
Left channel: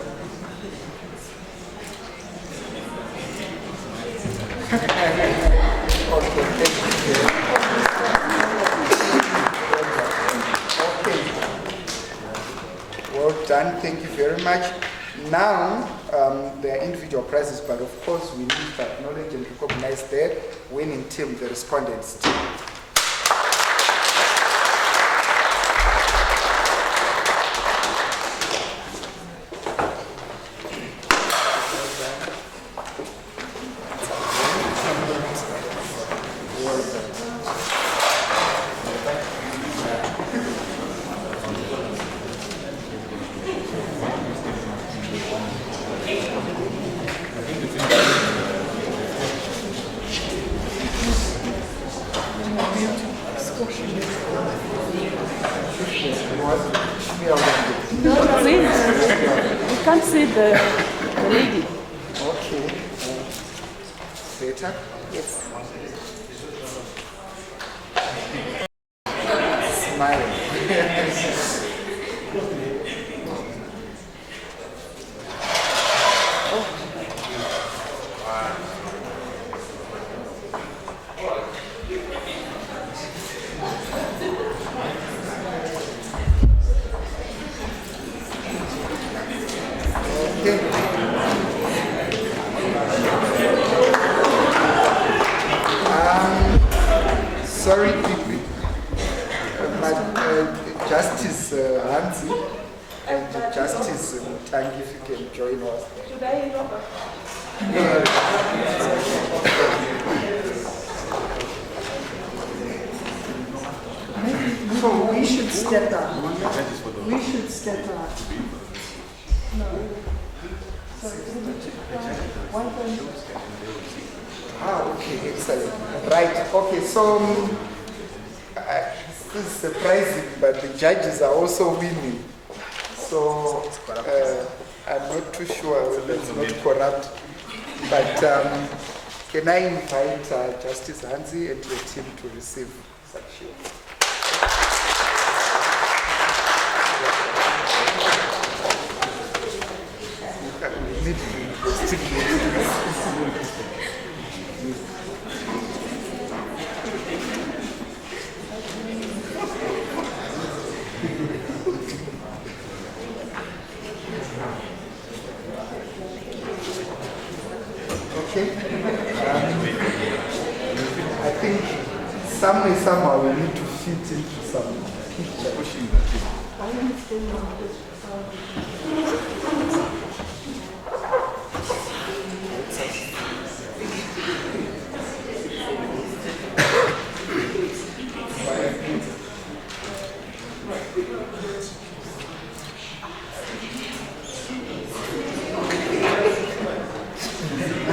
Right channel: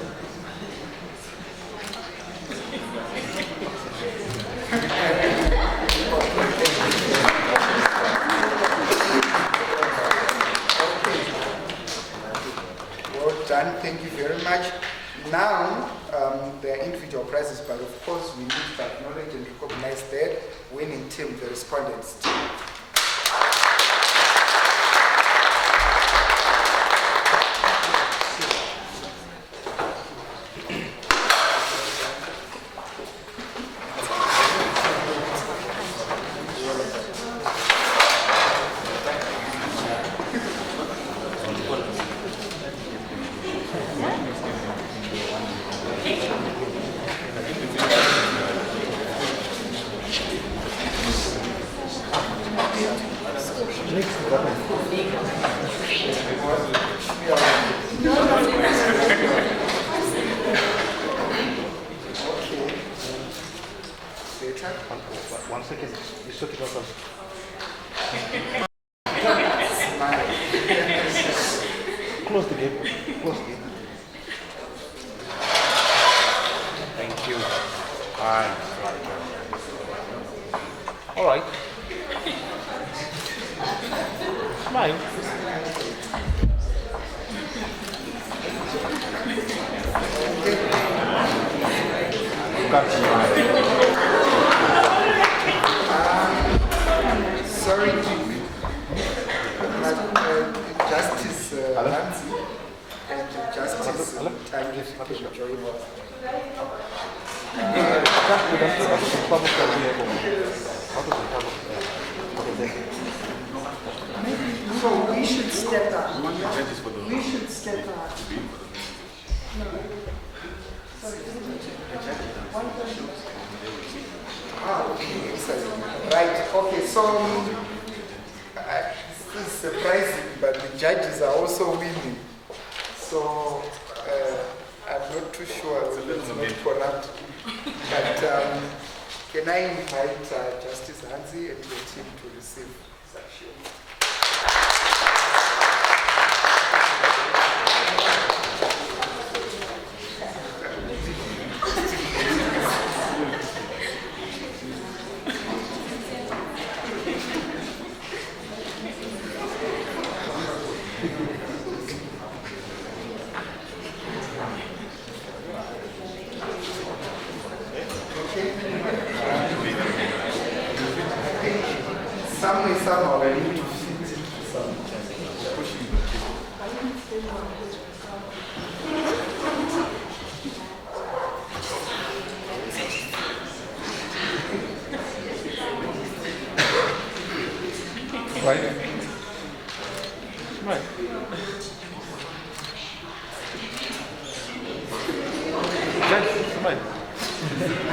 Well done. Thank you very much. Now, there are individual prizes, but of course we need to acknowledge and recognize the winning team, the respondents team. No, you can't see the lady. Okay. Later. One second. Smile. Close the gate. Thank you. All right. Right. Sorry, Justice Hansi and Justice Tangi, if you can join us. So we should step up. We should step up. No. Sorry, Okay, excellent. Right, okay, so this is surprising, but the judges are also winning. So I'm not too sure whether it's not corrupt. But can I invite Justice Hansi and your team to receive such shield? Okay. I think somehow we need to fit into some pushing the thing.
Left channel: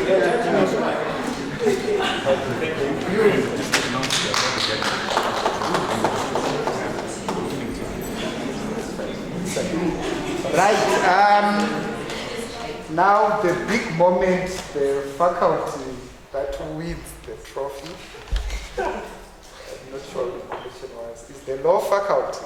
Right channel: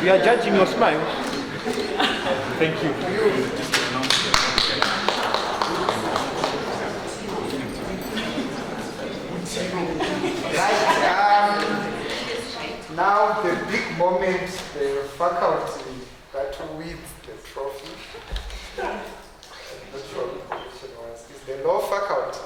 We are judging your smile. Thank you. Right. Now the big moment, the faculty that wins the trophy. I'm not sure what the question was. Is the law faculty.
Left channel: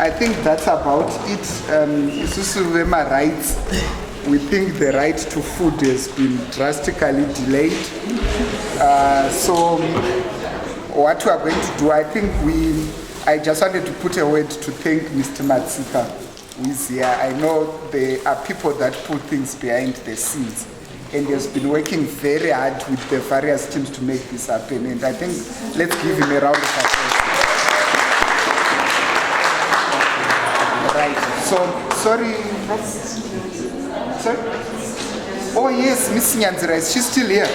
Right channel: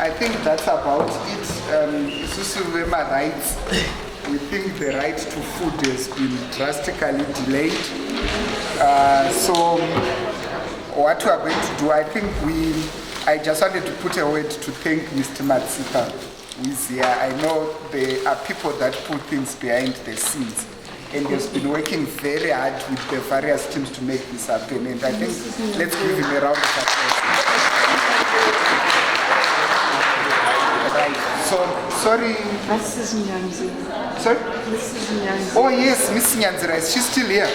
I think that's about it. Susuvema rights. We think the right to food has been drastically delayed. So what we are going to do, I just wanted to put a word to thank Mr. Matsika, who is here. I know there are people that put things behind the scenes, and he has been working very hard with the various teams to make this happen. And I think let's give him a round of applause. Right. So, sorry. Sorry? Oh yes, Miss Nyanzira, is she still here?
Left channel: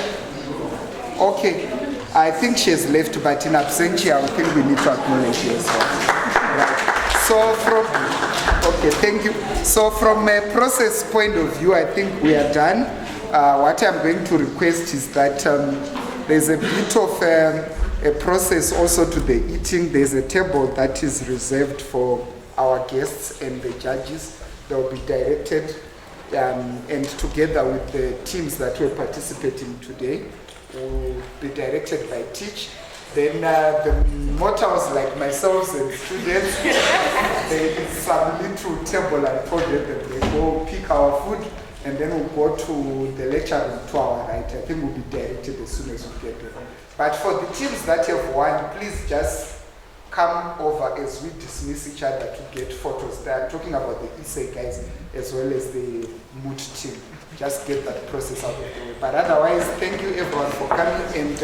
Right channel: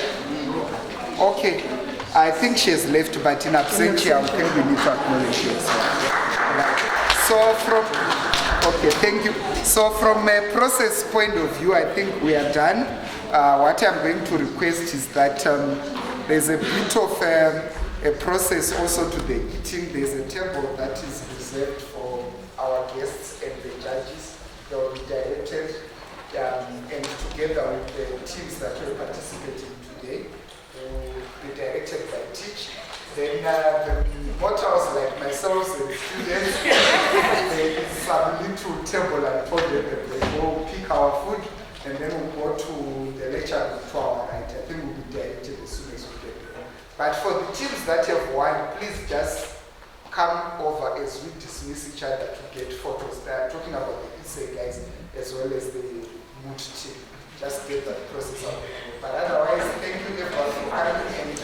Okay. I think she has left, but in absentia, I think we need to acknowledge her as well. Right. So okay, thank you. So from a process point of view, I think we are done. What I'm going to request is that there's a bit of a process also to the eating. There's a table that is reserved for our guests and the judges. They'll be directed and together with the teams that were participating today, will be directed by Teach. Then the mortals like myself and students, they some little table and told them that they go pick our food, and then we'll go to the lecture room to our right. I think we'll be directed as soon as we get there. But for the teams that have won, please just come over as we dismiss each other to get photos. They are talking about the ESA guys as well as the Moot team. Just get that process out of the way. But otherwise, thank you everyone for coming, and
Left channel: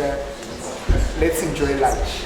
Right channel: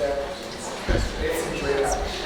let's enjoy lunch.